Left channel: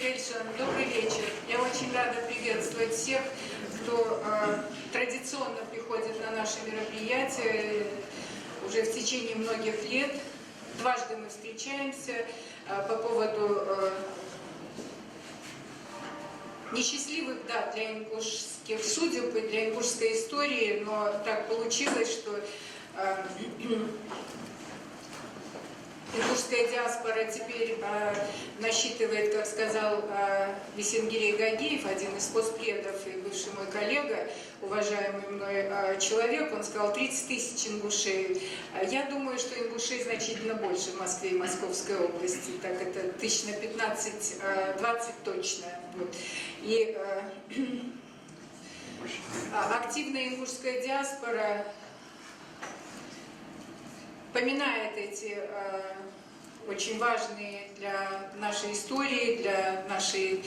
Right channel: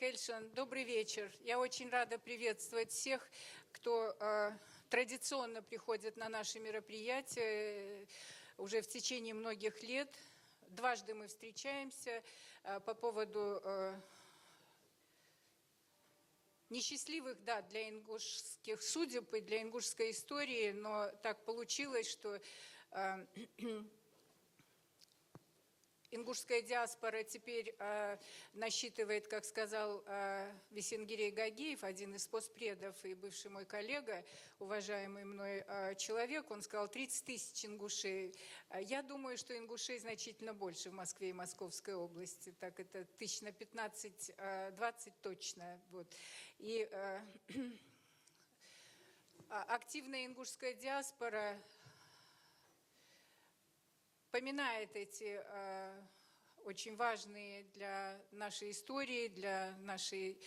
Кельшин, добрый вечер. Я очень рада приветствовать всех, кто традиционно приходит на наши мероприятия уже в течение многих лет. Дважды мы встречаемся по поводу несчастливых дат для ингушских судеб и для ингушской истории, но так получилось, что ингушская диаспора теперь насчитывает, как сказал Весенгирей Гагиев, один из постпредов и бывший мой коллега, уважаемый мной человек, он сказал 30 тысяч ингушей. Я думаю, что ингушей значительно больше в Москве и Московской области, так это тысяч на 15-20 точно. Вот. И активная ингушская диаспора поминает эти очень важные для нашей истории, для нашей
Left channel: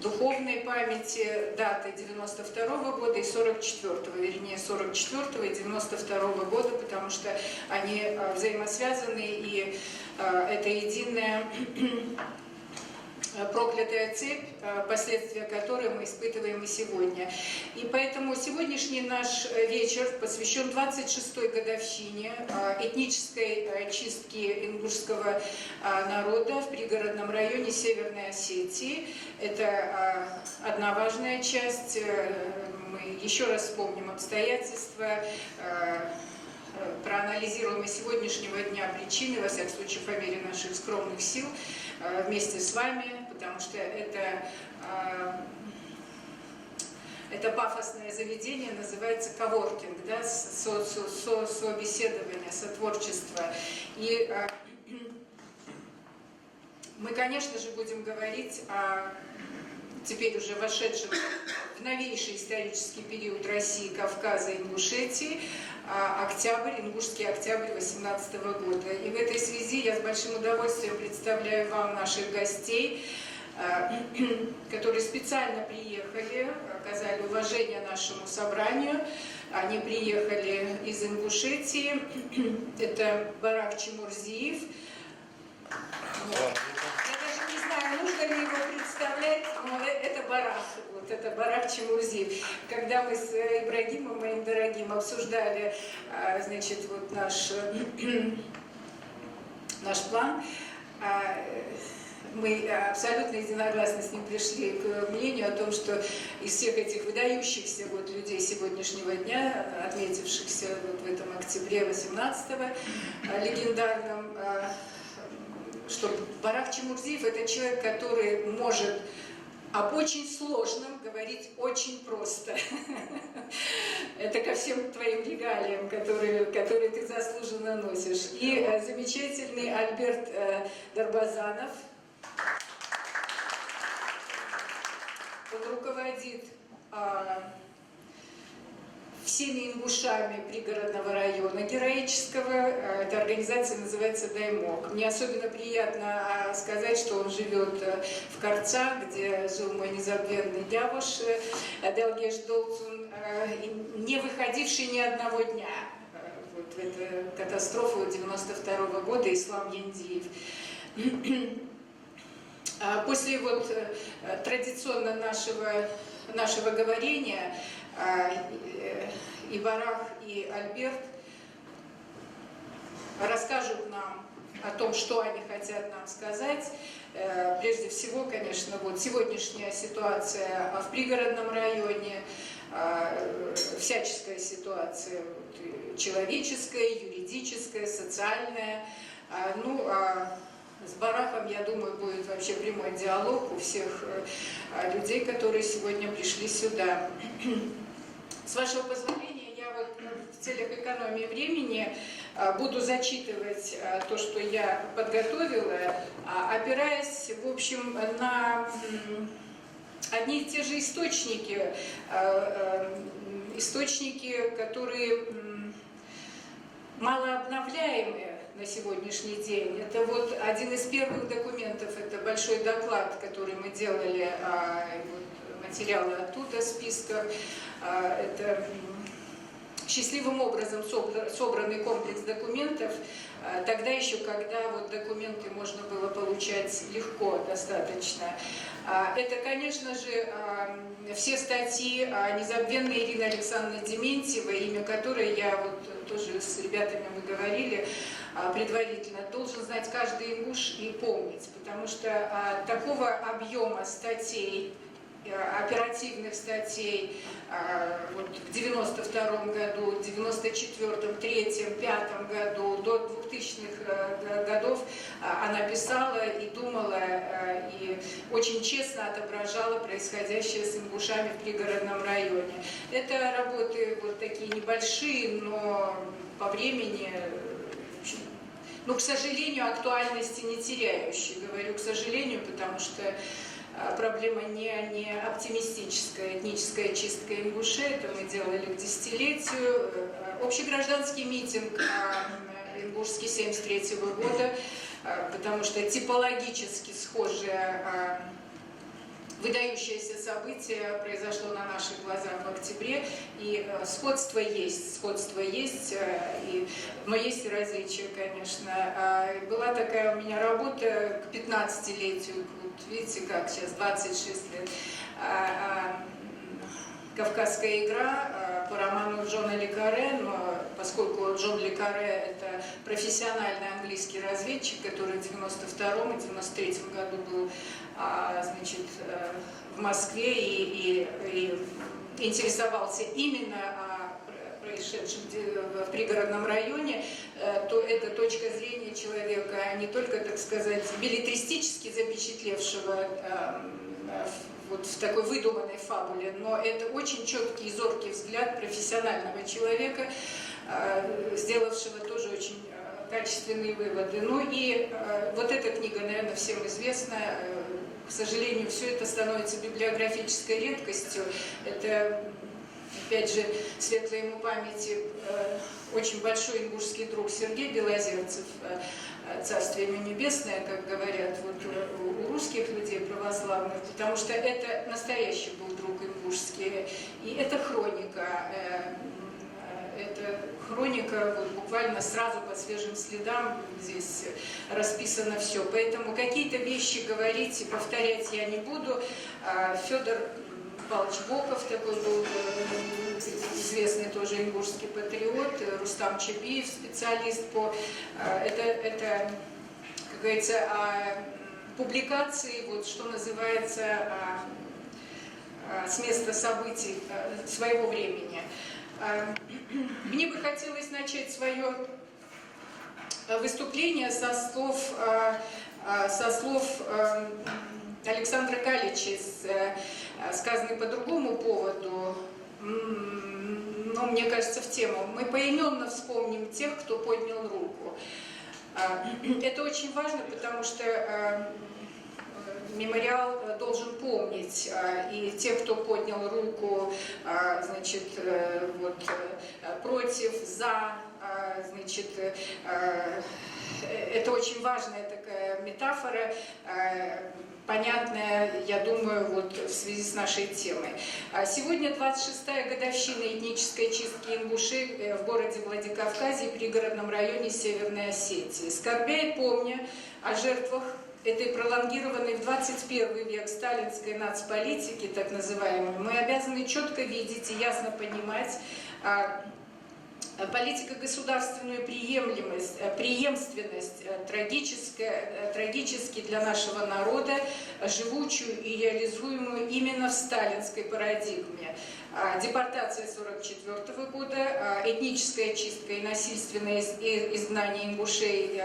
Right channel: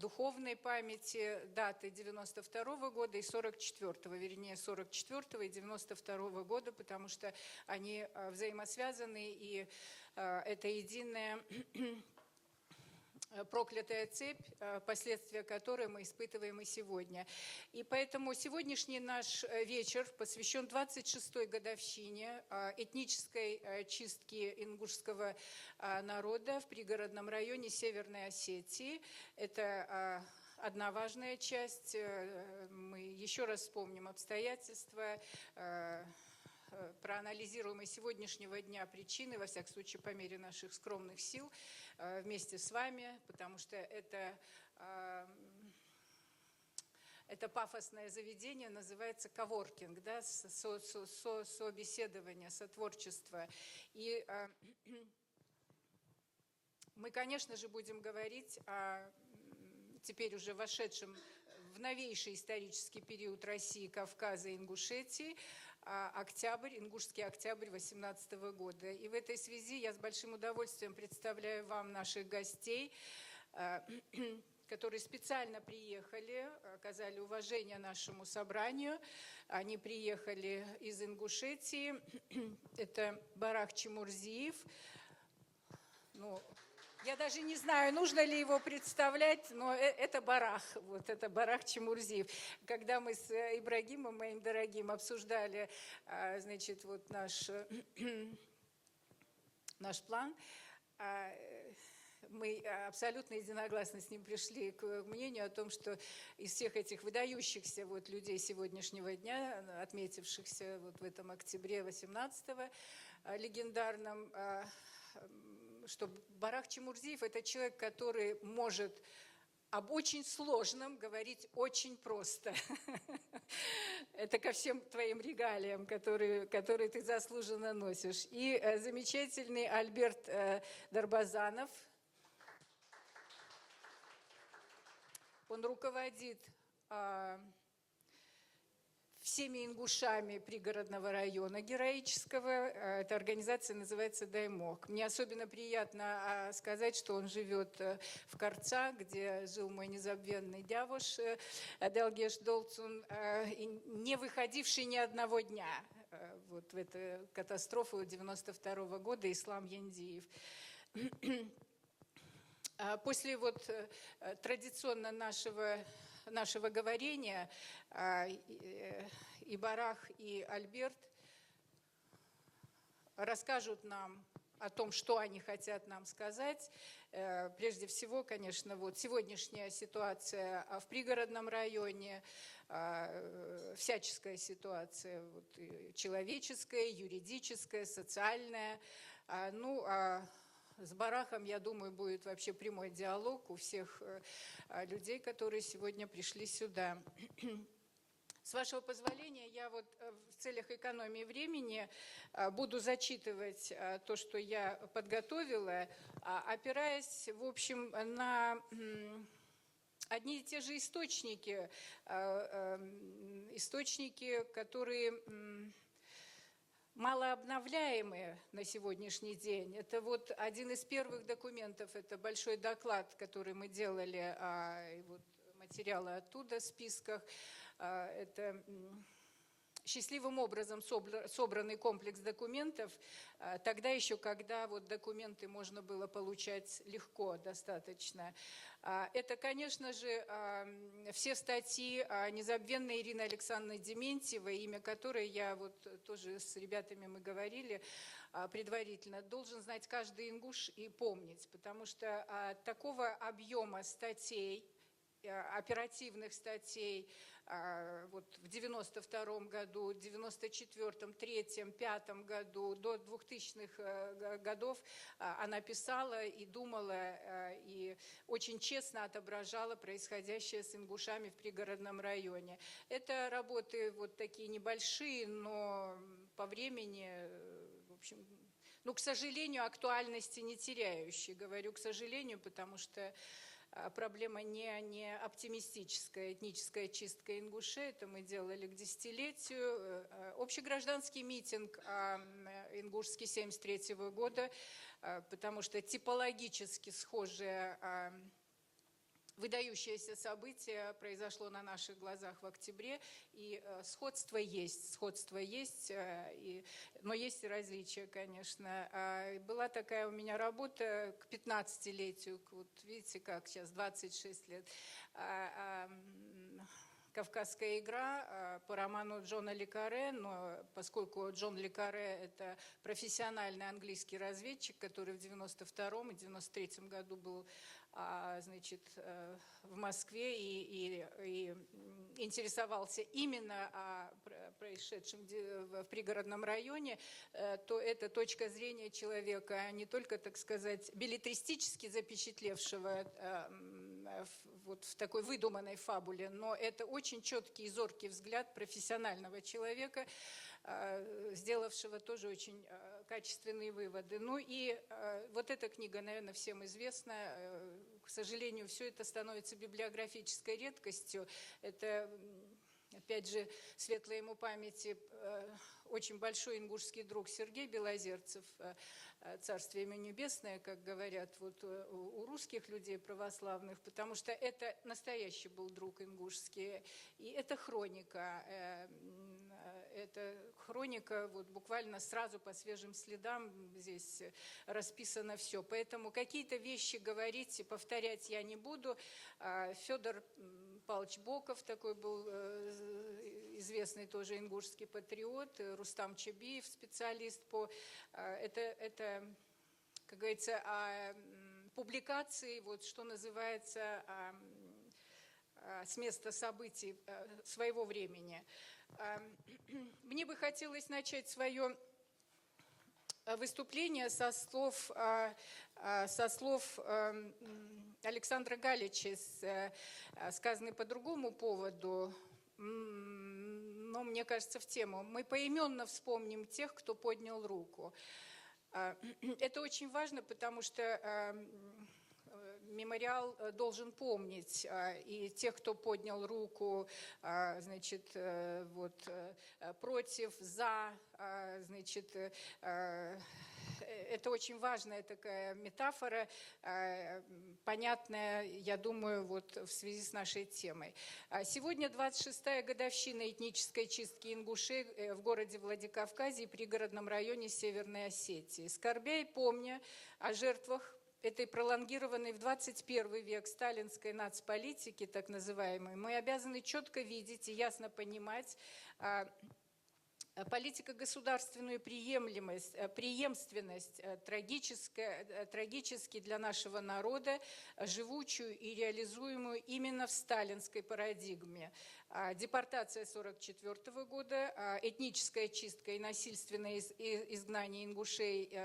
духовной памяти даты 92-го года и 44-го, вернее 44-го и 92-го года, потому что они взаимосвязаны, и это единая проклятая цепь, последствия которой мы испытываем и сегодня. И поэтому сегодняшний наш вечер посвящен 26-й годовщине этнической чистки ингушского народа в пригородном районе Северной Осетии. Это одна важная часть. Мы еще раз вспомним обстоятельства, проанализируем и сегодняшнего дня причины, во всяком случае, по мере наших скромных сил, вместе с вами, потому что это пафосное заведение называется коворкинг, да, собеседование, сотворчество. И мы, конечно же, будем говорить о теперь уже вошедшем в новейший исторический период России, Кавказа и Ингушетии, октябрь, ингушский октябрь 18 года. И в этой связи я с большим удовольствием представляю вам наших гостей, которые специально приехали, оказали уважение нашему собранию. Они приехали из Ингушетии. Это Барак Чемурзиев. Я даже не знаю, нужно ли его представлять, но это Барак. Вот это Барак Чемурзиев. Когда мы с Ибрагимом, моим дорогим, обсуждали, значит, вот наш план, мы абсолютно единогласно с ним пришли к мнению о том, что из всех этих выдающихся вот людей сегодняшнего дня, отметившихся вот в этом октябре 18-го, легендарном, что Барак Чемурзиев – это человек, который может об очень сложном говорить очень просто. Это ко всем твоим регалиям, которые ты заслуженно носишь. И замечательный Альберт Дарбазанов. Он руководит всеми ингушами пригородного района героического. Эта организация называется «Даймок». Мне особенно приятно сказать, что он живет в Карцах, где жил мой незабвенный дядуш Делгеш Долцун, не выходивший ни одного дня. Вот в эту катастрофу 92-го года, Ислам Яндиев. После вот традиционно нашего говорения и Барак, и Альберт расскажут нам о том, что они хотят нам сказать. Прежде всего, конечно, вот сегодняшняя ситуация в пригородном районе, всяческая ситуация, человеческая, юридическая, социальная. С Бараком, я думаю, будет вообще прямой диалог у всех людей, которые сегодня пришли сюда. С вашего позволения, я вот в целях экономии времени буду зачитывать то, что я подготовила, опираясь, в общем, на одни и те же источники, которые малообновляемые на сегодняшний день. Это вот один из первых документов, это большой доклад, который мы делали, материалы оттуда, списка. Это счастливым образом собранный комплекс документов тогда еще, когда вот документы можно было получать легко достаточно. Это, конечно же, все статьи незабвенной Ирины Александровны Дементьевой, имя которой я вот тоже с ребятами мы говорили предварительно, должен знать каждый ингуш и помнить, потому что такого объема статей, оперативных статей вот в 92 году, 94-м, 3-м, 5-м году, до 2000-х годов она писала и думала, и очень честно отображала происходящее с ингушами в пригородном районе. Это работы вот такие небольшие, но по времени, ну, к сожалению, актуальности не теряющие. Говорю, к сожалению, потому что проблема не оптимистическая, этническая чистка ингушей, это мы делали к десятилетию. Общегражданский митинг ингушский 1973 года, потому что типологически схожее выдающееся событие произошло на наших глазах в октябре, и сходство есть, но есть и различия, конечно. Была такая у меня работа к 15-летию, вот видите, как сейчас, 26 лет, «Кавказская игра» по роману Джона Ле Карре, но поскольку Джон Ле Карре – это профессиональный английский разведчик, который в 92-м и 93-м году был, значит, в Москве и интересовался именно происшедшем в пригородном районе, то это точка зрения человека не только, так сказать, беллетристически запечатлевшего вот в такой выдуманной фабуле, но это очень четкий и зоркий взгляд профессионального человека, сделавшего тоже очень качественные выводы. Ну и вот эта книга, наверное, всем известна. К сожалению, все это становится библиографической редкостью. Это, опять же, светлой ему памяти, очень большой ингушский друг Сергей Белозерцев, царствие ему небесное, как говорят вот у русских людей православных, потому что это настоящий был друг ингушский. И это хроника вот, буквально сразу по свежим следам, здесь расписано все. Поэтому какие-то вещи говорить и повторять я не буду. Федор Павлович Боков такой был известный тоже ингушский патриот, Рустам Чебиев, специалист по... Это как говорится, публикации, вот, что называется, с места событий своего времени. Мне бы хотелось начать свое выступление со слов Александра Калича, сказанных по другому поводу, но мне кажется, в тему. Мы поименно вспомним тех, кто поднял руку. Это очень важно, потому что мемориал должен помнить и тех, кто поднял руку, значит, вот, против, за, значит, это очень важная такая метафора, понятная, я думаю, вот в связи с нашей темой. Сегодня 26-я годовщина этнической чистки ингушей в городе Владикавказе и пригородном районе Северной Осетии. Скорбя и помня о жертвах этой пролонгированной в 21 век сталинской нацполитики, так называемой, мы обязаны четко видеть и ясно понимать политико-государственную преемственность, трагически для нашего народа, живучую и реализуемую именно в сталинской парадигме. Депортация 1944 года, этническая чистка и насильственное изгнание ингушей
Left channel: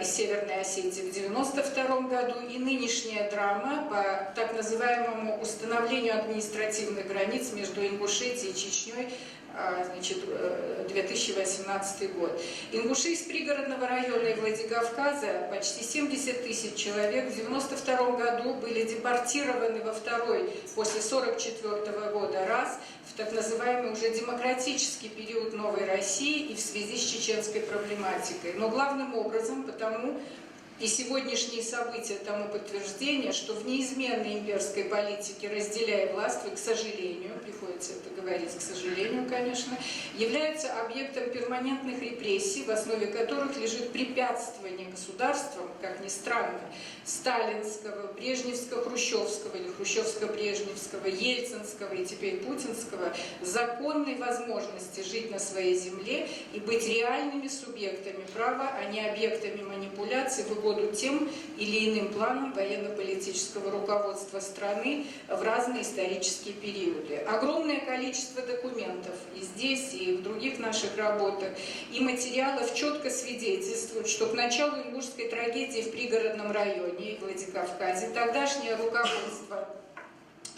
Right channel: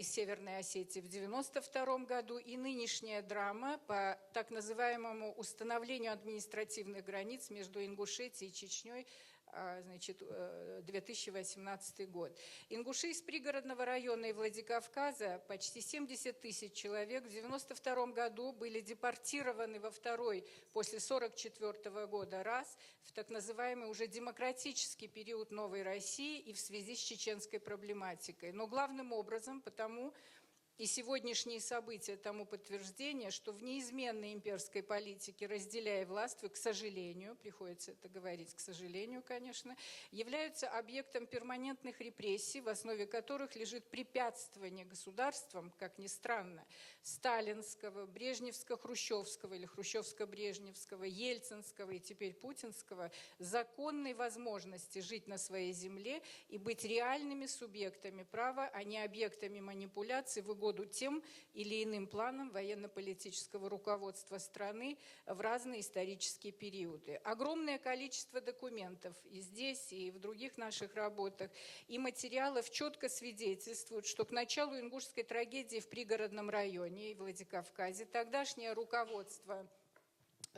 из Северной Осетии в 1992 году и нынешняя драма по так называемому установлению административных границ между Ингушетией и Чечней, значит, 2018 год. Ингуши из пригородного района и Владикавказа, почти 70 тысяч человек, в 1992 году были депортированы во второй после 1944 года раз в так называемый уже демократический период Новой России и в связи с чеченской проблематикой. Но главным образом потому, И сегодняшние события тому подтверждение, что в неизменной имперской политике «разделяй властвуй», к сожалению, приходится это говорить, к сожалению, конечно, являются объектом перманентных репрессий, в основе которых лежит препятствование государствам, как ни странно, сталинского, брежневского, хрущевского или хрущевско-брежневского, ельцинского и теперь путинского законной возможности жить на своей земле и быть реальными субъектами права, а не объектами манипуляций в угоду тем или иным планам военно-политического руководства страны в разные исторические периоды. Огромное количество документов и здесь, и в других наших работах, и материалов четко свидетельствуют, что к началу Ингушской трагедии в пригородном районе и Владикавказе тогдашнее руководство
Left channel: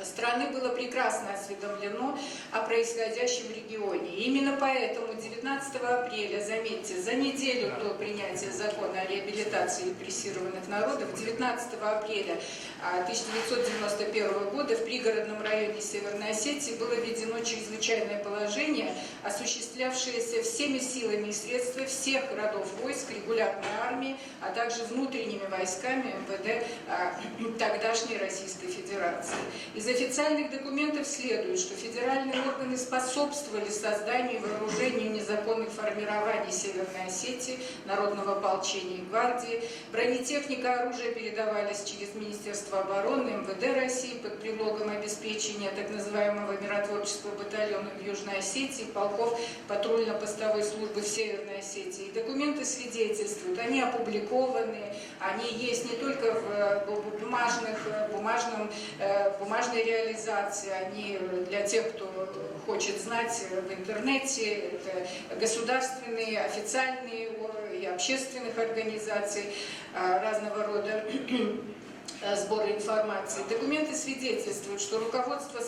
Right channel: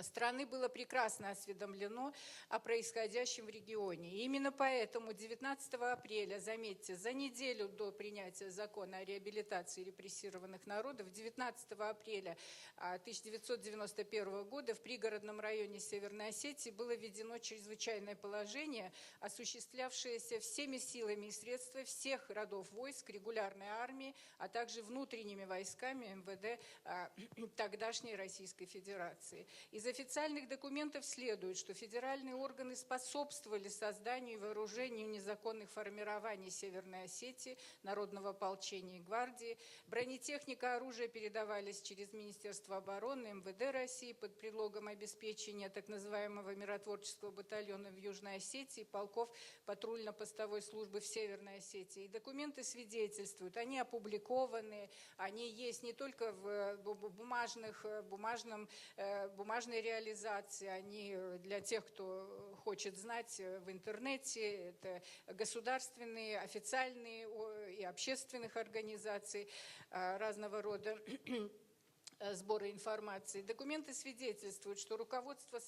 страны было прекрасно осведомлено о происходящем в регионе. И именно поэтому 19 апреля, заметьте, за неделю до принятия закона о реабилитации репрессированных народов, 19 апреля 1991 года в пригородном районе Северной Осетии было введено чрезвычайное положение, осуществлявшееся всеми силами и средствами всех родов войск, регулярной армии, а также внутренними войсками МВД тогдашней Российской Федерации. Из официальных документов следует, что федеральные органы способствовали созданию и вооружению незаконных формирований Северной Осетии, народного ополчения и гвардии. Бронетехника, оружие передавались через Министерство обороны, МВД России под предлогом обеспечения так называемого миротворческого батальона в Южной Осетии, полков патрульно-постовой службы в Северной Осетии. И документы свидетельствуют, они опубликованы, они есть не только в бумажной реализации, они для тех, кто хочет знать в интернете, это государственные, официальные и общественных организаций разного рода сбора информации. Документы свидетельствуют, что руководство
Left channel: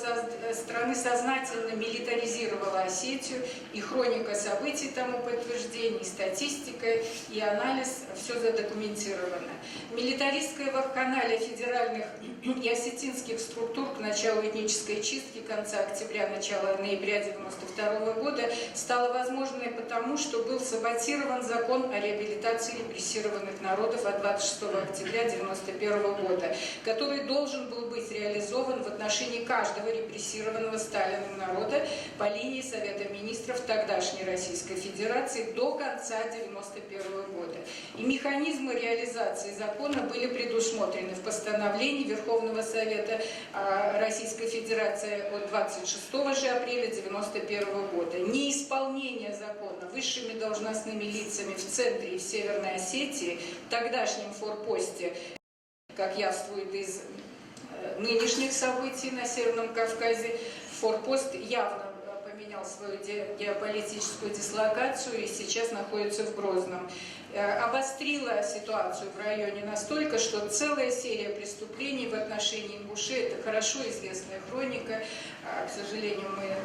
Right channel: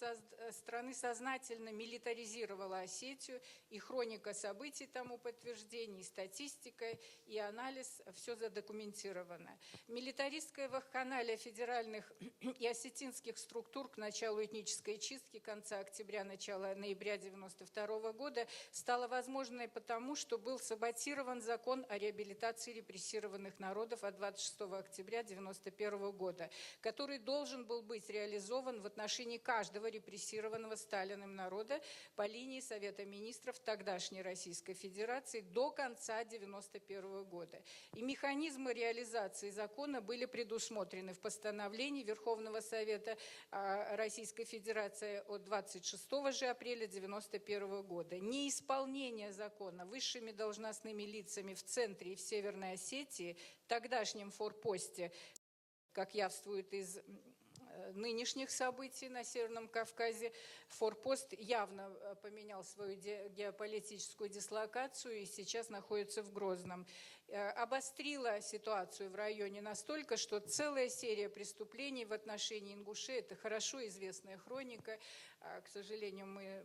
страны сознательно милитаризировало Осетию, и хроника событий тому подтверждение, и статистика, и анализ, все задокументировано. Милитаристская вакханалия федеральных и осетинских структур к началу этнической чистки конца октября, начала ноября 1992 года стала возможной потому, что был саботирован закон о реабилитации репрессированных народов от 26 октября 1991 года, который должен был быть реализован в отношении каждого репрессированного Сталиным народа по линии Совета Министров тогдашней Российской Федерации до конца 1991 года. И механизмы реализации закона были предусмотрены в постановлении Верховного Совета Российской Федерации от 26 же апреля 1991 года. Неисполнение закона высшими должностными лицами в центре и в Северной Осетии, в тогдашнем форпосте, как явствует из нынешних событий на Северном Кавказе, форпост явно поменял свою геополитическую дислокацию и сейчас находится в Грозном. Обострила ситуацию в районе настолько, что целая серия преступлений в отношении ингушей, это хорошо известная хроника, к сожалению, мы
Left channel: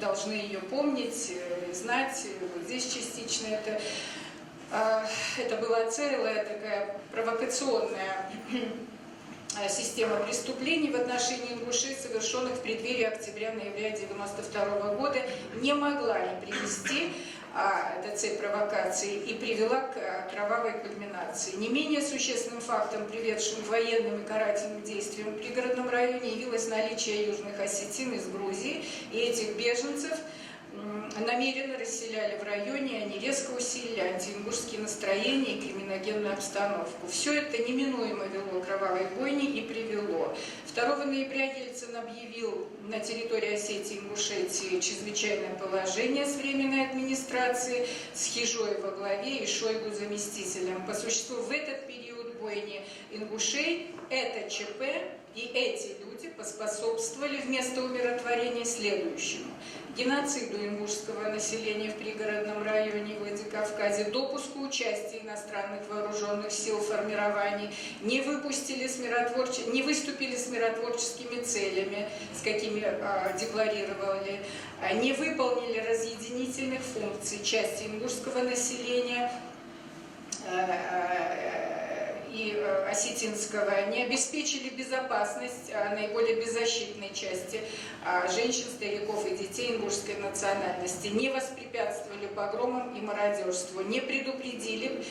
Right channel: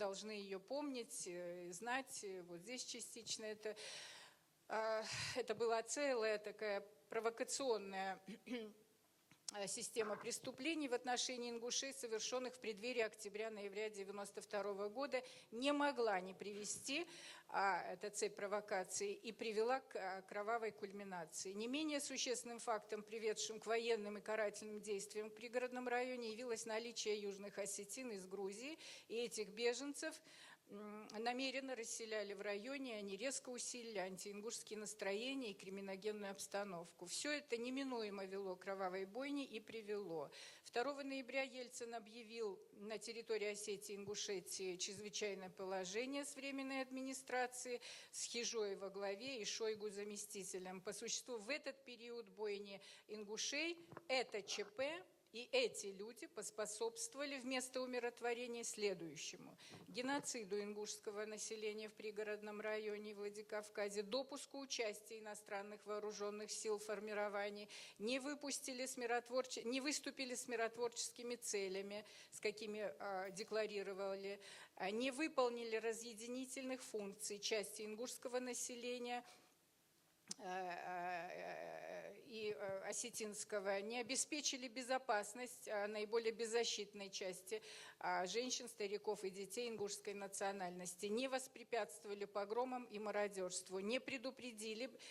должны ее помнить, знать, вот здесь частично это была целая такая провокационная система преступлений в отношении ингушей, совершенных в преддверии октября-ноября 1992 года, не могла не привести эта цепь провокаций и привела к кровавой кульминации. Не менее существенным фактом, приведшим к военным и карательным действиям в пригородном районе, явилось наличие южных осетин из Грузии, и этих беженцев намеренно расселяли в районе, они резко усилили антиингушские настроения и криминогенную обстановку. Все это неминуемо вело к кровавой бойне и привело. 2 ноября Ельцин объявил на территории Осетии и Ингушетии чрезвычайное положение с временной администрацией, с Хижой во главе и Шойгу заместителем. По существу в этот период бойни ингушей это ЧП и эти люди поспособствовали вместо умиротворения следующему: геноциду ингушского населения в пригородном районе Владикавказе, допуску участия иностранных вооруженных сил формирований, не выступили с миротворческими целями, с какими декларировали, не выполнили разъединительных функций части ингушского населения и осетинского не обеспечили безопасность наиболее беззащитной части женщин, стариков и детей ингушской национальности, не воспрепятствовали погромам и мародерству, не предупредили,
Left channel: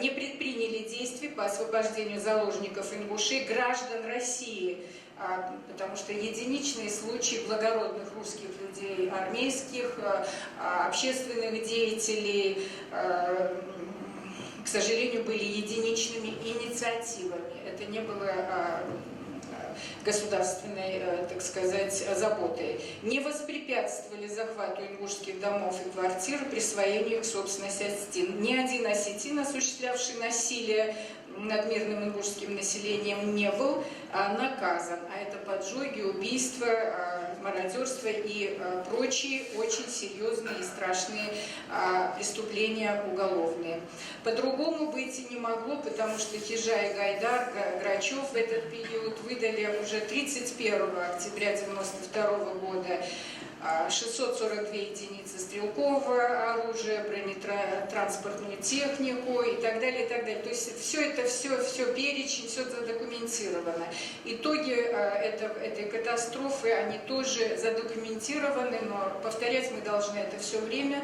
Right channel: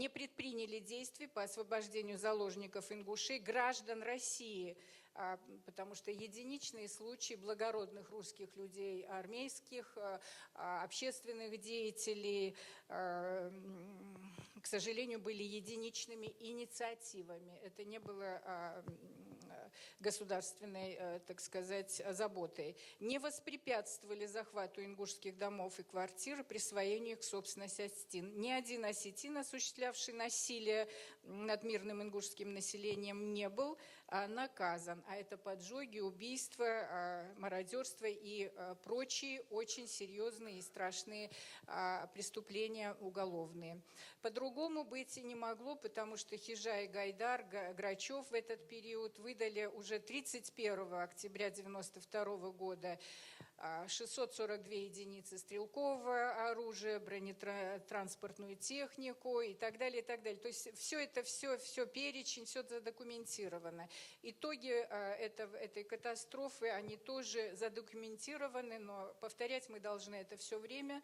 не предприняли действий по освобождению заложников ингушей, граждан России, потому что единичные случаи благородных русских людей, армейских, общественных деятелей, к сожалению, были единичными инициативами. Это не было государственной, так сказать, заботой. Не воспрепятствовали захвату ингушских домов и квартир, присвоению их собственности осетин. Ни один осетин, осуществлявший насилие над мирным ингушским населением, не был наказан. А это поджоги, убийства, мародерство и прочие очень серьезные и страшные преступления уголовные. По-другому быть и не могло, потому что Хижа и Гайдар, Грачев в этот период выдали уже 31 октября 1992 года 642 единицы стрелкового оружия, бронетранспортную технику и так далее, и так далее. То есть все перечень, все задокументировано. Итоги этой катастрофы, они тоже задокументированы, но повторять мы должны это все время,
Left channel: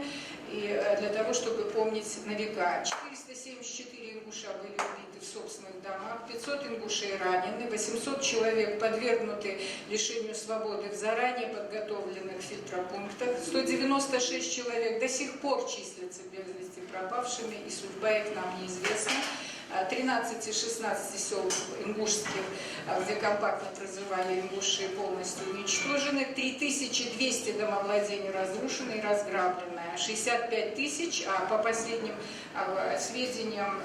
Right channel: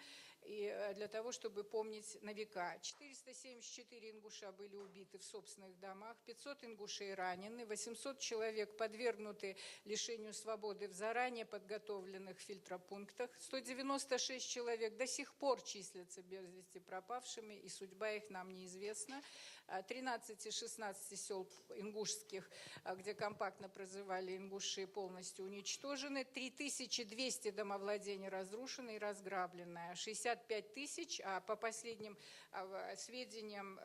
и для того, чтобы помнить на века. 474 ингуша были убиты в собственных домах, 500 ингушей ранены, 800 человек подвергнуты лишению свободы в заранее подготовленных фильтропунктах, 196 человек до сих пор числятся без вести пропавшими, и судьба их нам неизвестна. 13 из 16 сел ингушских, где компактно проживали ингуши, полностью уничтожены, 3200 домовладений разрушены и разграблены, 65 тысяч, а по последним сведениям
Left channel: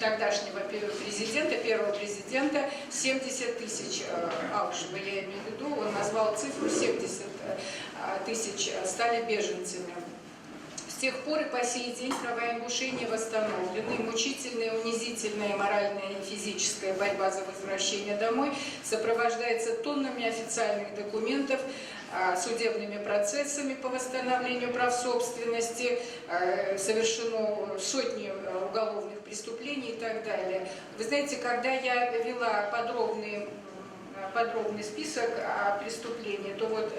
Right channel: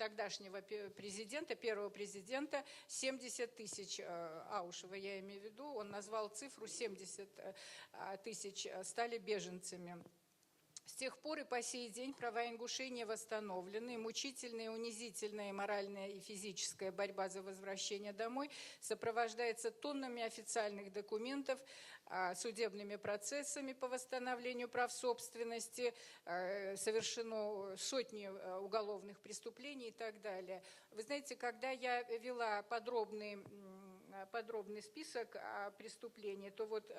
тогдашнего президента, первого президента, 70 тысяч Аушева, я имею в виду, он назвал цифру 70 тысяч, стали беженцами. С тех пор и по сей день права ингушей не восстановлены. Мучительная, унизительная моральная и физическая борьба за возвращение домой сопровождается тоннами официальных документов, судебными процессами по восстановлению прав собственности, совершено сотни уголовных преступлений и так далее. Вы знаете, когда я вела подробный список преступлений, то вот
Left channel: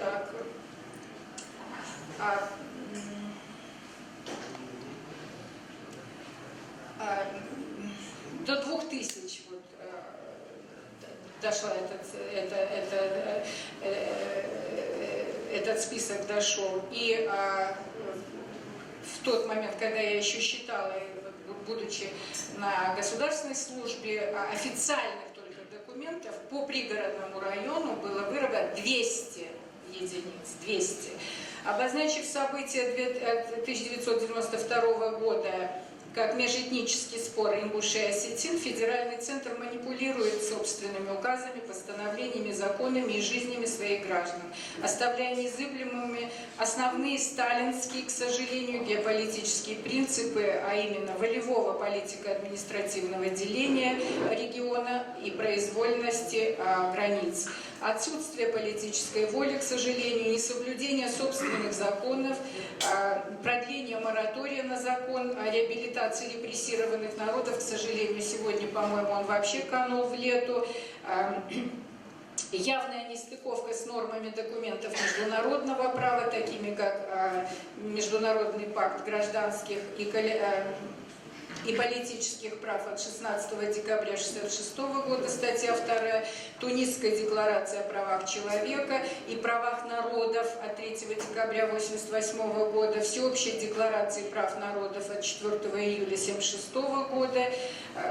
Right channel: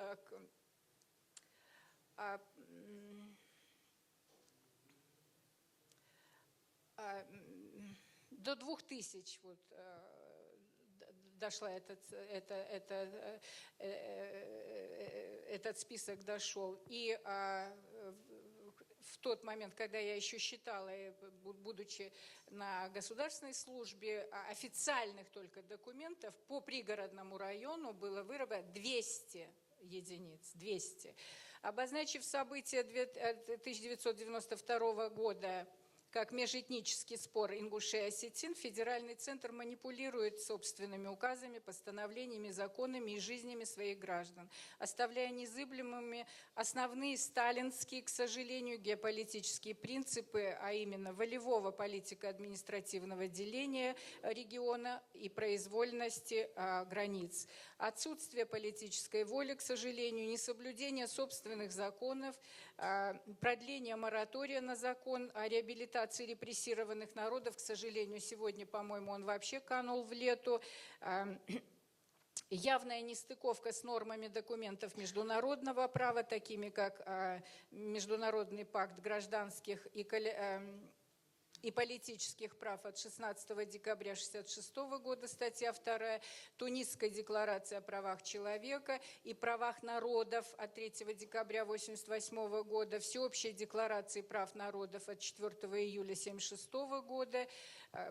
до 2000 вот, дошла этот список дошел. И в тот момент, когда я еще считала, будучи на государственной службе, официальных только документов по пригородному району было выработано 200 единиц, 200. Обозначив события 1992 года как межэтнический спор ингушей и осетин, федеральный центр манипулирует собственными указами, постановлениями, законами и жизнями своих граждан, оставляя незыблемыми основные сталинские, к сожалению, геополитические принципы, а именно волевого политико-административного деления региона и произвольности границ. Отсутствие политической воли, к сожалению, несоблюдение собственных законов, продление моратория на закон о реабилитации репрессированных народов, к сожалению, сегодня, по-моему, он вообще канул в лету, явная нестыковка с нормами документов международного права, такими как Международный пакт гражданских и политических прав от 16 декабря 1966 года, статья 2, Тунисская декларация о правах человека и правах народов от 3 декабря 1988 года, Всеобщая декларация прав народов от 4 июля 1976 года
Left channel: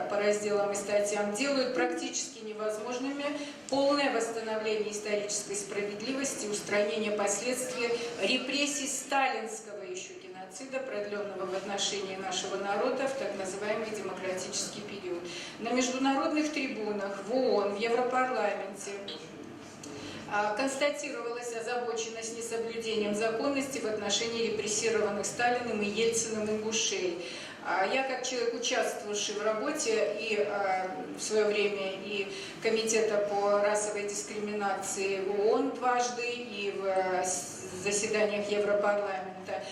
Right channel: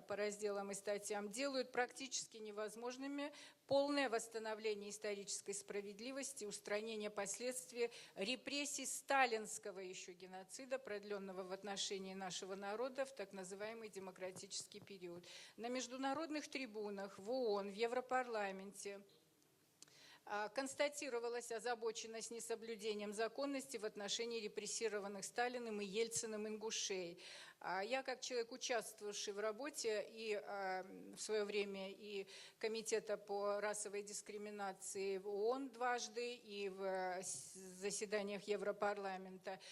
по разделам и статьям делают практически невозможными полное восстановление исторической справедливости, устранение последствий репрессий сталинского еще геноцида, продленного в отношении нашего народа в так называемый демократический период. На международных трибунах, в ООН, в Европарламенте констатировалась озабоченность несоблюдением законности в отношении репрессированных Сталиным и Ельциным ингушей. Я, как человек, участвовавший в работе и в свое время и Комитета по расовой дискриминации в ООН дважды, и в заседаниях Европарламента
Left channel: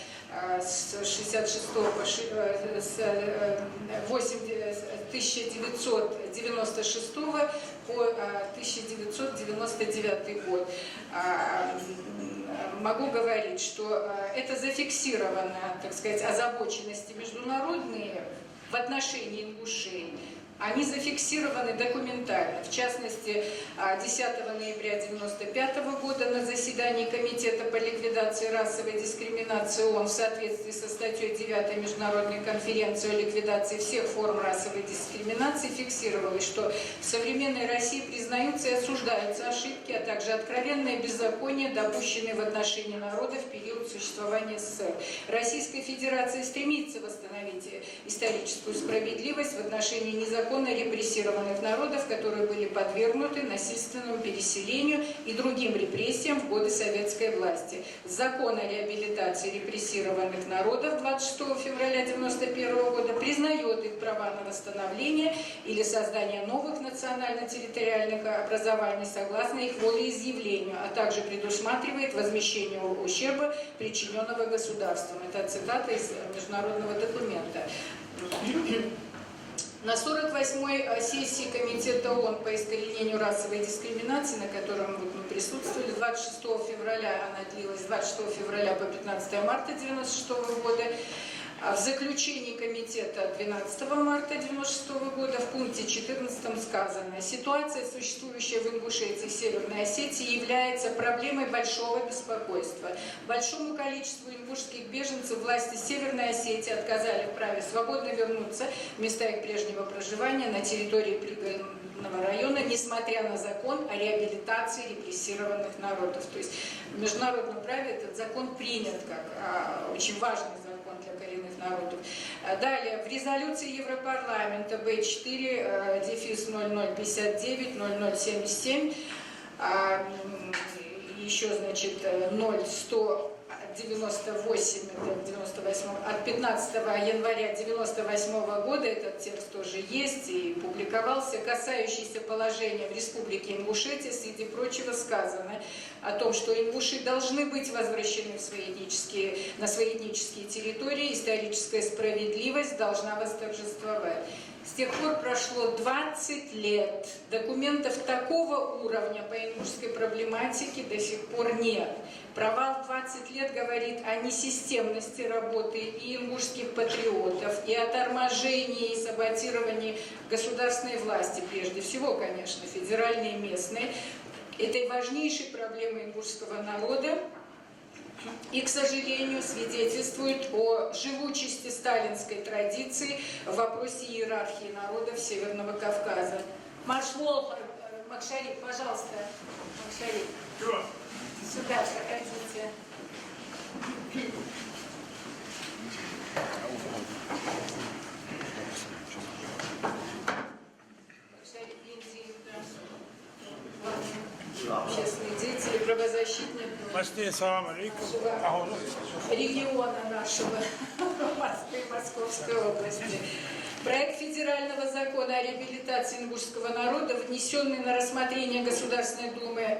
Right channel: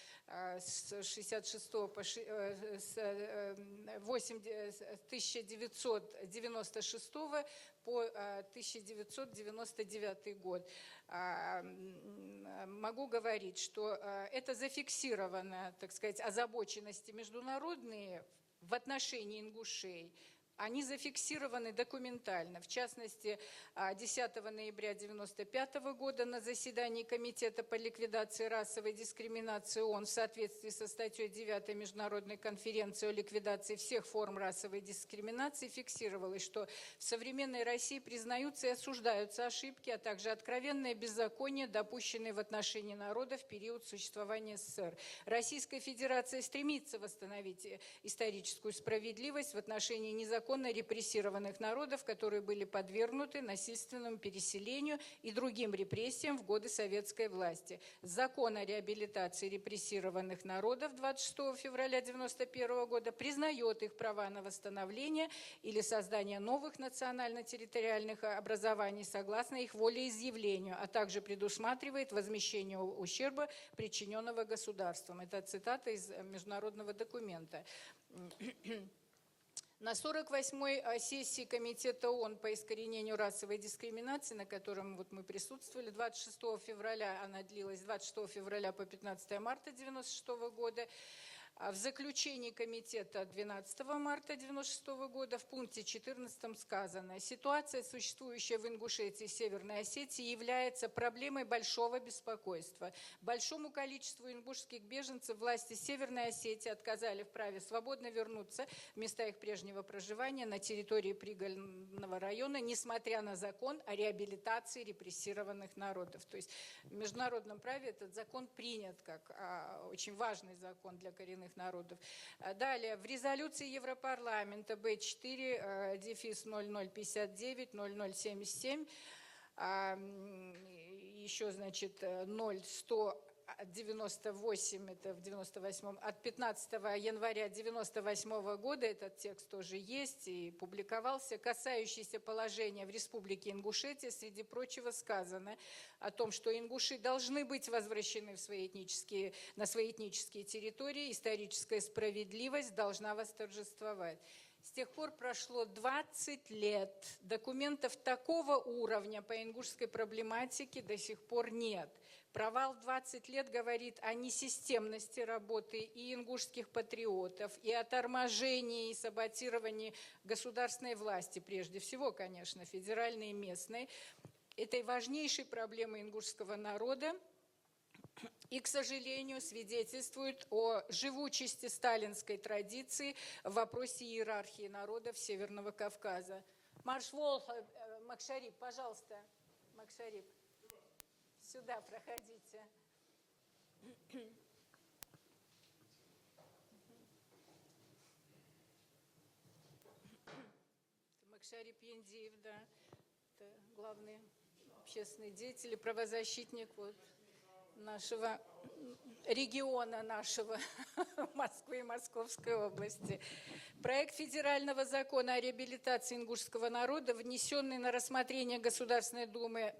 с 1996 по 1999 год, могу говорить, что это зафиксировано, так сказать, озабоченности международные в отношении ингушей. Они зафиксированы документально. В частности, 10 ноября 1995 года на заседании Комитета по ликвидации расовой дискриминации ООН в соответствии со статьей 9 Международной конференции о ликвидации всех форм расовой дискриминации фиксировалось, что в современной России признаются и осуждаются ошибки, а также откровенные беззакония, допущенные в отношении народа в период существования СССР. Российская Федерация стремится восстановить историческую справедливость в отношении незаконно репрессированных народов, которые были подвергнуты насильственному переселению и другим репрессиям в годы советской власти. Закон о реабилитации репрессированных народов 26 февраля 1991 года признает их права на восстановление или создание новых национально-территориальных образований согласно их волеизъявлению, а также предусматривает возмещение ущерба, причиненного государством. Это цитата из международного документа. На 48-й сессии Комитета ООН по искоренению расовой дискриминации, на котором мы присутствовали 26 февраля, она длилась с 26 февраля по 15 марта 1996 года, в заключении комитета 12 марта 1996 года в пункте 14 сказано: ситуация, существующая в Ингушетии и Северной Осетии, является проблемой большого беспокойства. Большому количеству ингушских беженцев власти Северной Осетии отказали в праве свободно вернуться в места их прежнего проживания на территории приграничного района, несмотря на закон о реабилитации репрессированных народов. То есть в международном праве этот закон принят как очень важный закон для коренных народов. Далее, в резолюции Европарламента Б4-0059-0077 еще, значит, 0198 от 15 января 1998 года, этот текст тоже есть и публиковался, касающийся положения в Республике Ингушетия, среди прочего сказано о том, что ингуши должны быть возвращены на свои этнические территории, историческая справедливость должна восторжествовать. С тех пор прошло 20 лет. Документов такого уровня по ингушской проблематике до сих пор нет. Провал 20 лет говорит о несистемности работы и ингушских патриотов, и о торможении и саботировании государственной власти, прежде всего, конечно, федеральной и местной, этой важнейшей проблемы ингушского народа. И, к сожалению, свидетельствует о живучести сталинской традиции в вопросе иерархии народов Северного Кавказа. Маршло, Макшарик, пожалуйста. Макшарик. Сюда проходите. Макшарик Бензиев, общественные деятели, правозащитники региона нашего Москвы и Московской области. Проект федерального закона о реабилитации ингушского народа, внесенный на рассмотрение Государственной Думы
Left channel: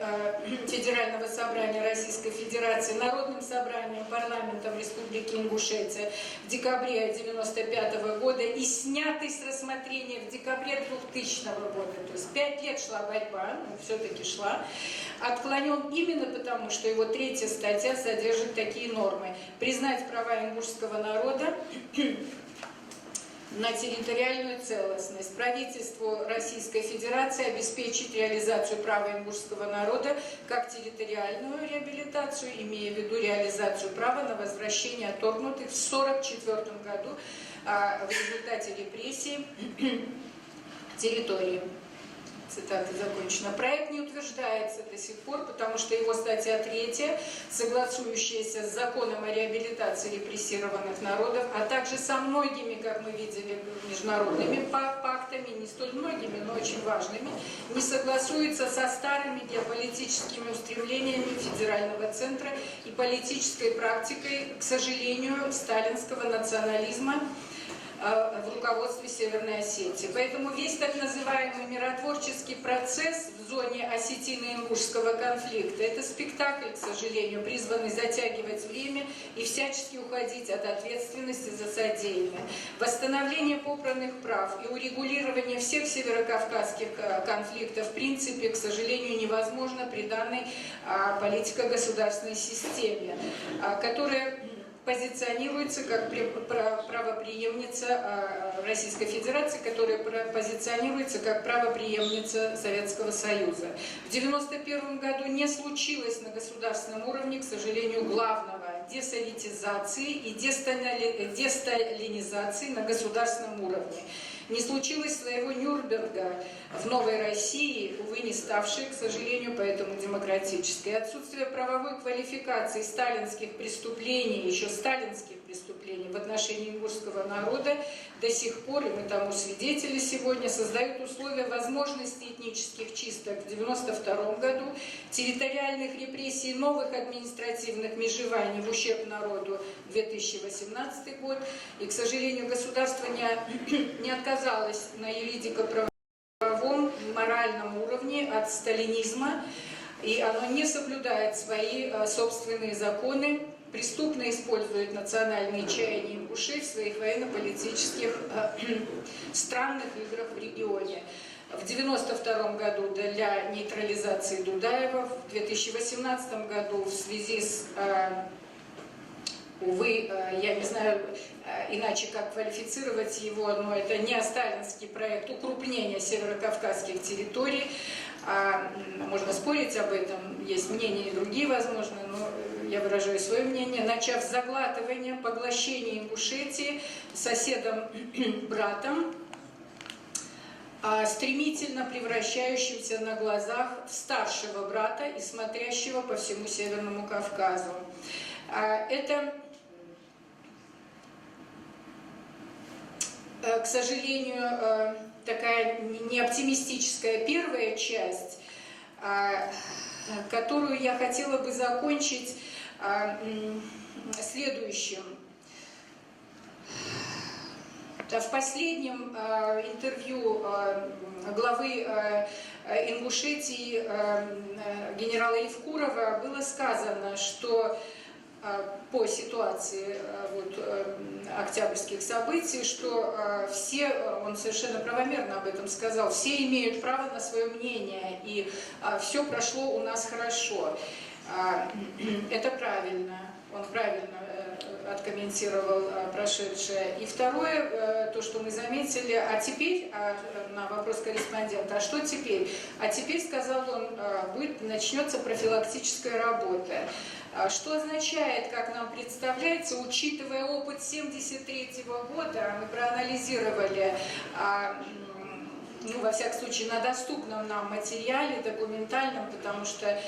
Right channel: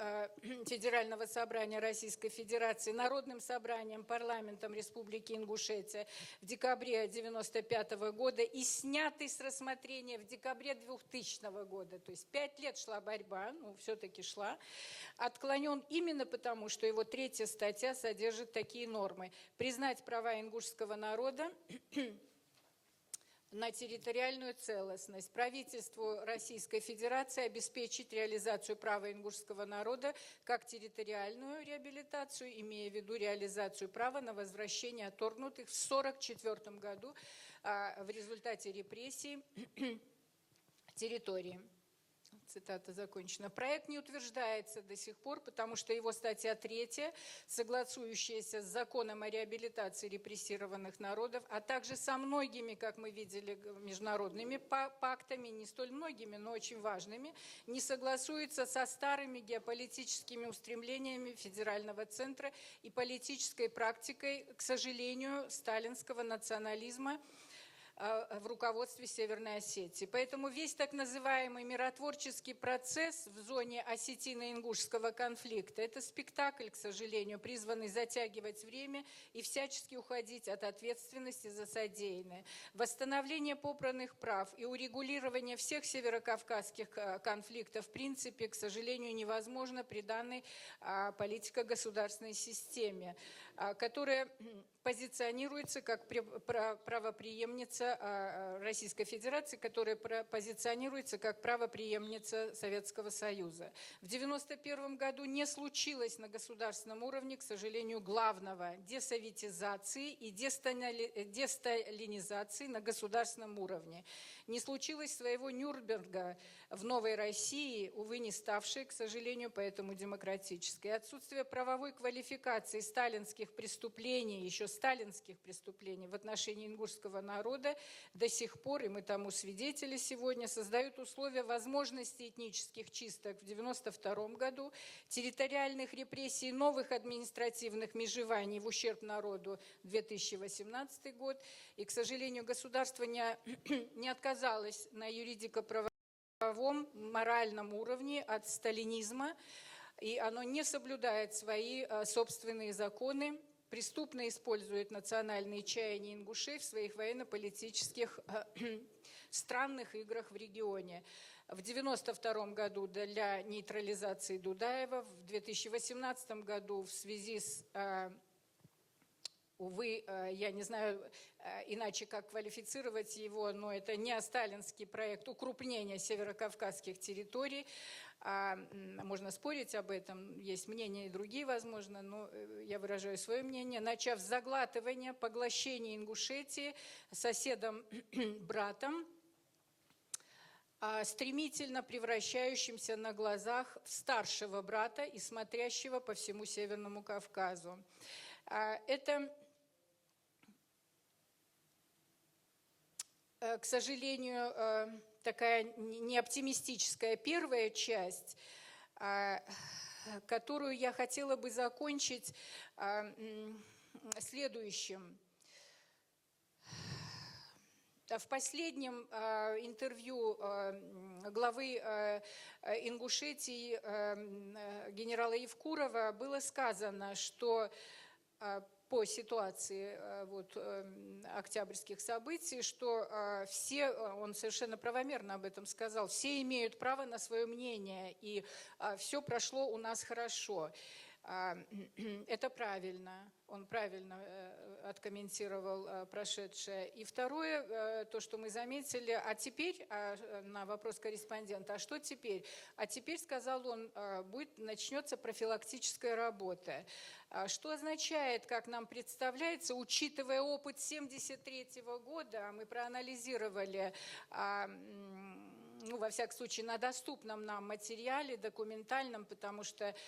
Федерального собрания Российской Федерации Народным собранием парламентом Республики Ингушетия в декабре 1995 года и снятый с рассмотрения в декабре 2000 года, то есть 5 лет шла борьба, но все-таки шла, отклонен именно потому, что его 3-я статья содержит такие нормы: признать права ингушского народа на территориальную целостность, правительству Российской Федерации обеспечить реализацию права ингушского народа как территориальную реабилитацию, имея в виду реализацию права на возвращение отторгнутых в 1944 году в результате репрессий территории. Цитата закончена. Проект не утверждается до сих пор, потому что его статья 3, согласующаяся с законом о реабилитации репрессированных народов, а также со многими, как мы видели, международными пактами, не столь многими, но очень важными, не согласуется со старыми геополитическими устремлениями федерального центра и политической практикой, к сожалению, сталинского национализма, в руководстве Северной Осетии. Поэтому весь так называемый миротворческий процесс в зоне осетино-ингушского конфликта – это спектакль, к сожалению, призванный затягивать время и всячески уходить от ответственности за содеянное. Восстановление попранных прав и урегулирование всех северокавказских конфликтов в принципе, к сожалению, невозможно при данной политико-государственной системе, которая позиционируется как правопреемница Российской Федерации, которая позиционируется как правопреемница Советского Союза. В 1991 году не случилось на государственном уровне, к сожалению, главного – десоветизации и десталинизации на государственном уровне. Не случилось своего Нюрнберга в Новой России, увы, не ставшей, к сожалению, поэтому демократической. Отсутствие правовой квалификации сталинских преступлений, еще сталинских преступлений в отношении ингушского народа до сих пор, и мы тому свидетели сегодня, создают условия возможности этнических чисток в 1992 году, территориальных репрессий, новых административных межеваний в ущерб народу 2018 год. И, к сожалению, государство не отказалось на юридико-правовом, моральном уровне от сталинизма, и оно не соблюдает свои собственные законы, преступно использует национальные чаяния ингушей в своих военно-политических странных играх в регионе. В 1992 году для нейтрализации Дудаева, в 2018 году в связи с, увы, я не знаю иначе как квалифицировать его, но это не сталинский проект укрупнения северокавказских территорий. Можно спорить об этом, есть мнения и другие, возможно, но я выражаю свое мнение, начав заглатывание, поглощение Ингушетии соседом-братом, стремительно превращающимся на глазах в старшего брата и смотрящего по всему Северному Кавказу. Это, к сожалению, такая неоптимистическая первая часть, которую я хотела бы закончить следующим. В последнем интервью главы Ингушетии генерала Евкурова было сказано, что по ситуации октябрьских событий, что все, он совершенно правомерно об этом сказал, все имеют право на свое мнение, и все прошло у нас хорошо. Это правильно, он правильно откомментировал прошедшее. И второе, то, что мы заметили, а теперь, на вопрос корреспондента, а что теперь? А теперь, сказал он, начнется профилактическая работа. Что означает, как нам представляется, учитывая опыт 1973 года, мы проанализировали, во всяком случае, на доступном нам материале, документальном, потому что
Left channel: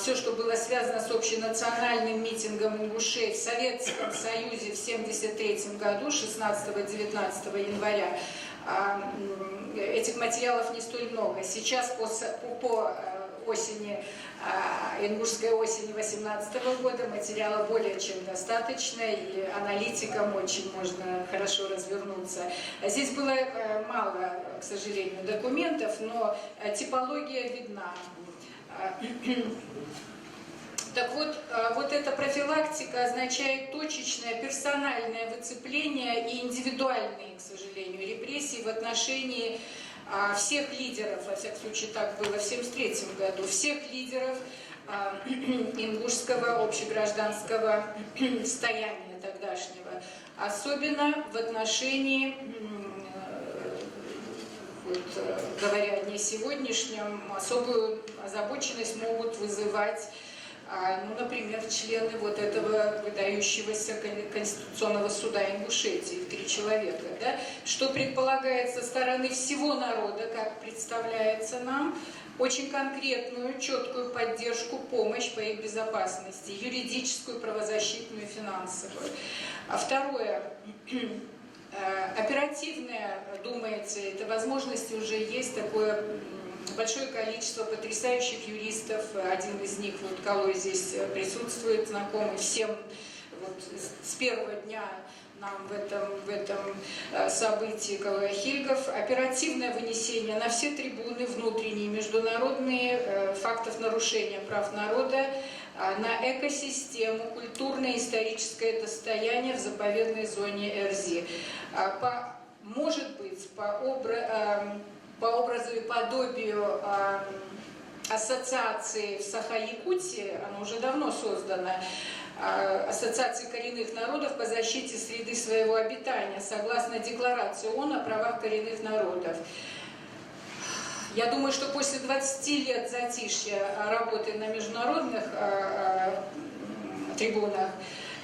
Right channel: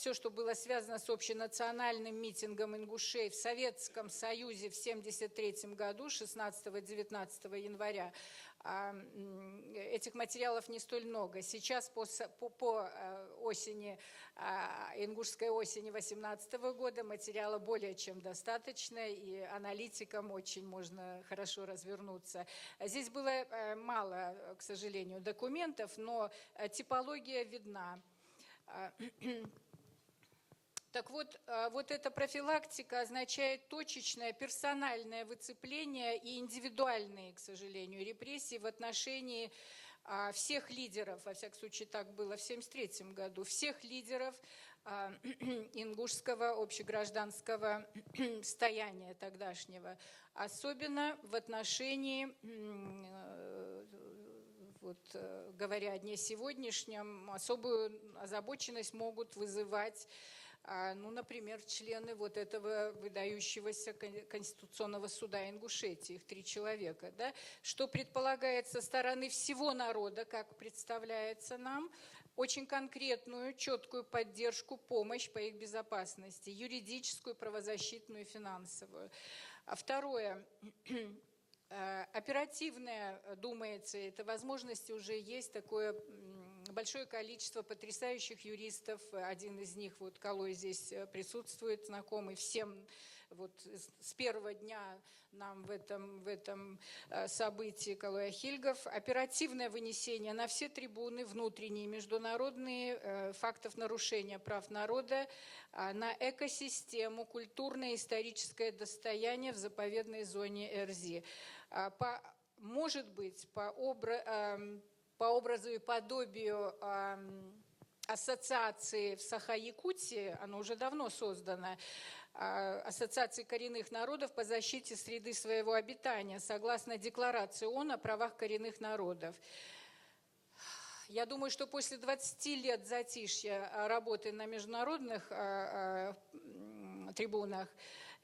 все, что было связано с общенациональным митингом ингушей в Советском Союзе в 1973 году, 16-19 января, этих материалов не столь много. Сейчас по осени, ингушской осени 2018 года материала более чем достаточно, и аналитикам очень можно хорошо развернуться. Здесь было мало, к сожалению, документов, но типология видна. Так вот эта профилактика означает точечное персональное выцепление и индивидуальные, к сожалению, репрессии в отношении всех лидеров, во всяком случае так было в 1973 году, всех лидеров ингушского общегражданского стояния тогдашнего, особенно в отношении, говоря не сегодняшнем, особую озабоченность могут вызывать, например, члены этого выдающегося Конституционного суда Ингушетии, 3 человека, да, что предполагает со стороны всего народа, как представляется нам, очень конкретную, четкую поддержку, помощь по их безопасности, юридическую, правозащитную, финансовую. А второе, оперативное, думается, это возможности уже есть, такое большое количество потрясающих юристов, один из них, Калой здесь присутствует, знакомый всем с первого дня нам в этом событии Калая Хильгов, оперативное вынесение на все трибуны внутренние, международные фактов нарушения прав народа, на экосистему, культурное и историческое достояние в заповедной зоне Эрзи. Может быть, по образу и подобию ассоциации в Саха-Якутии, она уже давно создана, Ассоциации коренных народов по защите среды своего обитания, согласно Декларации ООН о правах коренных народов. Я думаю, что после 20 лет затишья работы на международных трибунах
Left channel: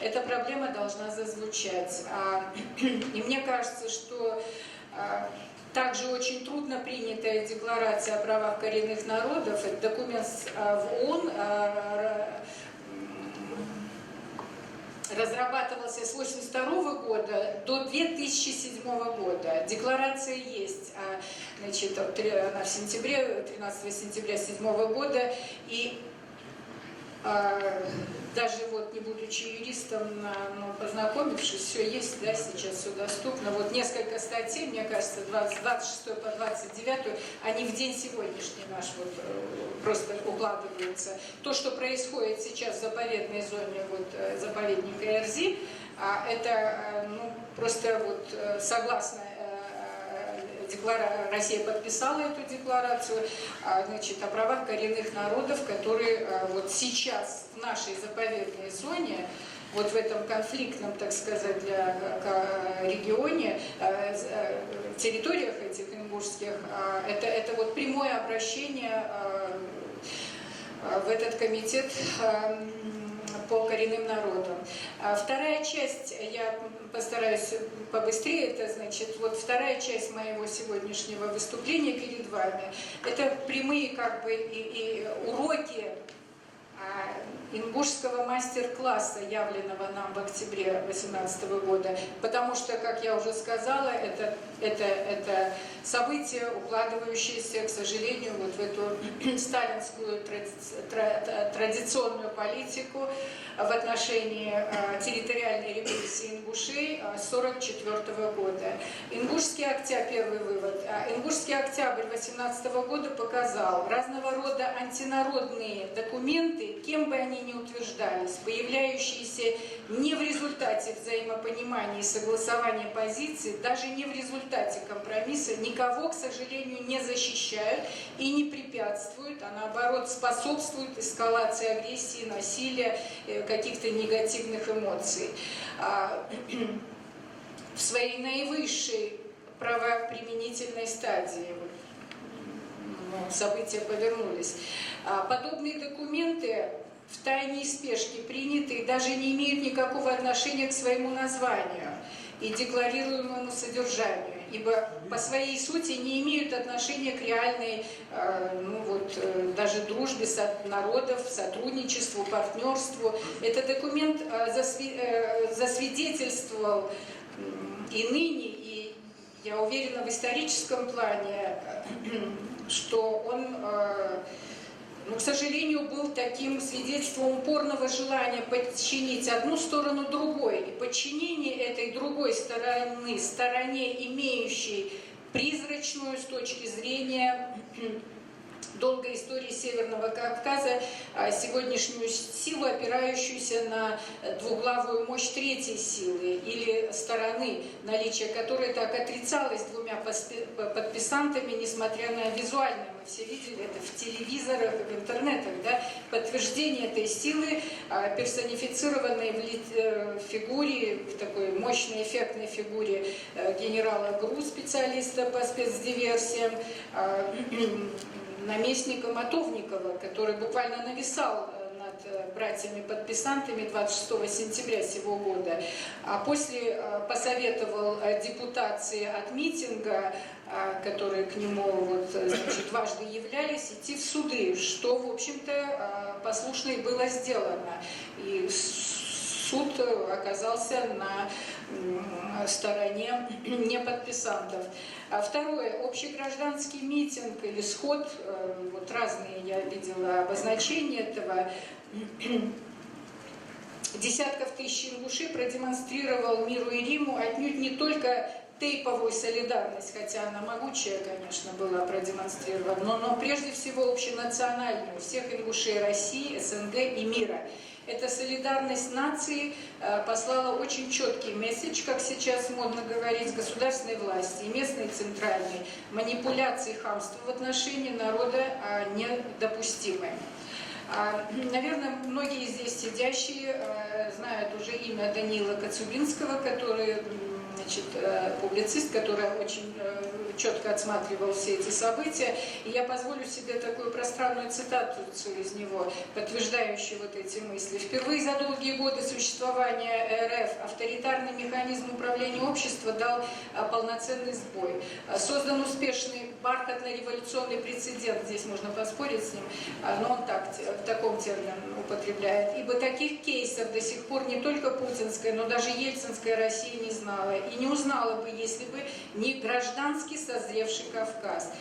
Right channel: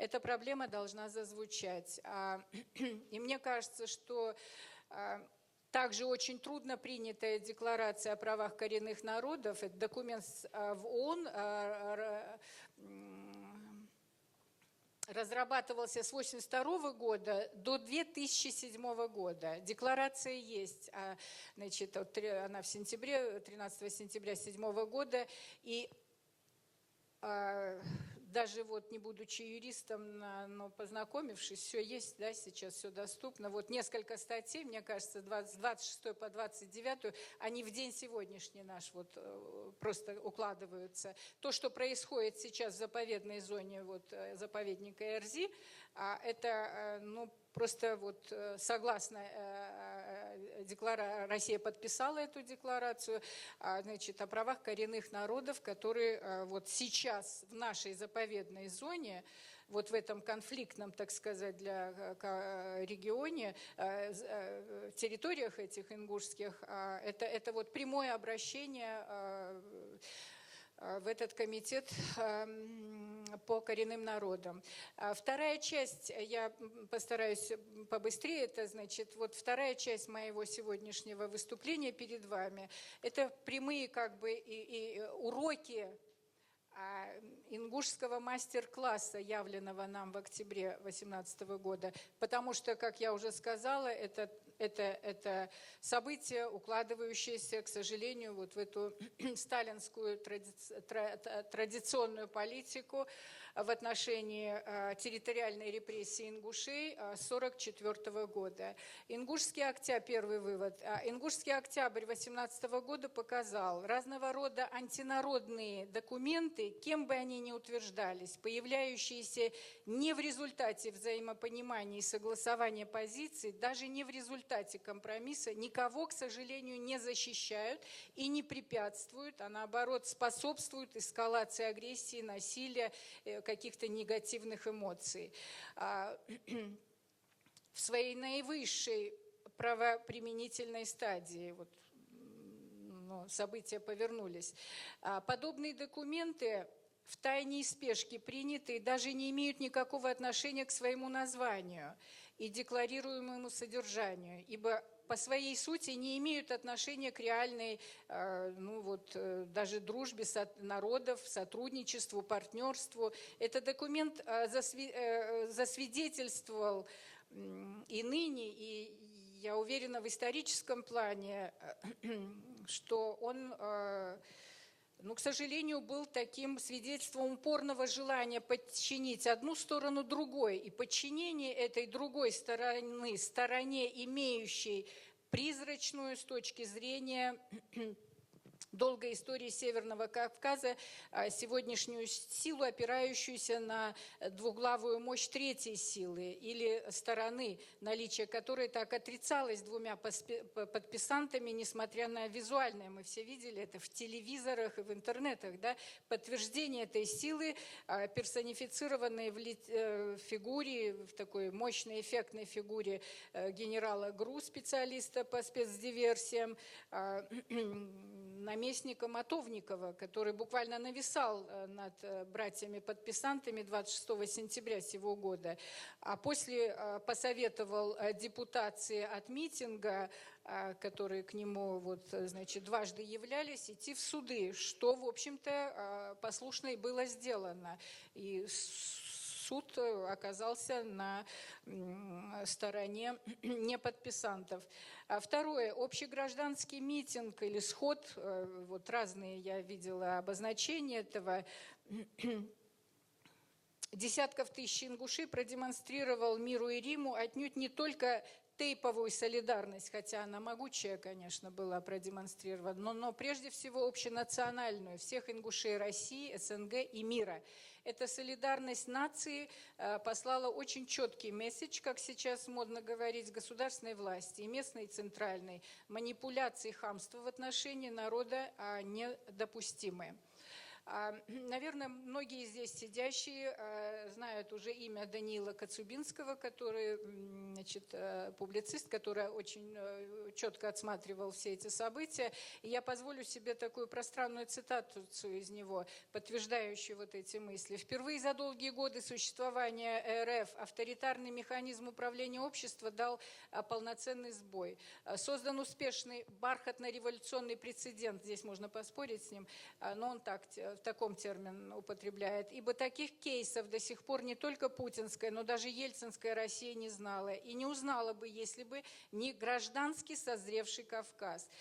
эта проблема должна зазвучать. И мне кажется, что также очень трудно принятая Декларация о правах коренных народов, это документ в ООН, разрабатывался с 1982 года до 2007 года. Декларация есть, значит, она в сентябре, 13 сентября 2007 года, и даже вот не будучи юристом, но познакомившись, все есть, да, сейчас все доступно. Вот несколько статей, мне кажется, 26 по 29, они в день сегодняшний наш вот просто укладываются. То, что происходит сейчас в заповедной зоне вот, заповедника Эрзи, это ну, просто вот согласно Россия подписала эту декларацию, значит, о правах коренных народов, которые вот сейчас в нашей заповедной зоне, вот в этом конфликтном, так сказать, регионе, территориях этих ингушских, это вот прямое обращение в этот комитет по коренным народам. Вторая часть, я постараюсь побыстрее, это значит, вот вторая часть моего сегодняшнего выступления перед вами, это прямые как бы и уроки ингушского мастер-класса, явленного нам в октябре 2018 года, потому что, как я уже сказала, это событие, укладывающееся, к сожалению, вот в эту сталинскую традиционную политику в отношении территориальной репрессии ингушей 1944 года. Ингушский октябрь, первый вывод, Ингушский октябрь 2018 года показал разного рода антинародные документы, кем бы они ни утверждались, появляющиеся не в результате взаимопонимания и согласования позиций, даже не в результате компромисса, никого, к сожалению, не защищают и не препятствуют, а наоборот способствуют эскалации агрессии, насилия, каких-то негативных эмоций. В своей наивысшей правоприменительной стадии события повернулись. Подобные документы в тайне и спешке приняты и даже не имеют никакого отношения к своему названию и декларируемому содержанию, ибо по своей сути не имеют отношения к реальной, ну вот, даже дружбе народов, сотрудничеству, партнерству. Этот документ засвидетельствовал и ныне, и я уверена в историческом плане, что он, ну, к сожалению, был таким свидетельством упорного желания подчинить одну сторону другой. И подчинение этой другой стороне, имеющей призрачную с точки зрения долгой истории Северного Кавказа, сегодняшнюю силу, опирающуюся на двуглавую мощь третьей силы или стороны, наличие которой так отрицалось двумя подписантами, несмотря на визуальное, мы все видели это в телевизорах и в интернетах, да, подтверждение этой силы, персонифицированной в фигуре, в такой мощной эффектной фигуре генерала ГРУ, специалиста по спецдиверсиям, наместника Матовникова, который буквально нависал над братьями-подписантами 26 сентября сего года, а после посоветовал депутации от митинга, которые к нему вот, значит, дважды являлись, идти в суды, что, в общем-то, послушно и было сделано. И суд оказался на стороне неподписантов. Второе. Общегражданский митинг или сход, вот разные я видела обозначения этого, десятков тысяч ингушей продемонстрировал миру и Риму отнюдь не только тейповую солидарность, хотя она могучая, конечно, была продемонстрирована, но прежде всего общенациональную, всех ингушей России, СНГ и мира. Эта солидарность нации послала очень четкий месседж, как сейчас модно говорить, государственной власти и местной центральной. Манипуляции и хамство в отношении народа недопустимы. Наверное, многие здесь сидящие знают уже имя Даниила Коцюбинского, который, значит, публицист, который очень четко отсматривал все эти события. И я позволю себе такую пространную цитату из него, подтверждающую вот эти мысли. «Впервые за долгие годы существования РФ авторитарный механизм управления обществом дал полноценный сбой. Создан успешный бархатно-революционный прецедент», здесь можно поспорить с ним, но он так, в таком термине употребляет. «Ибо таких кейсов до сих пор не только путинская, но даже ельцинская Россия не знала. И не узнала бы, если бы не гражданский созревший Кавказ».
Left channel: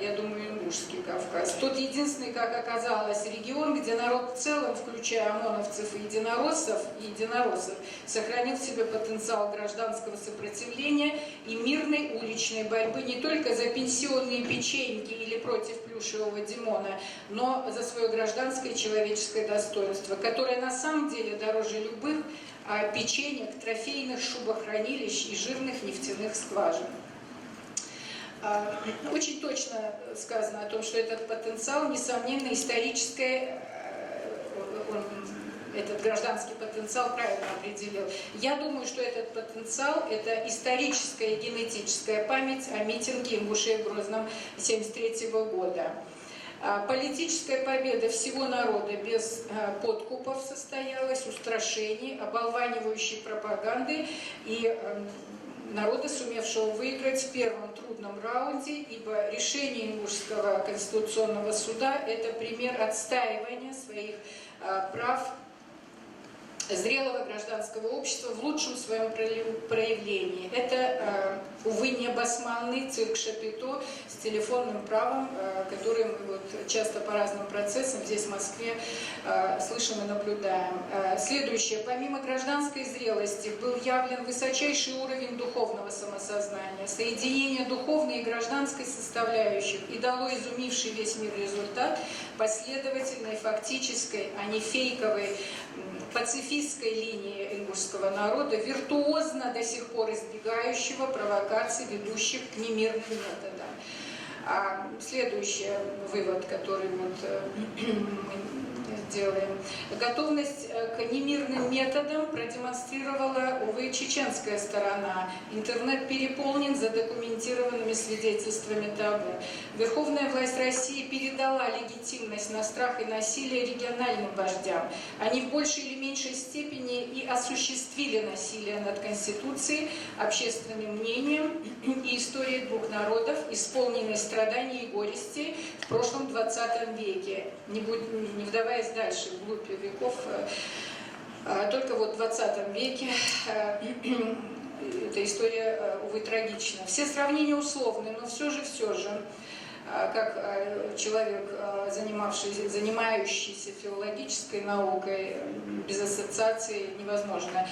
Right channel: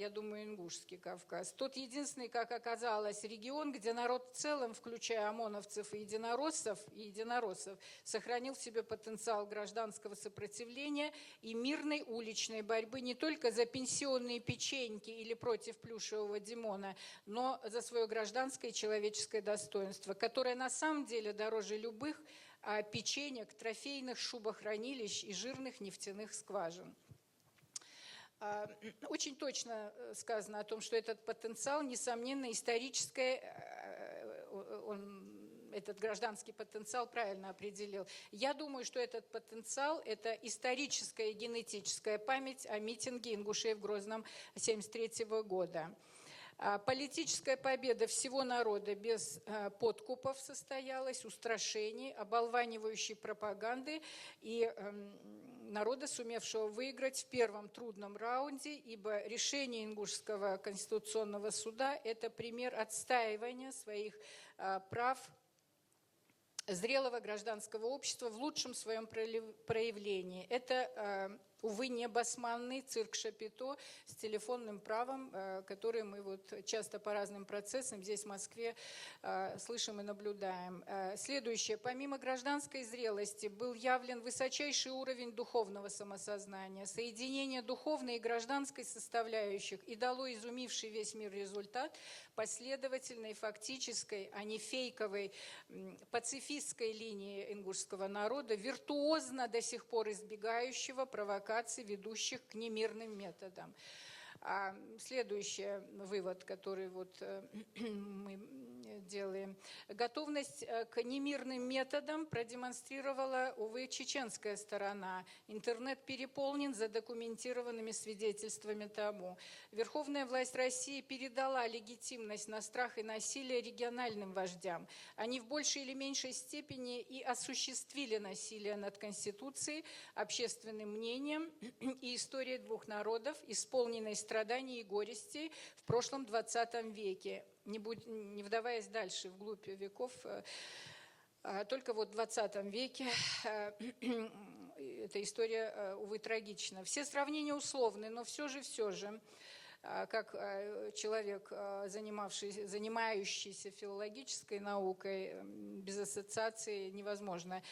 Я думаю, ингушский Кавказ. Тот единственный, как оказалось, регион, где народ в целом, включая ОМОНовцев и единороссов, сохранил в себе потенциал гражданского сопротивления и мирной уличной борьбы не только за пенсионные печеньки или против плюшевого Димона, но за свое гражданское и человеческое достоинство, которое на самом деле дороже любых печенек, трофейных шубохранилищ и жирных нефтяных скважин. Очень точно сказано о том, что этот потенциал, несомненно, историческое, этот гражданский потенциал правильно определил. Я думаю, что этот потенциал – это историческая и генетическая память о митинге ингушей в Грозном 1973 года. Политическая победа всего народа без подкупов состоялась, устрашений, оболванивающей пропаганды и народа, сумевшего выиграть в первом трудном раунде, ибо решение Ингушского конституционного суда – это пример отстаивания своих прав зрелого гражданского общества в лучшем своем проявлении. Это, увы, не басманный цирк Шапито с телефонным правом, который мы вот часто по разным процессам здесь, в Москве, слышим и наблюдаем. Следующее. Помимо гражданской зрелости был явлен высочайший уровень духовного самосознания. Соединение духовной и гражданской составляющих и дало изумивший весь мир результат последовательной, фактической, а не фейковой, пацифистской линии ингушского народа, виртуозно до сих пор избегающего провокаций, ведущих к немирным методам. Следующий вывод, который вот мы делаем. Готовность к немирным методам продемонстрировала, увы, чеченская сторона. Интернет переполнен задокументированными свидетельствами табу. Верховная власть России передала легитимность на страх и насилие региональным вождям. Они в большей или меньшей степени и осуществили насилие над Конституцией, общественным мнением и историей двух народов, исполненной страданий и горести в прошлом 20 веке. Не вдаваясь дальше, вглубь веков, только вот в 20 веке эта история, увы, трагична. Все сравнения условны, но все же, как человек, занимающийся филологической наукой, без ассоциации невозможно.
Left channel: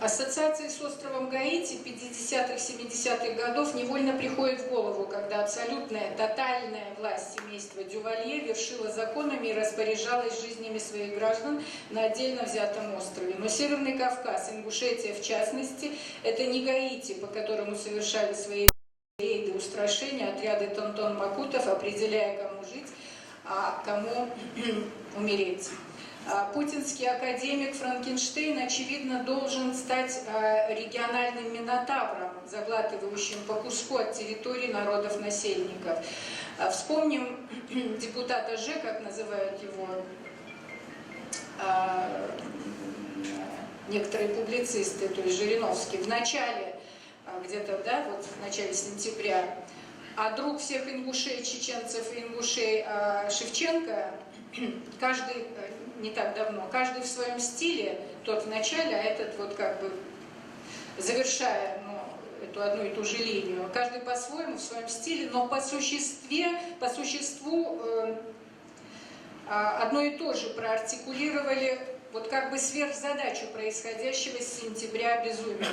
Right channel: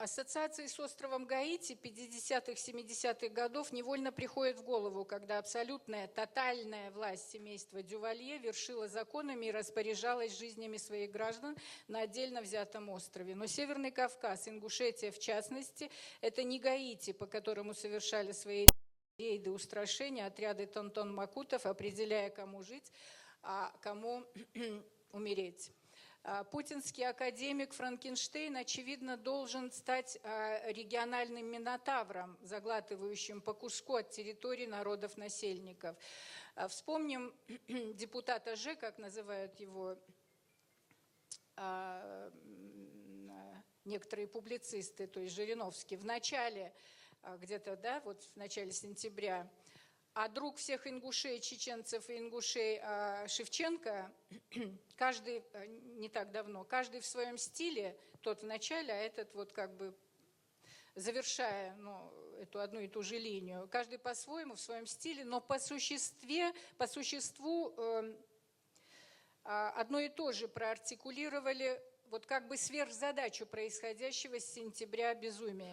Ассоциации с островом Гаити 50-х, 70-х годов невольно приходит в голову, когда абсолютная, тотальная власть семейства Дювалье вершила законами и распоряжалась жизнями своих граждан на отдельно взятом острове. Но Северный Кавказ, Ингушетия в частности, это не Гаити, по которому совершали свои рейды устрашения отряды тонтон-макутов, определяя, кому жить, а кому умереть. Путинский академик Франкенштейн, очевидно, должен стать региональным минотавром, заглатывающим по куску от территории народов-насельников. Вспомним депутата Ж, как называют его некоторые публицисты, то есть Жириновский, в начале, где-то, да, вот в начале сентября, а друг всех ингушей, чеченцев и ингушей Шевченко, каждый, не так давно, каждый в своем стиле, тот в начале, а этот вот как бы завершая, эту одну и ту же линию, каждый по-своему, в своем стиле, но по существу одно и то же проартикулировали, вот как бы сверхзадачу происходящего с сентября безумия.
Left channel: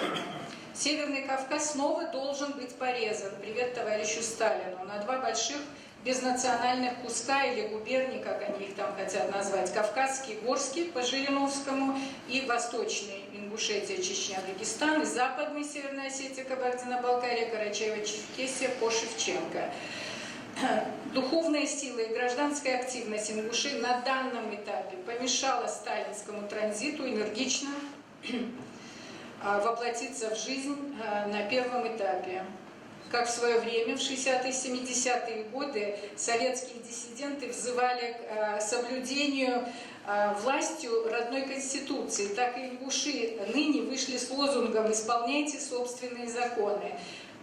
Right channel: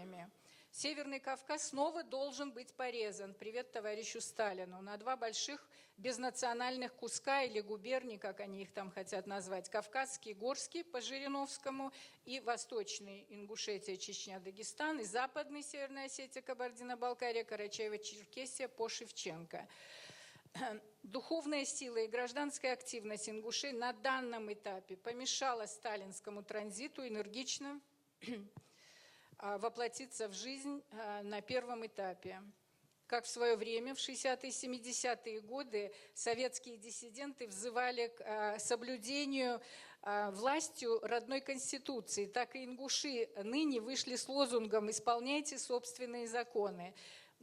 Северный Кавказ снова должен быть порезан, привет товарищу Сталину, на два больших безнациональных куска или губерний, как они их там хотят назвать, Кавказский, Горский по Жириновскому и Восточный, Ингушетия, Чечня, Дагестан, и Западный, Северная Осетия, Кабардино-Балкария, Карачаево-Черкесия по Шевченко. Духовная сила и гражданская активность ингушей на данном этапе помешала сталинскому транзиту энергично воплотиться в жизнь на первом этапе. Как в свое время, в 60-е, 70-е годы, советские диссиденты взывали к соблюдению властью родной конституции, так и ингуши ныне вышли с лозунгом «Исполняйте собственные законы».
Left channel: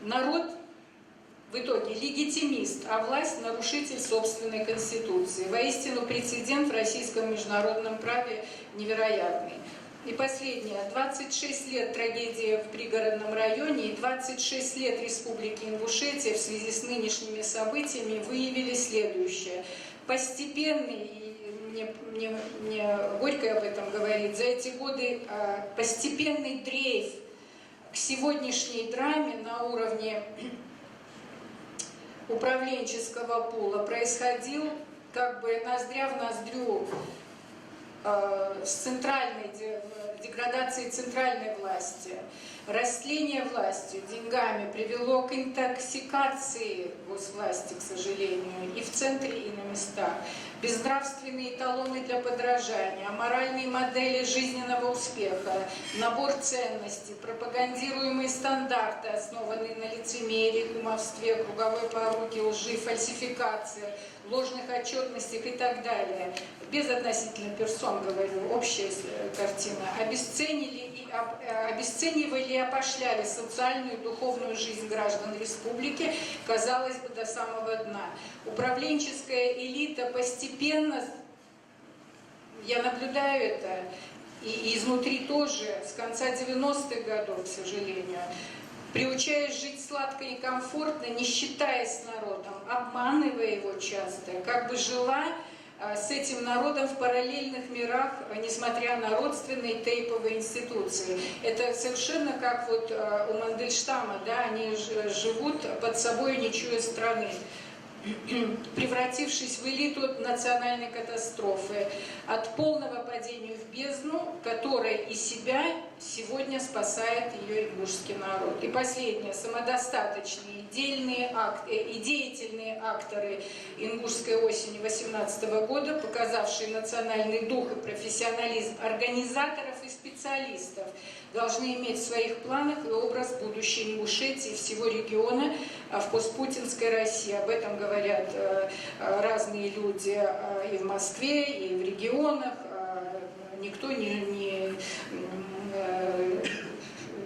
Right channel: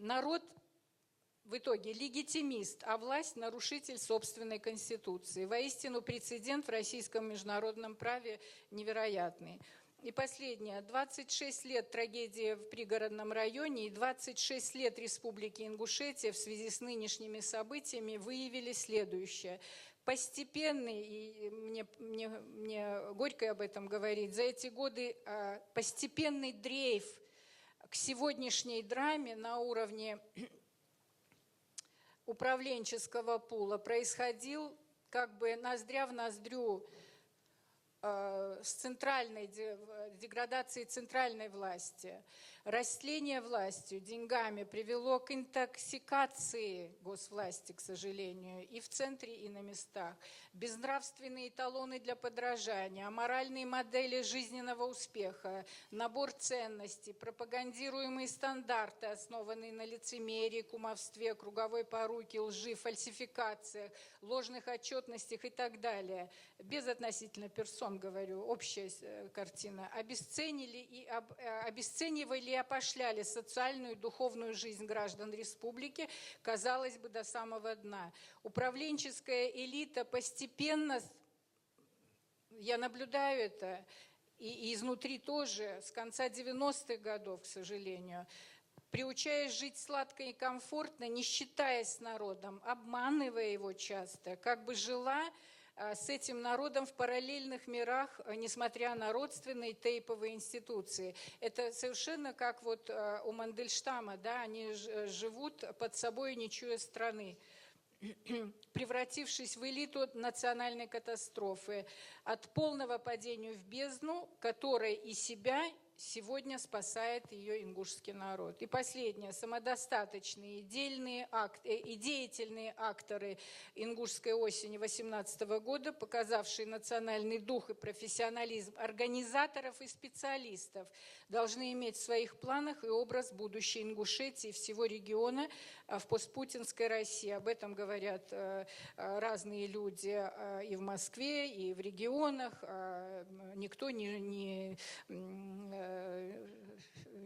Народ в итоге легитимист, а власть – нарушитель собственной конституции. Воистину, прецедент в российском международном праве невероятный. И последнее. 26 лет трагедии в пригородном районе и 26 лет Республики Ингушетия в связи с нынешними событиями выявили следующее. Постепенный, и мне горько об этом говорить, за эти годы постепенный дрейф к сегодняшней драме на уровне управленческого пула происходил как бы ноздря в ноздрю с центральной деградацией центральной власти. Растление властью деньгами привело к интоксикации госвласти, к сожалению, и в центре, и на местах. Безнравственные эталоны для подражания, аморальные модели жизненного успеха, набор ценностей, пропагандируемые стандарты, основанные на лицемерии, кумовстве, круговой поруке, лжи, фальсификации, ложных отчетностях и так далее. Без относительно персон, говорю, общая картина. Обесценивали и опошляли социальную и духовную жизнь граждан республики, казалось бы, до самого дна. Управленческая элита постепенно, я наблюдаю это, и изнутри тоже, с конца 90-х годов, к сожалению, приучаясь жить сладко и комфортно, не считаясь с народом, обманывая его часто, как бы жила с этим народом в параллельных мирах, несмотря на родственные тейповые институции. Это совершенно как вот у Мандельштама, да, они живут под собой, не чуя страны, превратившись в элиту национальной катастрофы, от полного падения в бездну, которая и себя сегодня спасает ее ингушский народ. И последнее. Самодостаточные, и деятельные акторы ингушской осени 18 года, показавшие национальный дух и профессионализм организаторов и специалистов, должны иметь в своих планах и образ будущей Ингушетии, всего региона в постпутинской России. Об этом говорят разные люди и в Москве, и в регионах. Никто не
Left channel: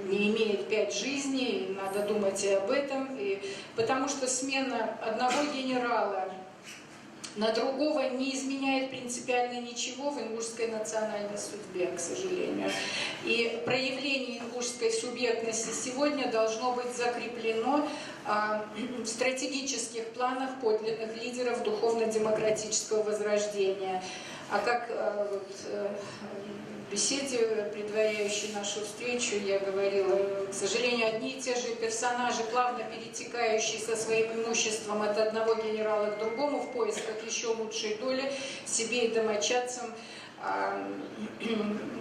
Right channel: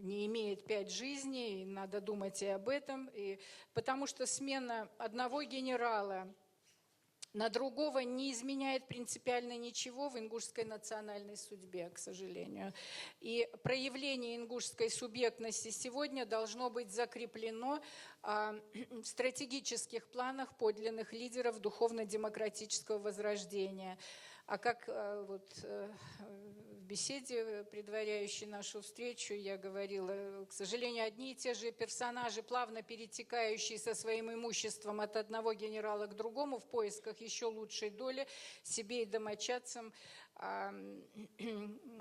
имеет 5 жизней, надо думать и об этом. Потому что смена одного генерала на другого не изменяет принципиально ничего в ингушской национальной судьбе, к сожалению. И проявление ингушской субъектности сегодня должно быть закреплено в стратегических планах подлинных лидеров духовно-демократического возрождения. А как в беседе, предваряющей нашу встречу, я говорила, к сожалению, одни и те же персонажи, плавно перетекающие со своим имуществом от одного генерала к другому в поисках еще лучшей доли себе и домочадцам,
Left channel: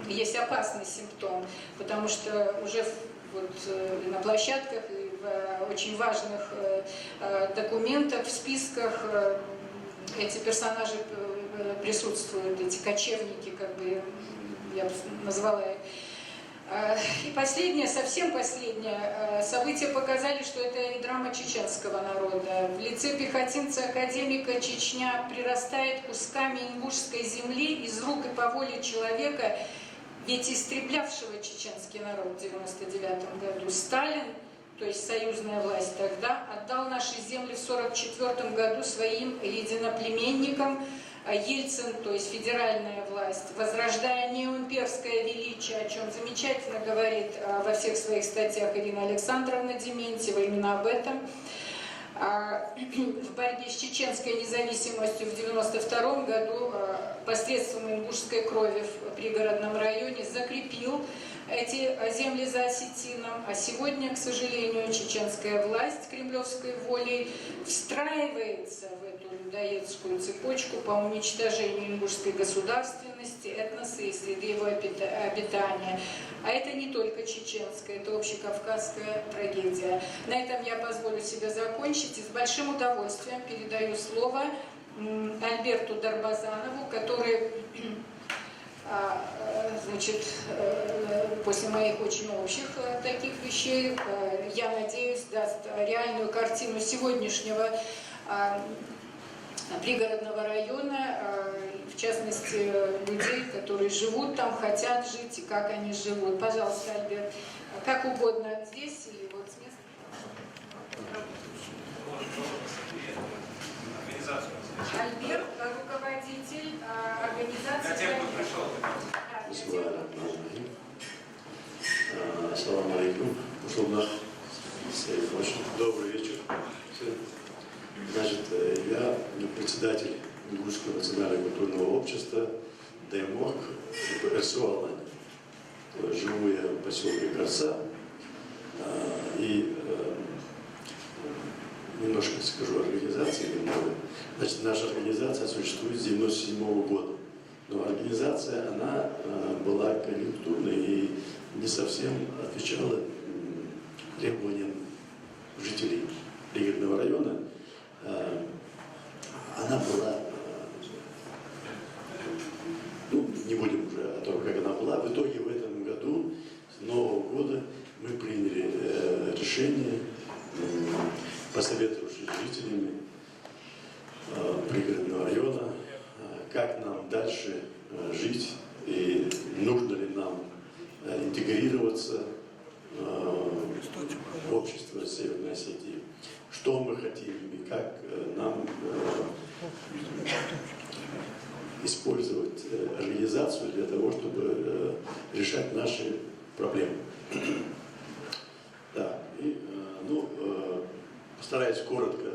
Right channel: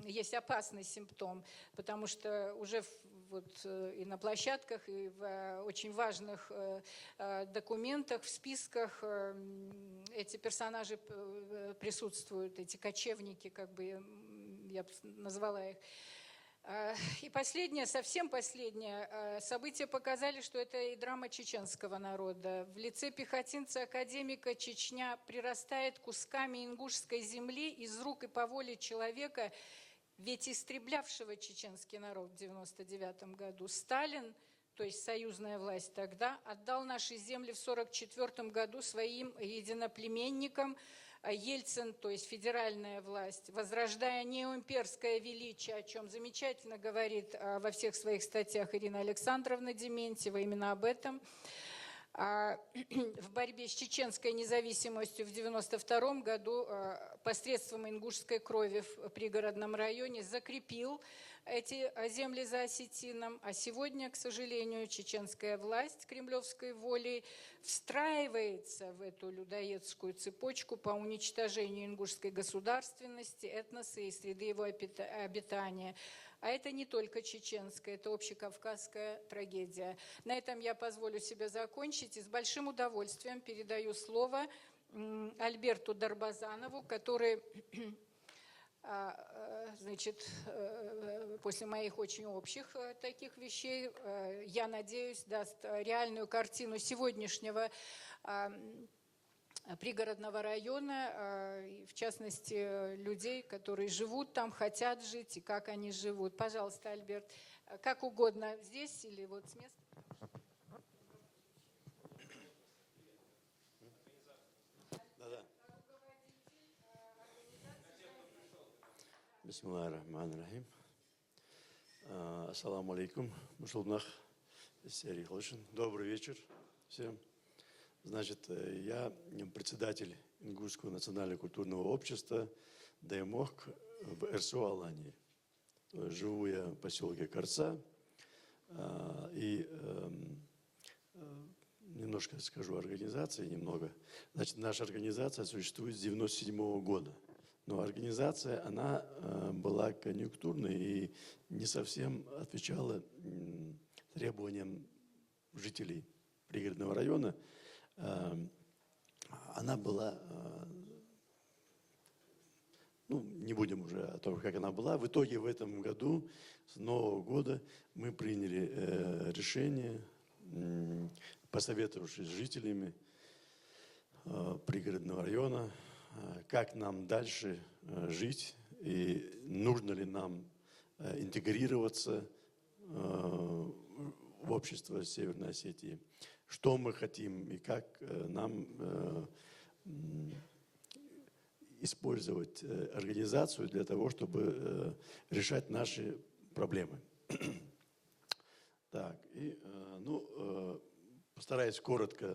есть опасный симптом, потому что уже вот на площадках и в очень важных документах, в списках эти персонажи присутствуют, эти кочевники, как бы я назвала их. И последнее, совсем последнее, события показали, что это и драма чеченского народа. В лице пехотинца-академика Чечня прирастает кусками ингушской земли из рук и по воле человека, ведь истреблявшего чеченский народ в 1999 году. Сталин, то есть союзная власть тогда, отдал наши земли в 1944 году своим единоплеменникам. Ельцин, то есть федеральная власть, возрождая неоимперское величие, о чем замечательно говорит во всех своих статьях Ирина Александровна Дементьева, именно об этом. в борьбе с чеченской независимостью в 1992 году посредством ингушской крови в пригородном районе закрепил эти земли за осетином, а сегодня, к сожалению, чеченская власть кремлевской волей встраивается в эту людоедскую цепочку по уничтожению ингушской государственности, этноса и среды его обитания. А это не только чеченская, это общекавказская трагедия. На этом я позволю себе закончить и с большим удовольствием передаю слово Альберту Дарбазанову, который, значит, после моих очень общих таких вещей, я надеюсь, даст реальную картину сегодняшнего пригородного района, в частности, людей, которые живут там, хотят жить и как они живут. Пожалуйста, Альберт, как угодно здесь или вот с места. Альберт, руководитель организации. Ассаламу алейкум. Добрый вечер. Значит, я председатель Ингушского национального культурного общества Даймок РСО Алания. Живу я в поселке Корца. И немножко скажу о организации. Значит, наша организация существует с 1997 года. Но организация, она была конъюнктурной и не совсем отвечала требованиям жителей пригородного района. Она была, ну, не будем уже о том, как она была. В итоге в этом году, с Нового года, мы приняли решение, посоветовавшись с жителями пригородного района, как нам дальше жить и нужно ли нам интегрироваться в общество Северной Осетии, что мы хотим и как нам использовать организацию для того, чтобы решать наши проблемы. Да, и, ну, постараюсь коротко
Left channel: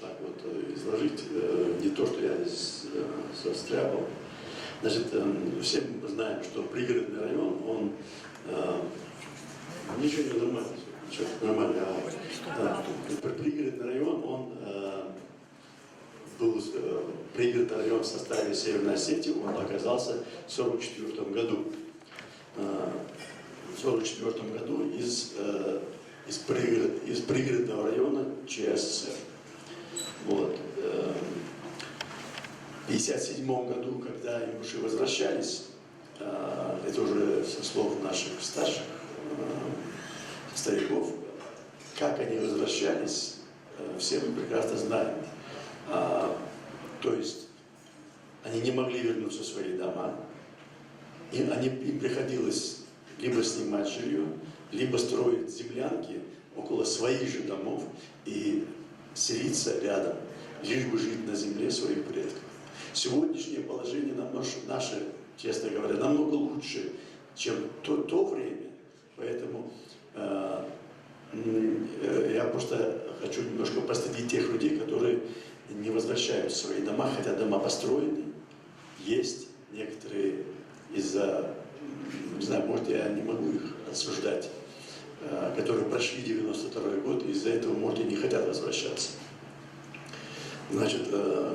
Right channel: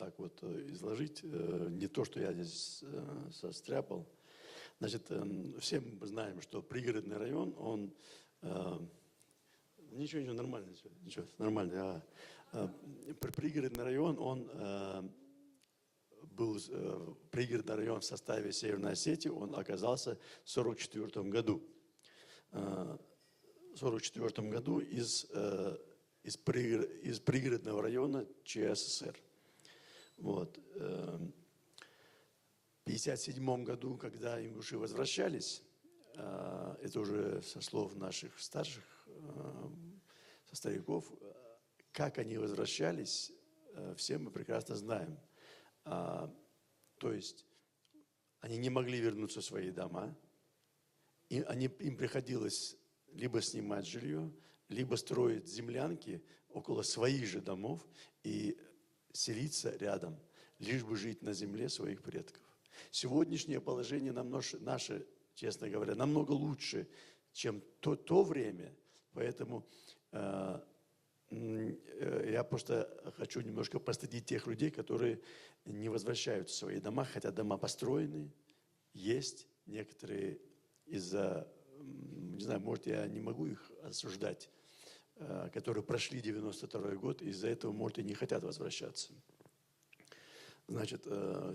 так вот изложить, не то, что я здесь состряпал. Значит, все мы знаем, что пригородный район, он ничего не нормально, ничего нормально. Пригородный район, он был пригородный район в составе Северной Осетии, он оказался в 1944 году. В 1944 году из пригородного района ЧССР. Вот. В 1957 году, когда ингуши возвращались, это уже со слов наших старших стариков, как они возвращались, все мы прекрасно знаем. То есть они не могли вернуться в свои дома, и им приходилось либо снимать жилье, либо строить землянки около своих же домов и селиться рядом, лишь бы жить на земле своих предков. Сегодняшнее положение наше, честно говоря, намного лучше, чем то время. Поэтому я просто хочу немножко постыдить тех людей, которые не возвращаются в свои дома, хотя дома построены. Есть некоторые из-за, не знаю, может, я не могу их осуждать, которые прошли 92-й год, и из-за этого, может, и не хотят возвращаться. Значит,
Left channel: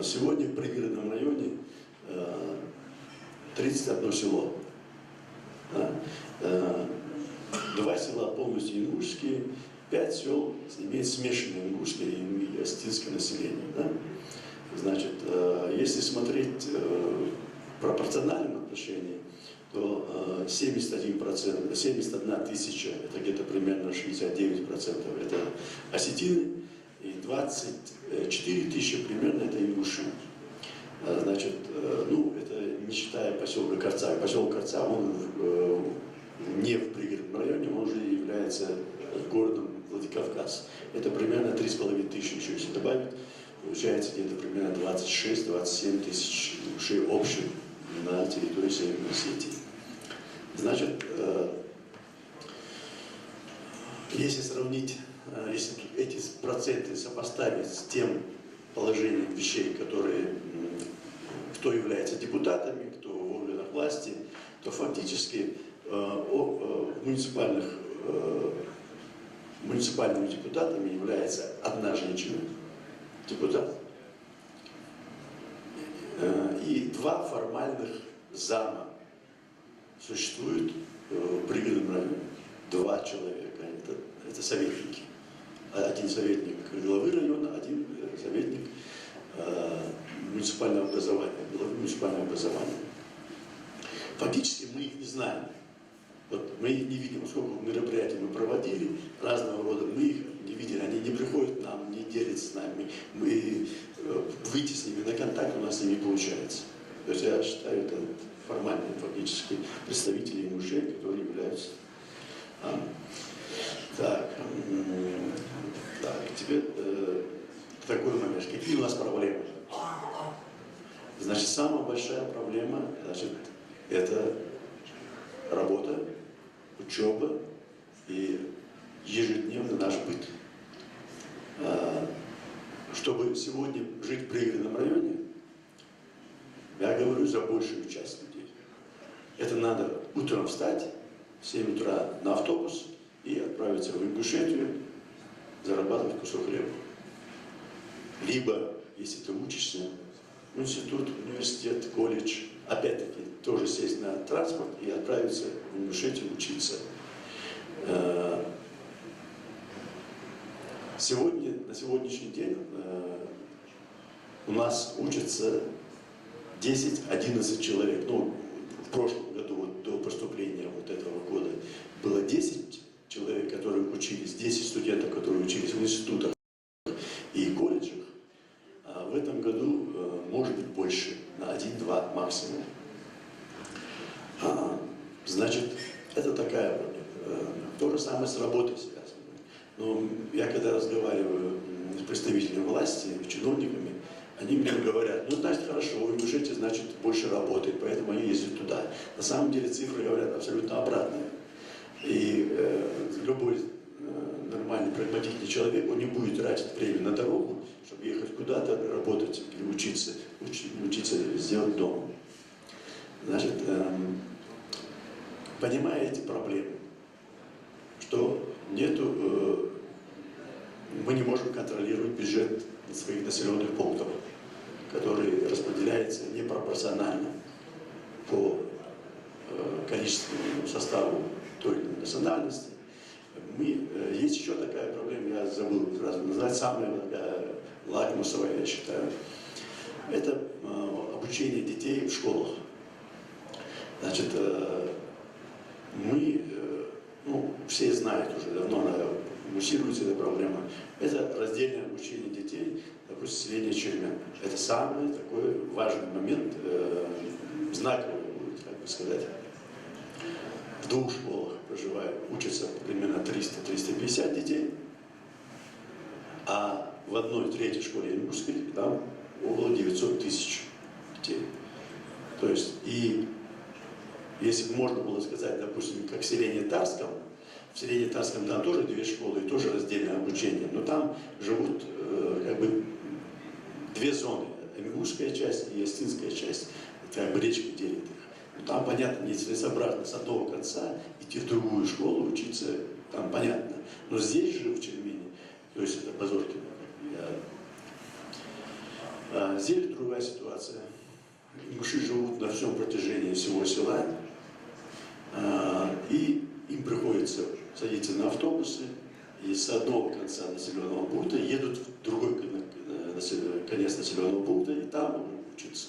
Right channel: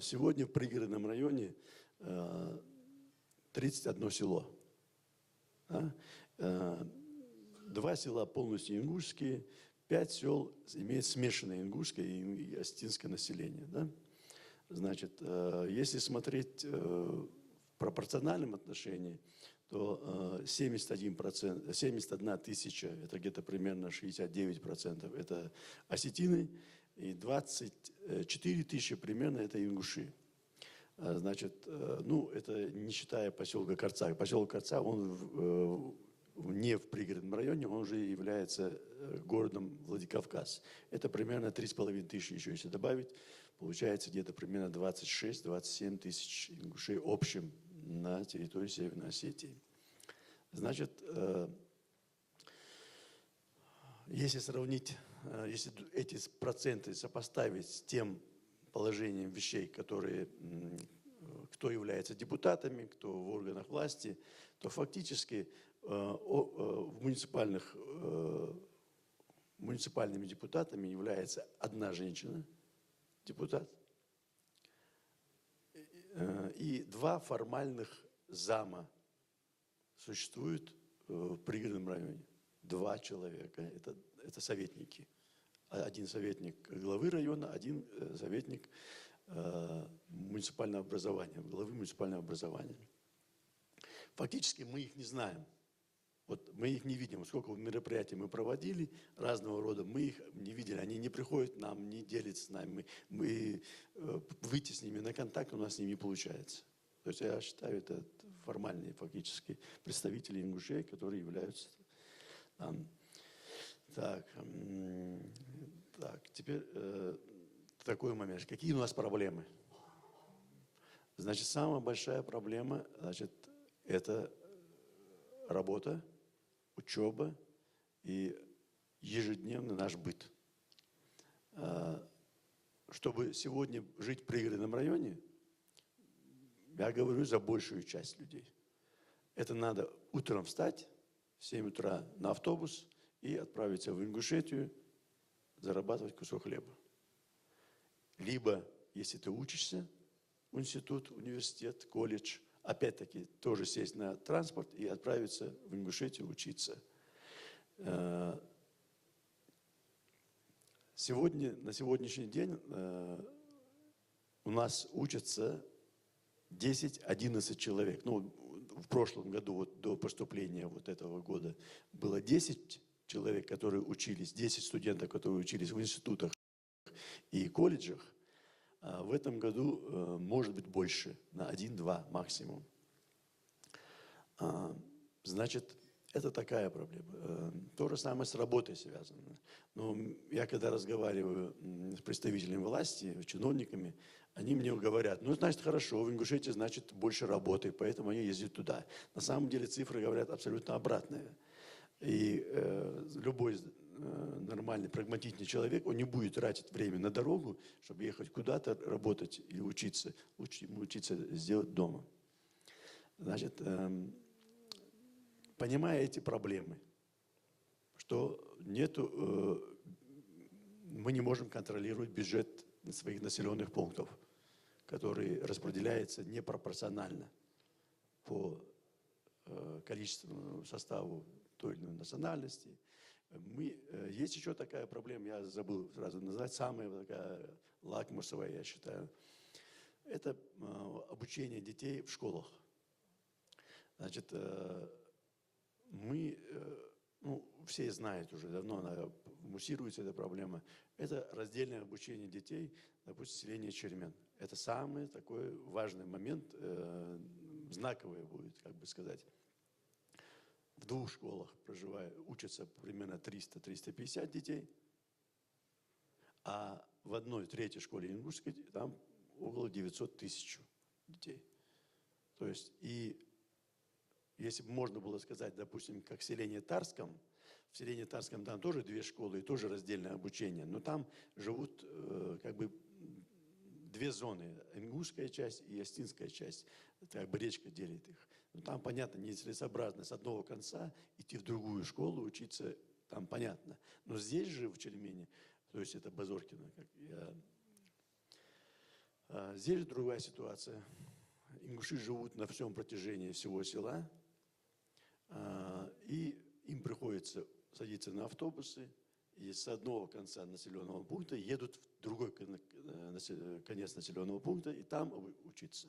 сегодня в пригородном районе 31 село. 2 села полностью ингушские, 5 сел имеют смешанное ингушское и осетинское население. Да? Значит, если смотреть в пропорциональном отношении, то 71%, 71 тысяча, это где-то примерно 69%, это осетины, и 24 тысячи примерно это ингуши. Значит, ну, это не считая поселка Корца. Поселок Корца, он не в пригородном районе, он уже является городом Владикавказ. Это примерно 3,5 тысячи, еще если добавить, получается где-то примерно 26-27 тысяч ингушей общих на территории Северной Осетии. Значит, если сравнить если эти проценты сопоставить с тем положением вещей, которые, кто является депутатами, кто в органах власти, то фактически муниципальными депутатами является одна женщина, депутат, и два формальных зама существуют в пригородном районе. Два человека, это советники. Один советник главы района, один советник муниципального образования, главы муниципального образования. Фактически мы их не знаем. Вот мы их не видим, сколько мероприятий мы проводили, разного рода, мы их не видели, они не приходят к нам, не делятся с нами, мы выйти с ними на контакт у нас не получается. То есть я считаю, это формальные фактически представители мужей, которые являются. Так, теперь такой момент. Какие у нас проблемы? Значит, самая большая проблема, значит, это работа, учеба и ежедневный наш быт. Чтобы сегодня жить в пригородном районе, я говорю за большую часть людей. Это надо утром встать, в 7 утра на автобус и отправиться в Ингушетию, зарабатывать кусок хлеба. Либо, если ты учишься в институт, университет, колледж, опять-таки тоже сесть на транспорт и отправиться в Ингушетию учиться. Сегодня, на сегодняшний день у нас учатся 10-11 человек. Ну, в прошлом году, вот до поступления вот этого года, было 10 человек, которые учились, 10 студентов, которые учились в институтах и колледжах. А в этом году может быть больше, на 1-2 максимум. Значит, это такая проблема. То же самое с работой связано. Но я когда разговариваю с представителями власти, с чиновниками, они мне говорят, ну, значит, хорошо, в Ингушетии, значит, больше работает, поэтому они ездят туда. На самом деле цифры говорят абсолютно обратное. И любой нормальный, прагматичный человек, он не будет тратить время на дорогу, чтобы ехать куда-то, работать или учиться сделать дома. Значит, понимая эти проблемы, что мы не можем контролировать бюджет своих населенных пунктов, который распределяется непропорционально по количественному составу той или иной национальности. Есть еще такая проблема, я забыл сразу назвать, самая лакмусовая, я считаю. Это обучение детей в школах. Значит, все знают уже давно, она муссируется эта проблема. Это раздельное обучение детей, допустим, средняя черемя. Это самый такой важный момент, знаковый, как бы сказать. В 2 школах учатся примерно 300-350 детей, а в 1/3 школе Ингушской там около 900 тысяч детей. То есть, и если бы можно было сказать, допустим, как в селении Тарском там тоже 2 школы и тоже раздельное обучение, но там живут как бы 2 зоны, Ингушская часть и Остинская часть, как бы речка делит их. Но там, понятно, нецелесообразно с одного конца идти в другую школу, учиться, там понятно. Но здесь же, в Черемине, то есть это Базоркино, здесь другая ситуация. Ингуши живут на всем протяжении всего села, и им приходится садиться на автобусы, и с одного конца населенного пункта едут в другой конец населенного пункта, и там учатся.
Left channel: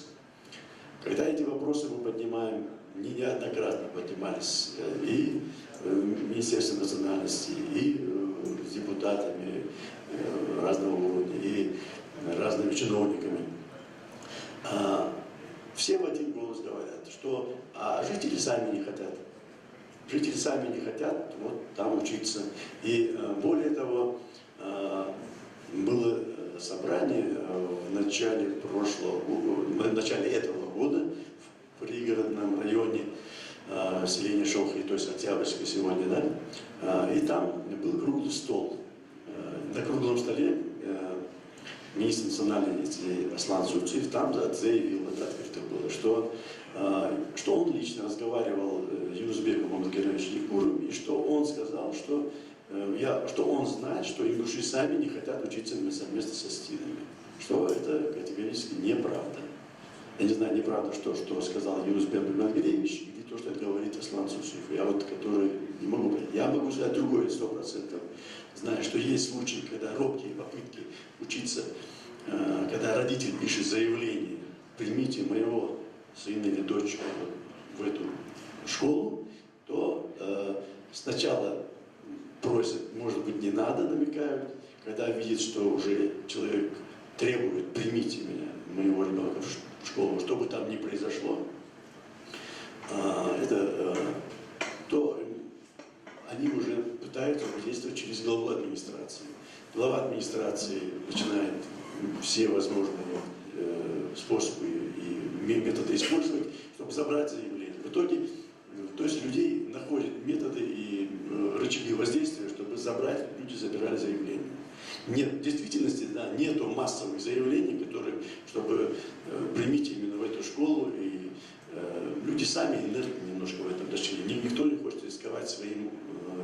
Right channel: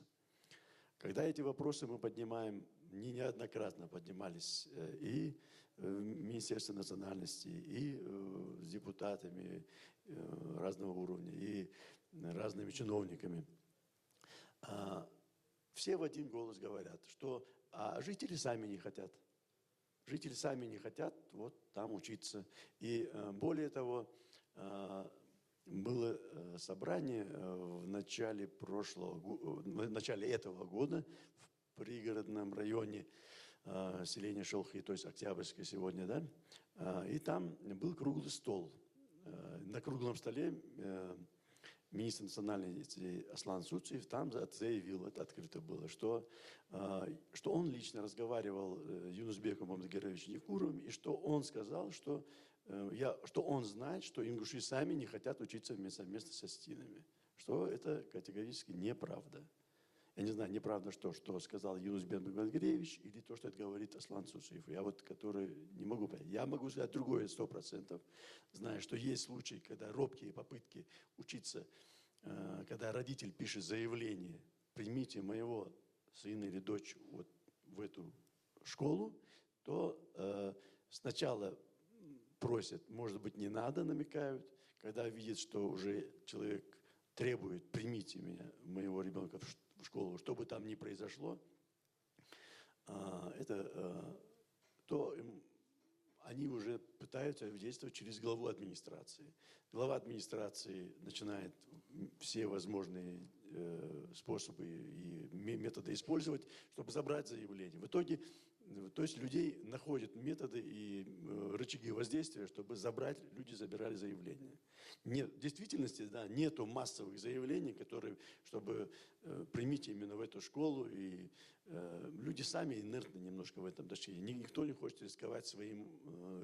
Когда эти вопросы мы поднимаем, неоднократно поднимались и в Министерстве национальности, и с депутатами разного уровня, и разными чиновниками, все в один голос говорят, что жители сами не хотят. Жители сами не хотят вот там учиться. И более того, было собрание в начале этого года в пригородном районе селения Шолхи, то есть Октябрьской сегодня, да, и там был круглый стол на круглом столе министр национальности Аслан Зуцев там заявил, это открыто было, что он лично разговаривал с Юнусбеком Амангеровичем Никуровым, и что он сказал, что он знает, что ингуши сами не хотят учиться совместно со стинами. Что это категорически неправда. Я не знаю, неправда, что сказал Юнусбек Амангерович, или то, что это говорит Аслан Зуцев. Я вот, который не могу понять. Я могу сказать другое, 100%. Знаю, что есть случаи, когда робкие попытки учиться, когда родитель пишет заявление, примите моего сына или дочь в эту школу, то сначала просят, может быть, не надо, намекают, когда видят, что уже человек требует, примите меня, моего ребенка в школу, что бы там ни произошло, то они уже пытаются действовать через главу администрации. Глава администрации начинает все возможные способы и методы использовать, чтобы забрать заявление. В итоге, то есть людей находят методы и рычаги воздействия, чтобы забрать, люди забирали заявления. Нет, в действительности, да, нету массовых заявлений, которые, чтобы примите именно в эту школу, и люди сами инертны немножко в этом отношении. Никто не хочет рисковать своим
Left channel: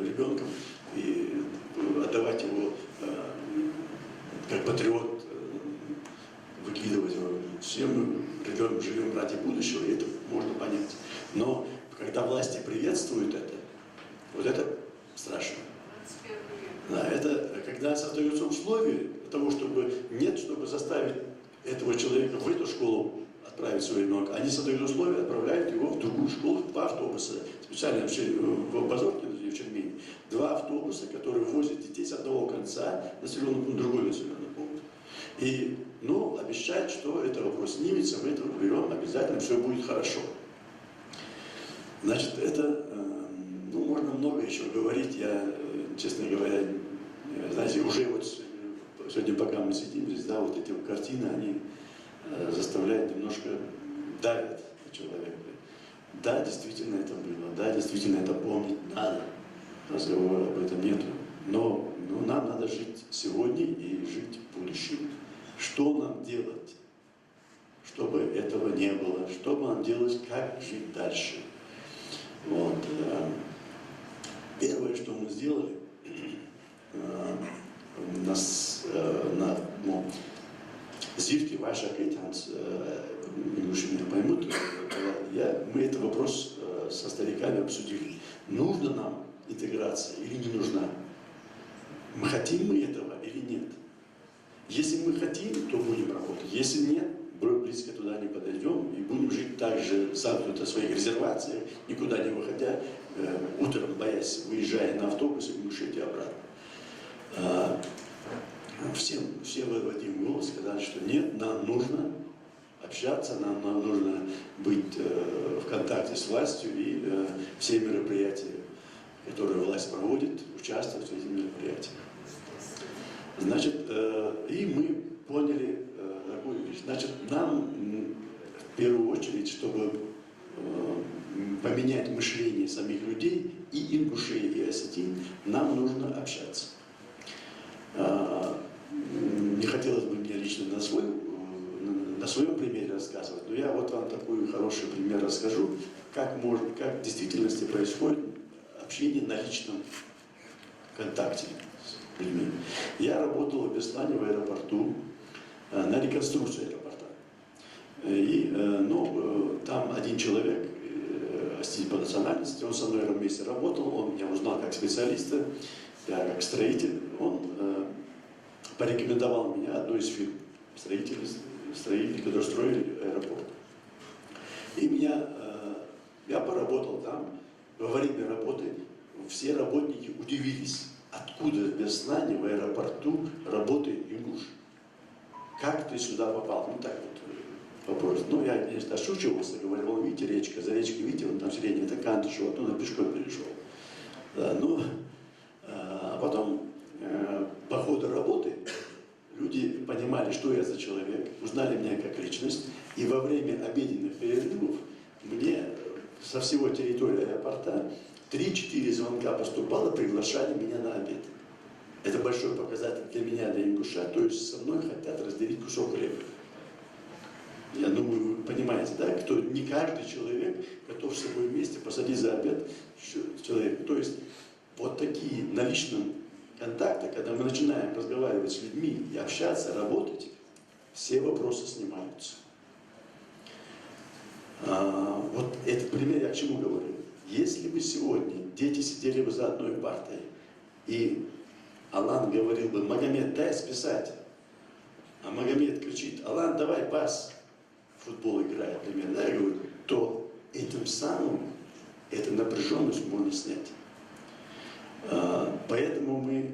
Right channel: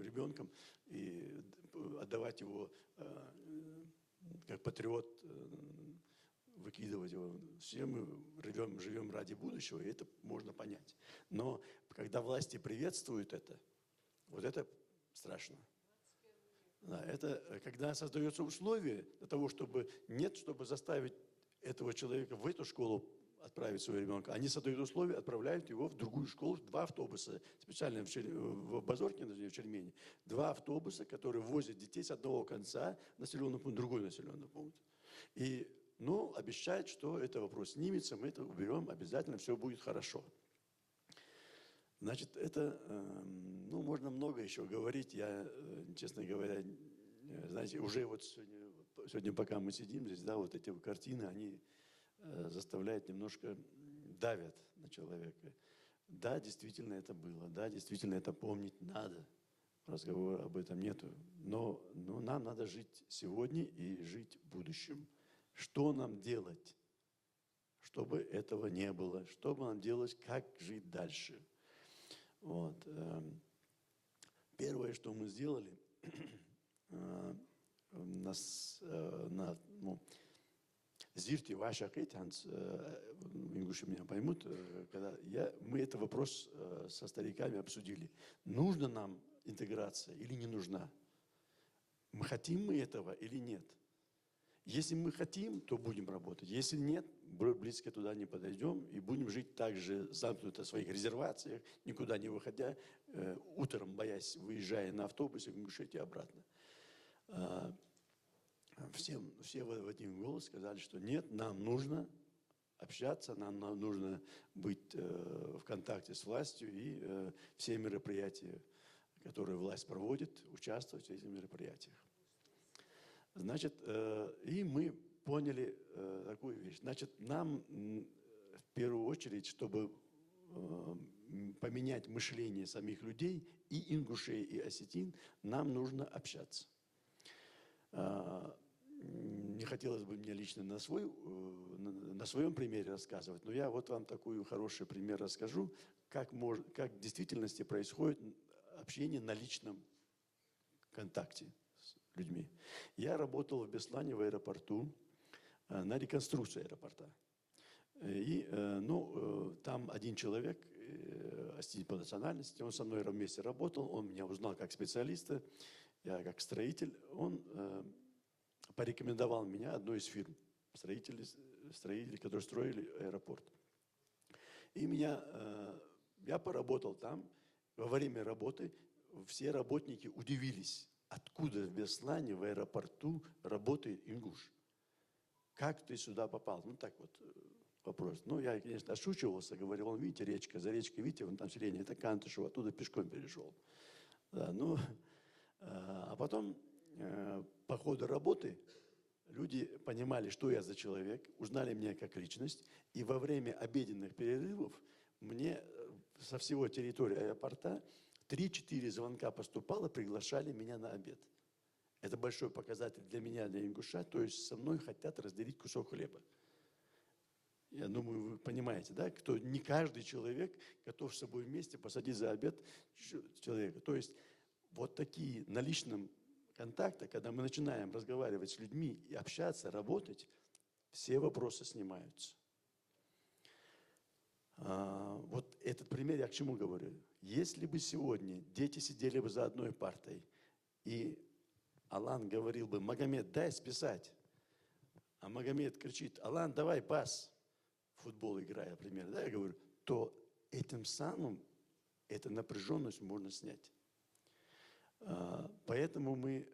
ребенком и отдавать его как патриот, выкидывать его. Все мы живем ради будущего, и это можно понять. Но когда власти приветствуют это, вот это страшно. Да, это когда создаются условия для того, чтобы заставить этого человека в эту школу отправить своего ребенка. Они создают условия, отправляют его в другую школу, 2 автобуса, специально в Базорке, в Чермине, 2 автобуса, которые возят детей с одного конца населенного пункта в другой населенный пункт. И, обещать, что это вопрос снимется, мы это уберем, обязательно все будет хорошо. Значит, это, можно много еще говорить, я, честно говоря, знаете, уже вот сегодня, пока мы сидим здесь, да, вот эти картины, они заставляют немножко, давят на человека. Да, действительно это было, да, действительно это помнить надо, разговора об этом нету. Но нам надо жить сегодня и жить в будущем. Что нам делать, чтобы этого не было? Что нам делать, как жить дальше? Вот. Первое, что мы сделали, Зивки ваших ингуши меня поймут, мы этот вопрос со стариками обсудили. Нужна нам интеграция или не нужна? Мы хотим мы этого или нет? Если мы хотим, то будем работать. Если нет, близко туда не подойдем и будем жить так же замкнуто в своих резервациях, никуда не выходя, утром боясь, выезжая на автобус и мышить обратно. Все в один голос сказали, что нет, нам нужно общаться, нам нужно быть в контакте с властью и все мероприятия, которые власть проводит, участвовать в этих мероприятиях. Значит, и мы поняли такую вещь. Значит, нам в первую очередь, чтобы поменять мышление самих людей, и ингушей, и осетин, нам нужно общаться. Не хотелось бы мне лично на своем примере рассказывать, но я вот вам такой хороший пример расскажу, как в действительности происходит общение на личном контакте с людьми. Я работал в Беслане в аэропорту на реконструкцию аэропорта. И там один человек, по национальности, он со мной вместе работал, он меня узнал как специалиста, я как строитель, он порекомендовал меня одной из фирм строителей, которые строили аэропорт. И я поработал там. Во время работы все работники удивились, откуда в Беслане в аэропорту работает ингуш. Как ты сюда попал? Так вот вопрос. Я, конечно, ошучивался, говорил, видите, речка, за речкой, видите, вон там средняя, это Кантышево, оттуда пешком перешел. Да, а потом по ходу работы люди понимали, что я за человек, узнали меня как личность, и во время обеденных перерывов мне со всего территории аэропорта 3-4 звонка поступало, приглашали меня на обед. Это большой показатель для меня, для ингуша, то есть со мной хотят разделить кусок хлеба. Я думаю, вы понимаете, да, кто не каждый человек готов с собой вместе посадить за обед человека. То есть вот такие на личном контакте, когда мы начинаем разговаривать с людьми и общаться, работать, все вопросы снимаются. Вот этот пример я к чему говорю? Если бы сегодня дети сидели бы за одной партой, и Алан говорил бы: Магомед, дай списать. А Магомед кричит: Алан, давай пас. Футбол играет, например, да, я говорю, то этим самым эту напряженность можно снять. Поэтому мы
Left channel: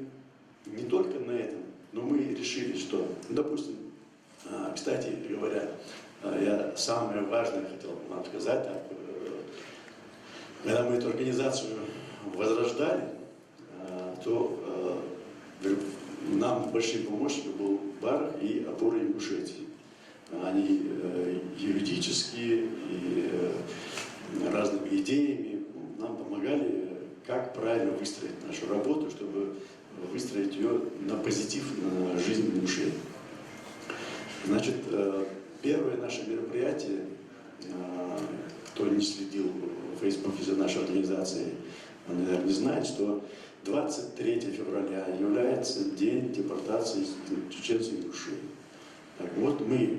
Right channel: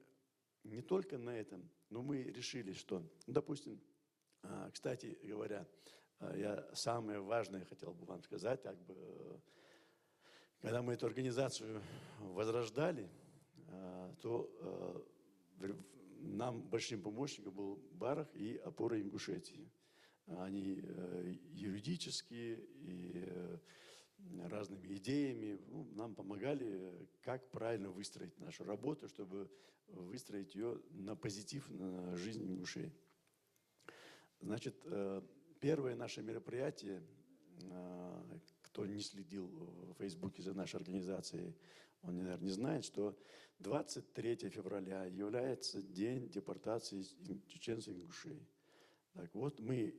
не только на этом, но мы решили, что, допустим, кстати говоря, я самое важное хотел вам сказать, когда мы эту организацию возрождали, то нам большим помощником был бар и опора Ингушетии. Они юридические и разными идеями нам помогали, как правильно выстроить нашу работу, чтобы выстроить ее на позитив, на жизнь Ингушетии. Значит, первое наше мероприятие, кто не следил в Фейсбуке за нашей организацией, он, наверное, не знает, что 23 февраля является день депортации чеченцев и ингушей. Так вот, мы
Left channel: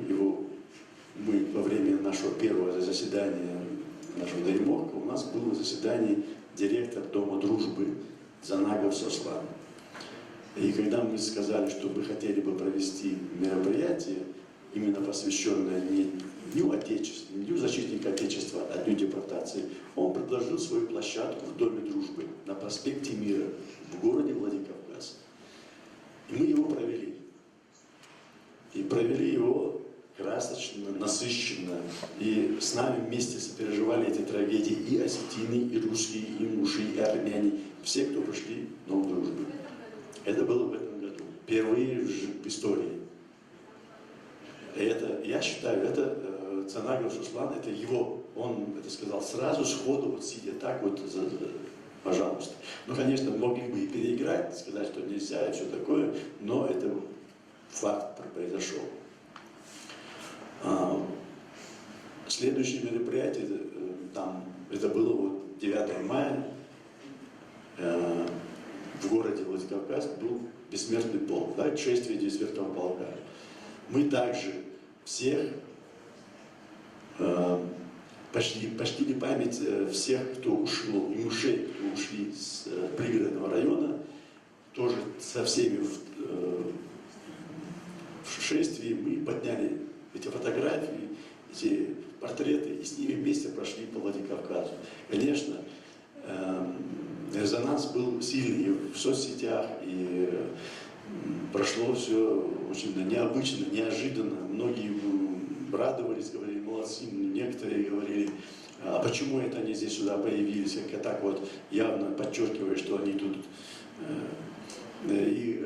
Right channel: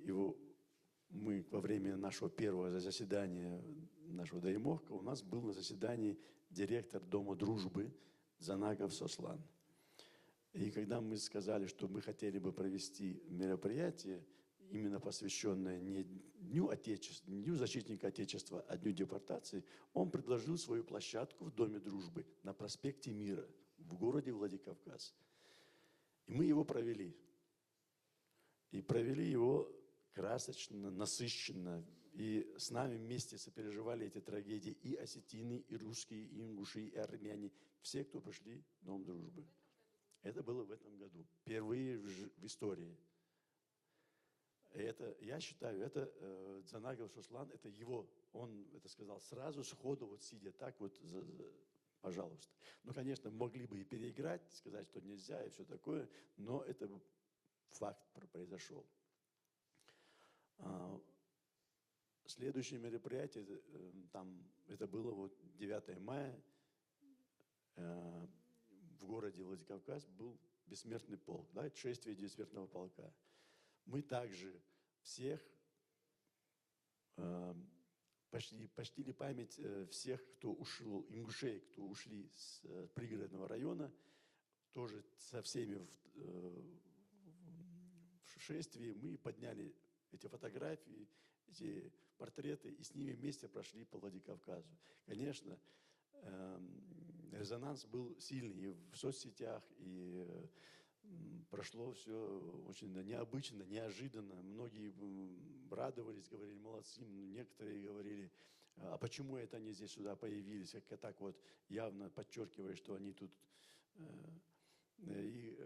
во время нашего первого заседания нашего Дайморка, у нас было заседание директор Дома дружбы Занагов Сослан. И когда мы сказали, что мы хотели бы провести мероприятие, именно посвященное не Дню Отечества, не Дню защитника Отечества, а Дню депортации, он предложил свою площадку в Доме дружбы на проспекте Мира в городе Владикавказ. И мы его провели. И провели его красочно, насыщенно. И с нами вместе сопереживали эти трагедии и осетины, и русские, и ингуши, и армяне. Все, кто пришли в Дом дружбы. Это было в этом году. Впервые в истории. Это, я считаю, это Цанагов Суслан, это его, он это сказал сразу, сходу, вот сидя так вот, пожалуйста. Ну, конечно, могли бы и переиграть, сказать, что нельзя и все такое, но это факт произошел. Следующее мероприятие, там, это было вот 9 мая, в городе Владикавказ был бессмертный полк, да, шествие Десвертного полка. Мы также всех почтили память всех, кто ушел, ингушей, кто ушли с пригородного района, тоже со всеми в шествии мы подняли эти фотографии, эти портреты, и с ними вместе прошли по Владикавказу. Конечно, резонанс был сильный в соцсетях, и прошло все очень необычно, неожиданно. Многие радовались, говорили, молодцы, некоторые говорили, а почему это они здесь сюда появились, как так вот явно подчеркивая, что они тут. И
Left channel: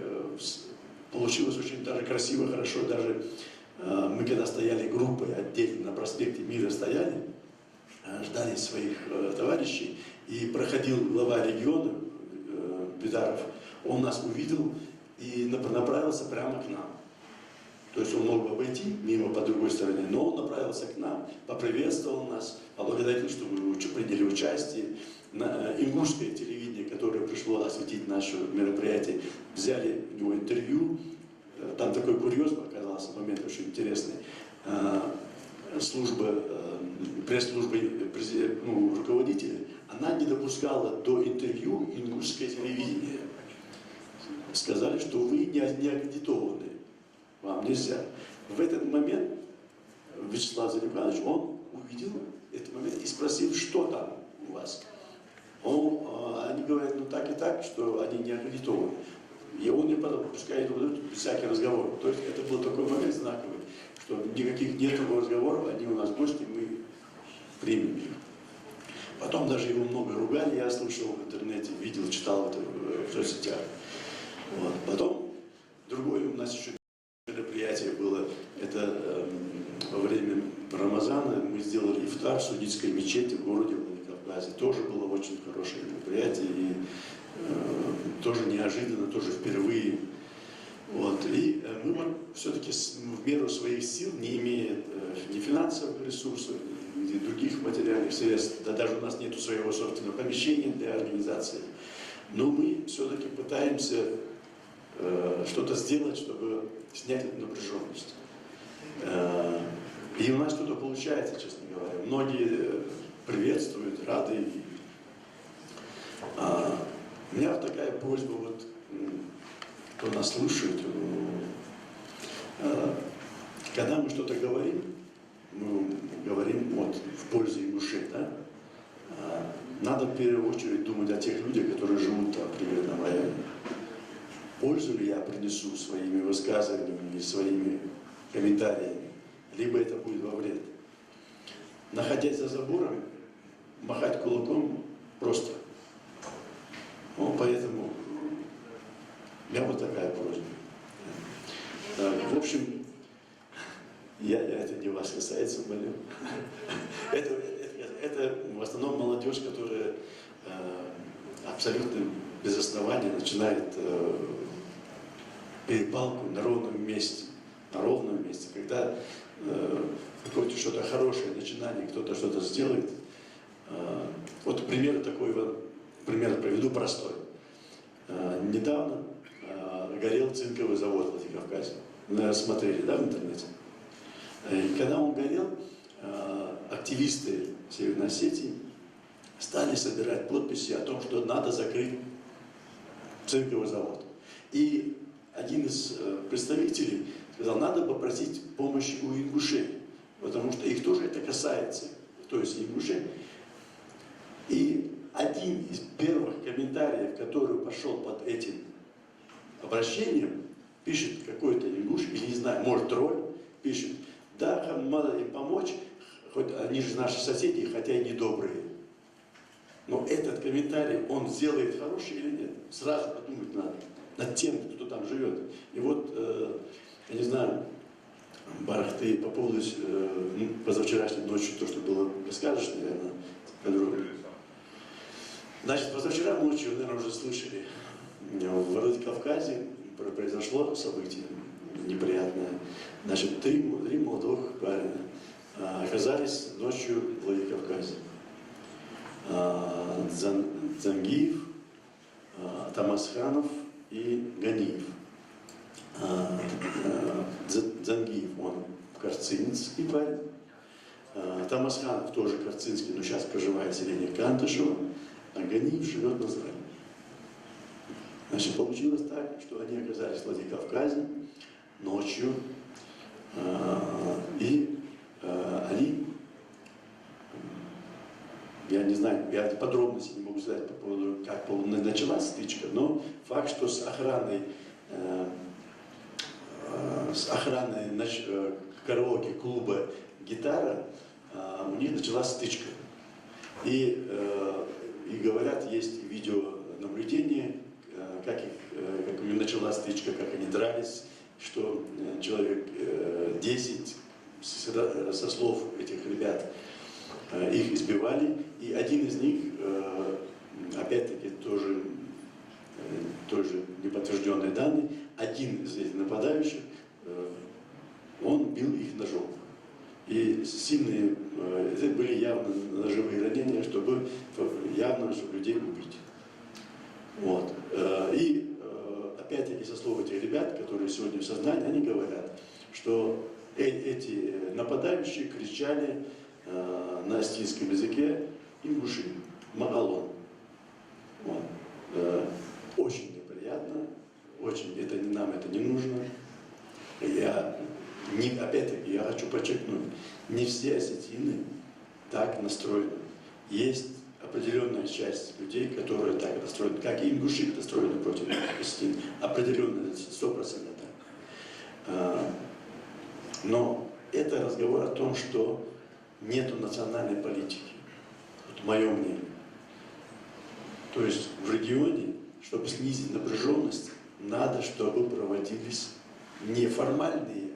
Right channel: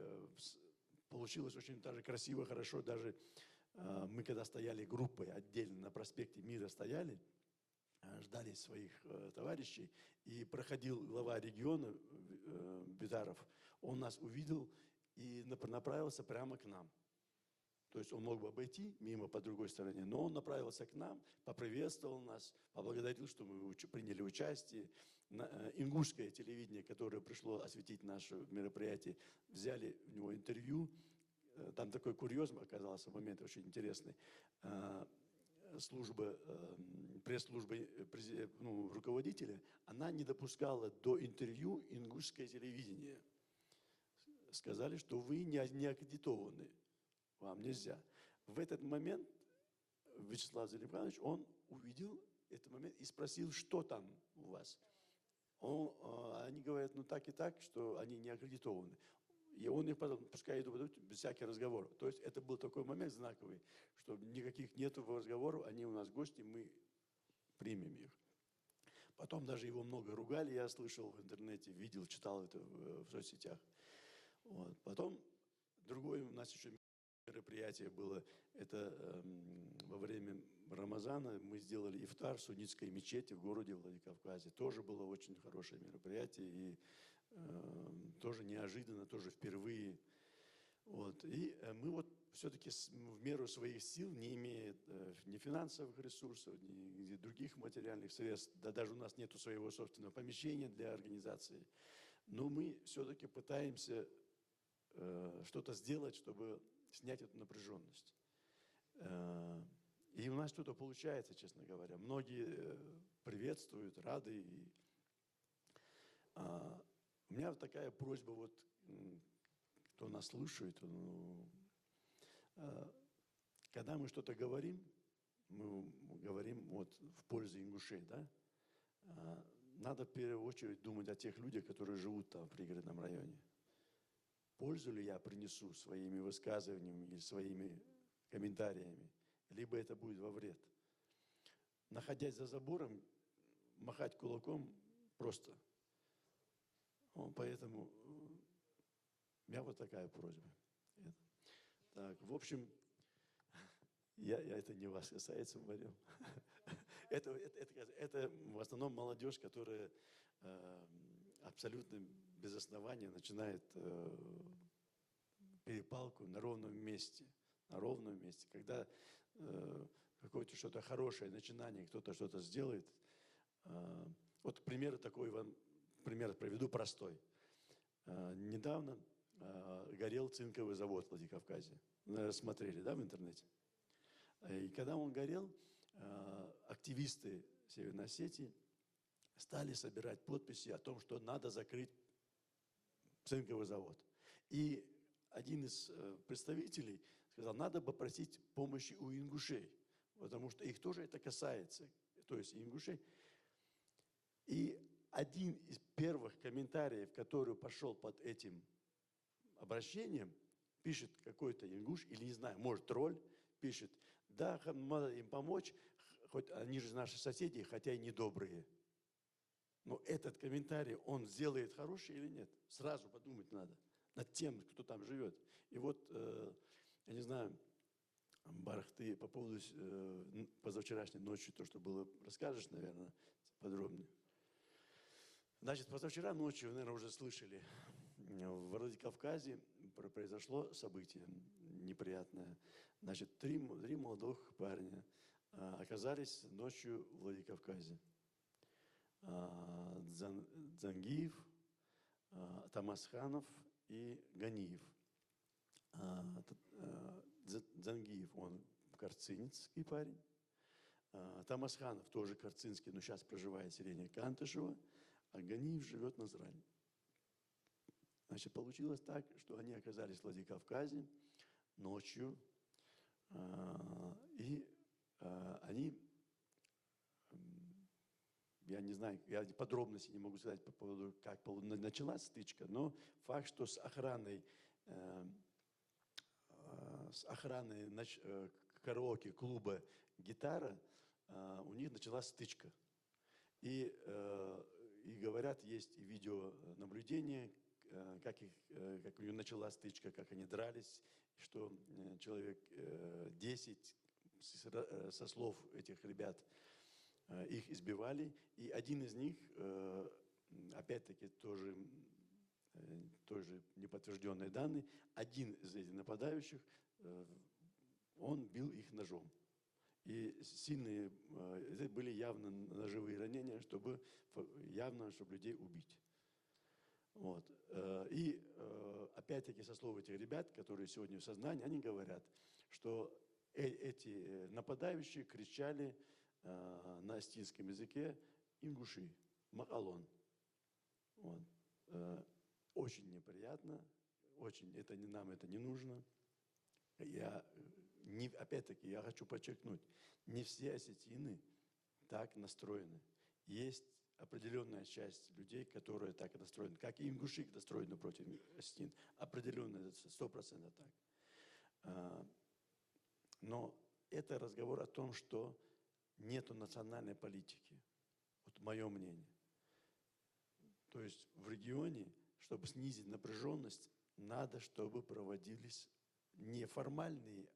получилось очень даже красиво, хорошо. Даже мы когда стояли группой отдельно на проспекте Мира стояли, ждали своих товарищей, и проходил глава региона Бедаров, он нас увидел и направился прямо к нам. То есть он мог бы обойти мимо по другой стороне, но он направился к нам, поприветствовал нас, поблагодарил, что мы приняли участие. Ингушское телевидение, которое пришло осветить наше мероприятие, взяли у него интервью. Там такой курьез оказался, момент очень интересный. Пресс-служба руководителя, она не допускала до интервью ингушское телевидение. Сказали, что вы не аккредитованы, вам нельзя. В этот момент Вячеслав Залимханович, он увидел этот момент и спросил, что там у вас. Они говорят, ну так и так, что они не аккредитованы. И он не подал, пускай идут всякий разговор. То есть это был такой момент знаковый, что никаких нет разговоров, они у нас гости, мы примем их. Потом даже его много ругали, я слышал в интернете, видел, читал это в соцсетях. Вот. Потом другое у нас еще мероприятие было, это во время Рамазана мы сделали ифтар в Судитской мечети в городе Владикавказе. Тоже было очень хорошее мероприятие, и тоже неожиданно, тоже впервые. Вот. И мы вот все-таки в меру своих сил, не имея ни финансовых ресурсов, ни других материальных средств, да даже у нас нет своего собственного помещения для организации, но мы все-таки пытаемся что-то сделать, чтобы снять эту напряженность. И у нас что-то получается, честно говоря. Многие приветствуют, рады. У меня вот такая просьба, вот, кто нас слушает, когда мы что-то говорим, мы говорим вот, в пользу ингушей, да? Надо в первую очередь думать о тех людях, которые живут там, примерно в районе. Пользу ли я принесу своими высказываниями или своими комментариями, либо это будет во вред. Находясь за забором, махать кулаком просто. Ну, поэтому у меня вот такая просьба. В общем, это не вас касается, молю. Это в основном молодежь, которая абсолютно без основания начинает перепалку на ровном месте. На ровном месте. Когда какое-то что-то хорошее начинание, кто-то что-то сделает. Вот пример такой, пример приведу простой. Недавно горел цинковый завод в Владикавказе. Наверное, смотрели, да, в интернете? И когда он горел, активисты Северной Осетии стали собирать подписи о том, что надо закрыть цинковый завод. И один из представителей сказал, надо попросить помощи у ингушей, потому что их тоже это касается, то есть ингушей. И один из первых комментариев, который пошел под этим обращением, пишет какой-то ингуш, или не знаю, может тролль, пишет, да, надо им помочь, хоть они же наши соседи, хотя и недобрые. Но этот комментарий, он сделает хороший или нет? Сразу подумать надо над тем, кто там живет. И вот, я не знаю, Барах, ты по поводу позавчерашней ночи, то, что было, расскажешь, наверное, подробнее. Значит, позавчера ночью, наверное, уже слышали, в Владикавказе произошло событие неприятное. Значит, три молодых парня оказались ночью в Владикавказе. Дзангиев, Тамасханов и Ганиев. Дзангиев, он карцинский парень. Тамасханов тоже карцинский, но сейчас проживает в селении Кантышево, а Ганиев живет на Зране. Значит, получилось так, что они оказались в Владикавказе ночью, и они, я не знаю, я подробности не могу сказать по поводу, как началась стычка, но факт, что с охраной караоке-клуба «Гитара» у них началась стычка. И говорят, есть видеонаблюдение, как у них началась стычка, как они дрались, что человек 10, со слов этих ребят, их избивали, и один из них, опять-таки, тоже неподтвержденные данные, один из этих нападающих, он бил их ножом. И сильные, это были явно ножевые ранения, чтобы людей убить. Вот. И опять-таки со слов этих ребят, которые сегодня в сознании, они говорят, что эти нападающие кричали на астинском языке ингуши, магалон. Вот. Очень неприятно, очень нам это не нужно. Опять-таки, я хочу подчеркнуть, не все осетины так настроены. Есть определенная часть людей, которые так настроены, как и ингуши настроены против осетин. Определенно, 100% так. Но это разговор о том, что нету национальной политики. Вот мое мнение. То есть в регионе, чтобы снизить напряженность, надо, чтобы проводились не формальные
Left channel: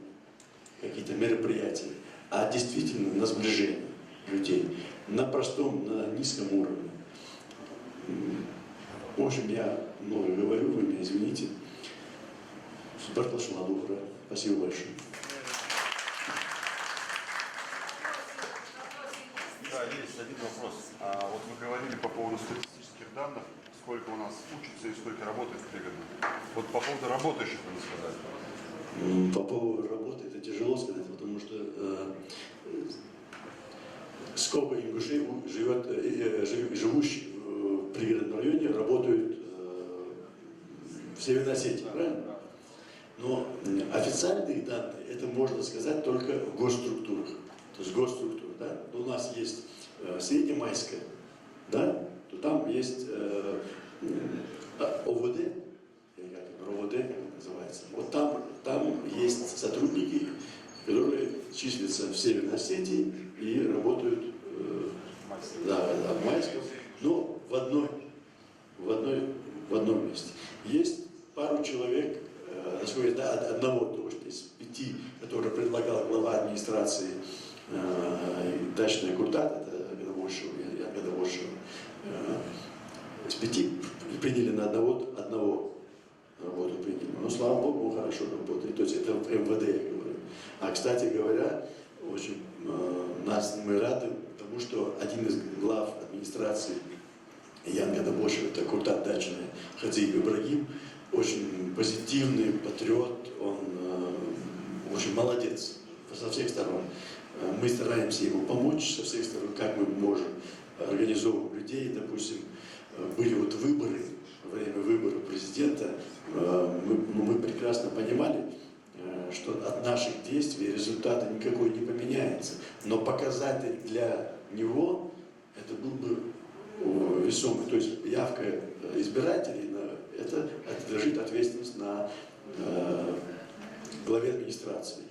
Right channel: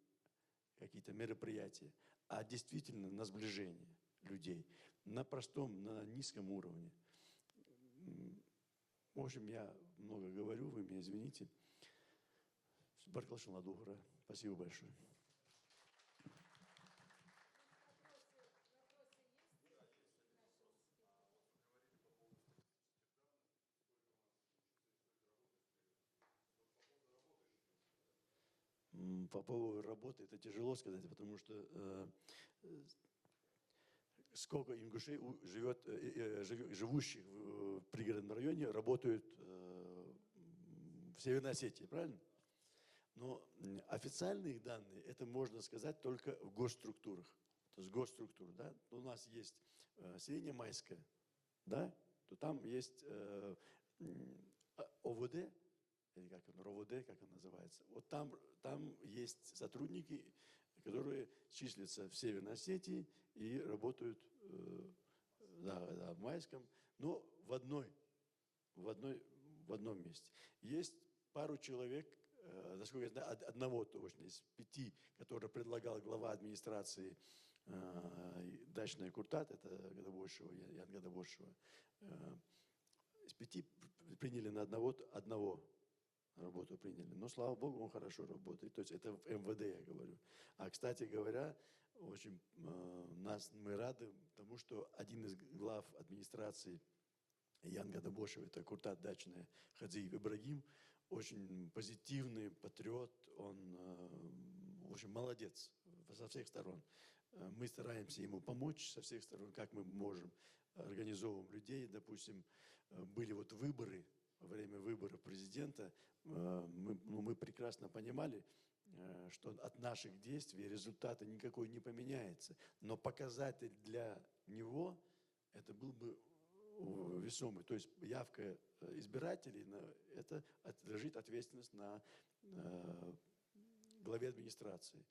какие-то мероприятия, а действительно на сближение людей, на простом, на низком уровне. В общем, я много говорю, вы меня извините. Бартолшина добрая. Спасибо большое. Да, есть один вопрос. Вот вы говорили по поводу статистических данных, сколько у нас учатся и сколько работает в пригодном. Вот по поводу работающих вы не сказали. По поводу работы это тяжело сказать, потому что сколько ингушей живущих в пригородном районе, работают в Северной Осетии, правильно? Но официальные данные, это можно сказать только в госструктурах. То есть госструктура, да? У нас есть Среднемайская, да? То там есть ОВД, или как РОВД, как это называется. Вот там есть сотрудники, которые числятся в Северной Осетии и работают в Майском, но в одном месте. Есть пару человек, одного тоже из 5, который предлагал глава администрации Дачная Куртат, это Агадавошева, из 5 приняли на одного работу приняли. Но, слава Богу, он хорошо работает. То есть это в МВД, я говорю. А, кстати говоря, очень мы рады тому, что один из глав администрации Ян Гадабошев, это Куртат Дачная, Хадзиев Ибрагим, очень позитивный патриот, он очень молодец со всех сторон. Мы стараемся ему помочь со всех сторон, как мы можем, организовывать людей. Допустим, были вот выборы, во время выборов президента, мы прекрасно понимали, что от наших действий результата никакой не поменяется. Но показатель для него, это был бы весомый. То есть явка избирателей, это лежит ответственность на главе администрации.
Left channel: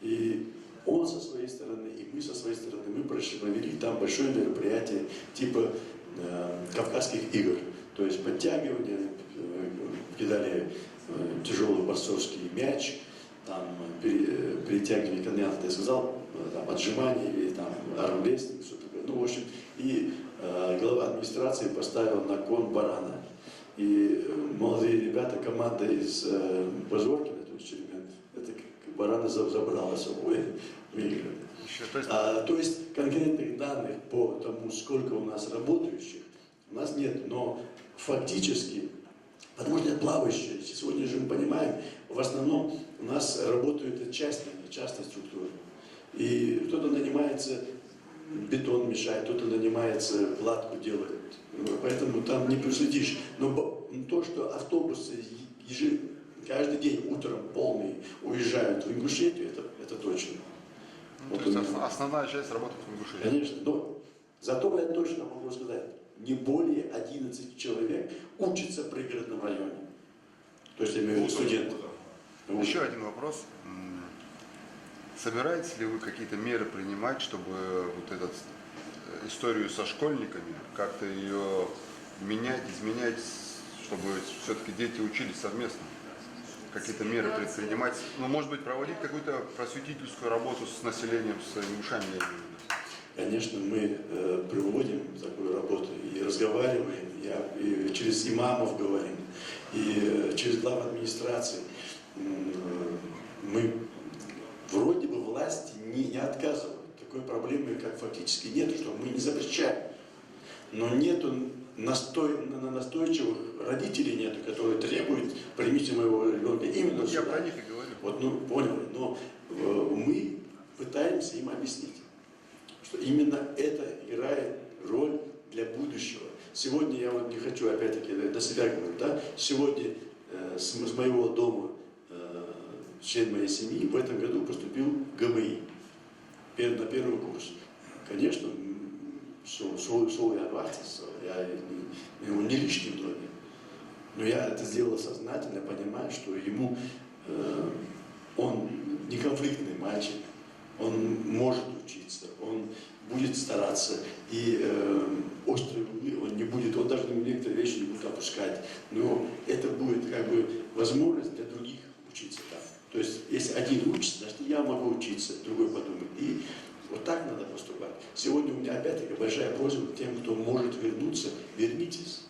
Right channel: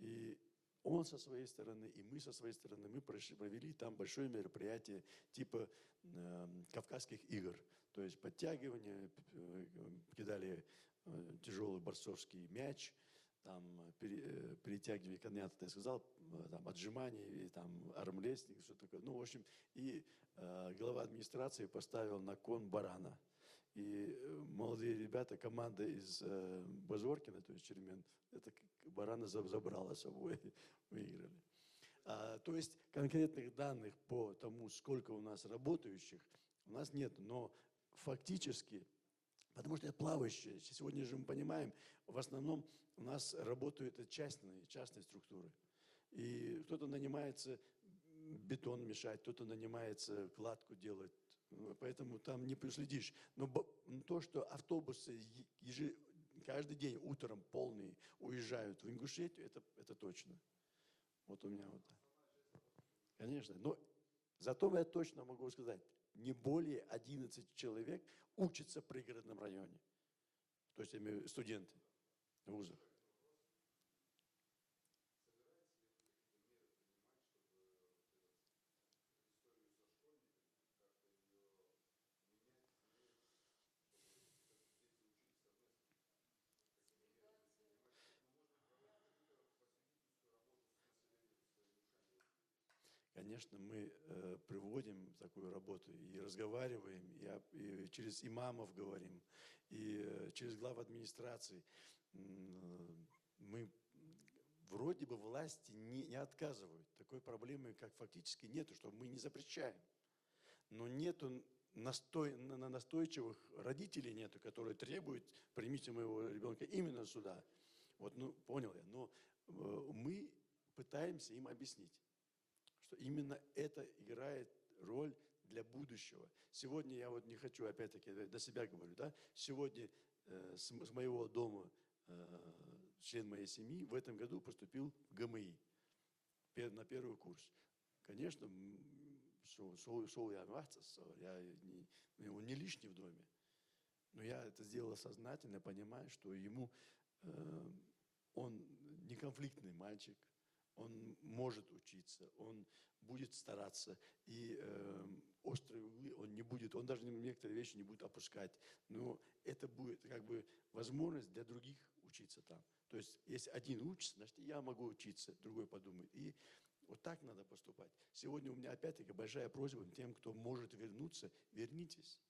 И он со своей стороны, и мы со своей стороны, мы провели там большое мероприятие типа Кавказских игр. То есть подтягивание, кидали тяжелый борцовский мяч, там перетягивание каната, я сказал, там, отжимание или там армрестлинг, что такое. Ну, в общем, и глава администрации поставил на кон барана. И молодые ребята, команда из Позоркина, то есть Черемент, это барана забрала с собой, выиграли. То есть конкретных данных по тому, сколько у нас работающих, у нас нет, но фактически, потому что это плавающие, сегодня же мы понимаем, в основном у нас работают частные структуры. И кто-то нанимается, бетон мешает, кто-то нанимается, кладку делает. Поэтому там не проследишь. Но то, что автобусы каждый день утром полные уезжают в Ингушетию, это точно. Ну, то есть основная часть работает в Ингушетии. Конечно, но зато я точно могу сказать, не более 11 человек учатся в пригородном районе. То есть я имею в виду студентов. Еще один вопрос. Собираетесь ли вы какие-то меры принимать, чтобы вот эту историю со школьниками, как-то ее менять, изменять, чтобы все-таки дети учились совместно? Какие-то меры предпринимать? Ну, может быть, проводить какую-то просветительскую работу с населением, с ингушами? Конечно, мы проводим такую работу и разговариваем, и через имамов говорим, и через глав администрации. Мы вроде бы власти не отказывают. Такой проблемы, как фактически нет, что мы не запрещаем. Но нету настойчивых родителей нету, которые требуют, примите моего ребенка именно сюда. Я про них и говорю. Вот, ну, поняли, но мы пытаемся им объяснить, что именно это играет роль для будущего. Сегодня я вот не хочу, опять-таки, до себя говорить, да, сегодня с моего дома член моей семьи в этом году поступил в ГМИ на первый курс. Конечно, шел я вахтиться, я его не лишний в доме. Но я это сделал сознательно, понимая, что ему он не конфликтный мальчик, он может учиться, он будет стараться, и острые углы он не будет, он даже некоторые вещи не будет опускать. Но это будет как бы возможность для других учиться там. То есть, если один учится, значит, я могу учиться, другой подумает. И вот так надо поступать. Сегодня у меня опять-таки большая просьба к тем, кто может вернуться, вернитесь.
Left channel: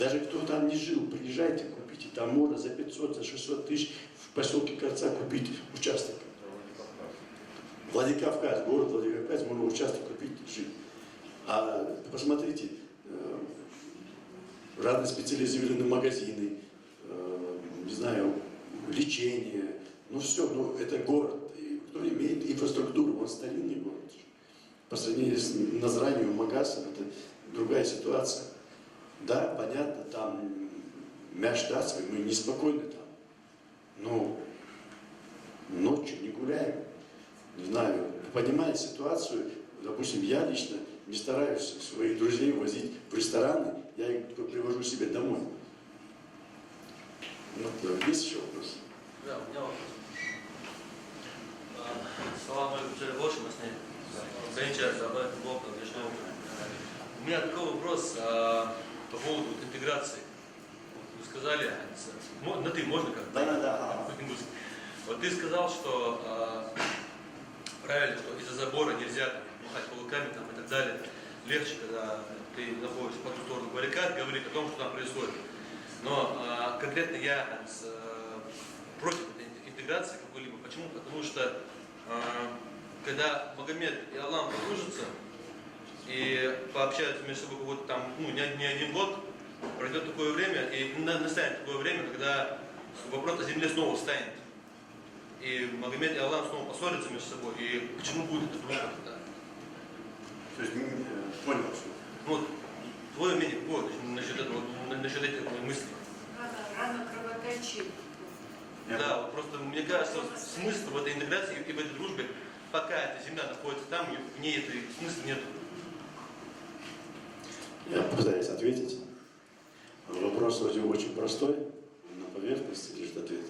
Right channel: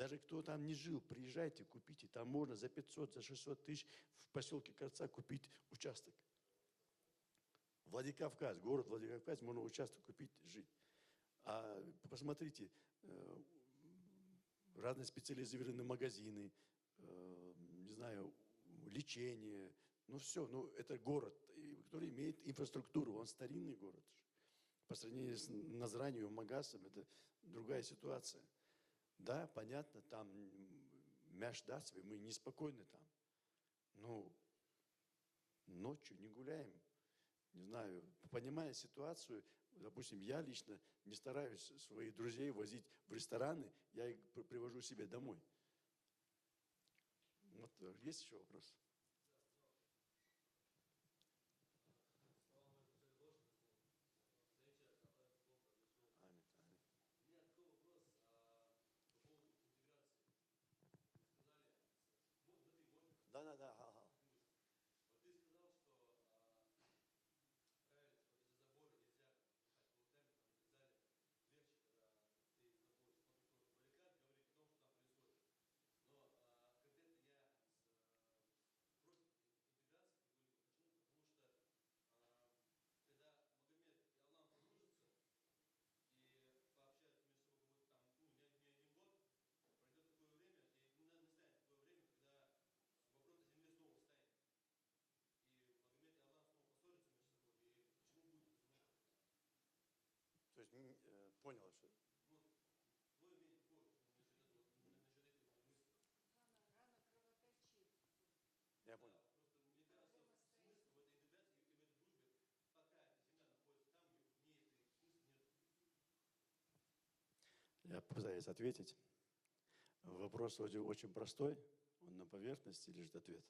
Даже кто там не жил, приезжайте, купите. Там можно за 500, за 600 тысяч в поселке Корца купить участок. Владикавказ, город Владикавказ, можно участок купить, жить. А посмотрите, разные специализированные магазины, не знаю, лечение, ну все, ну это город, который имеет инфраструктуру, он старинный город. По сравнению с Назранием, Магасом, это другая ситуация. Да, понятно, там Мяштатская, мы неспокойны там, но ночью не гуляем. Не знаю, понимая ситуацию, допустим, я лично не стараюсь своих друзей возить в рестораны, я их привожу себе домой. Вот, есть еще вопрос? Да, у меня вопрос. Салам алейкум, Джалибоши, мы с ней. Кончается, об этом Бог, у меня такой вопрос по поводу интеграции. Вы сказали, на ты можно как-то? Да. Вот ты сказал, что правильно, что из-за забора нельзя махать кулаками там, и так далее. Легче, когда ты находишься по ту сторону баррикад, говорить о том, что там происходит. Но конкретно я против этой интеграции какой-либо. Почему? Потому что когда Магомед и Аллах подружатся и пообщаются между собой какой-то там, не один год, пройдет такое время, и настанет такое время, когда вопрос о земле снова встанет. И Магомед и Аллах снова поссорятся между собой. И почему будет это дружба тогда? То есть, понял, что. Вот, твое мнение какое насчет этого, насчет этой мысли? Рано кровоточит. Да, вот просто мне кажется, смысл в этой интеграции и в этой дружбе, пока эта земля находится там, в ней этой смысла нет. Я попытаюсь ответить. Вопрос вроде очень простой, на поверхности лежит ответ.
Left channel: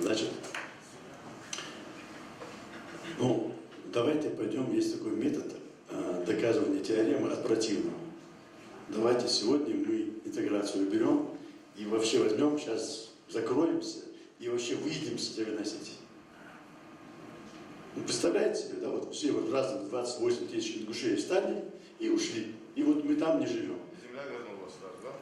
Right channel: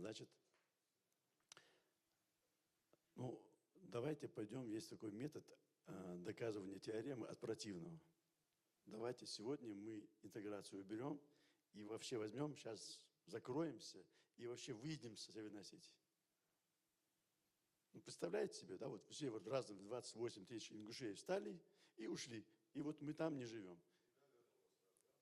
Значит, давайте пойдем, есть такой метод доказывания теоремы от противного. Давайте сегодня мы интеграцию берем и вообще возьмем, сейчас закроемся и вообще выйдем с Северной Осетии. Представляете себе, да, вот все вот разом 28 тысяч ингушей встали и ушли. И вот мы там не живем. Земля вернулась сразу, да?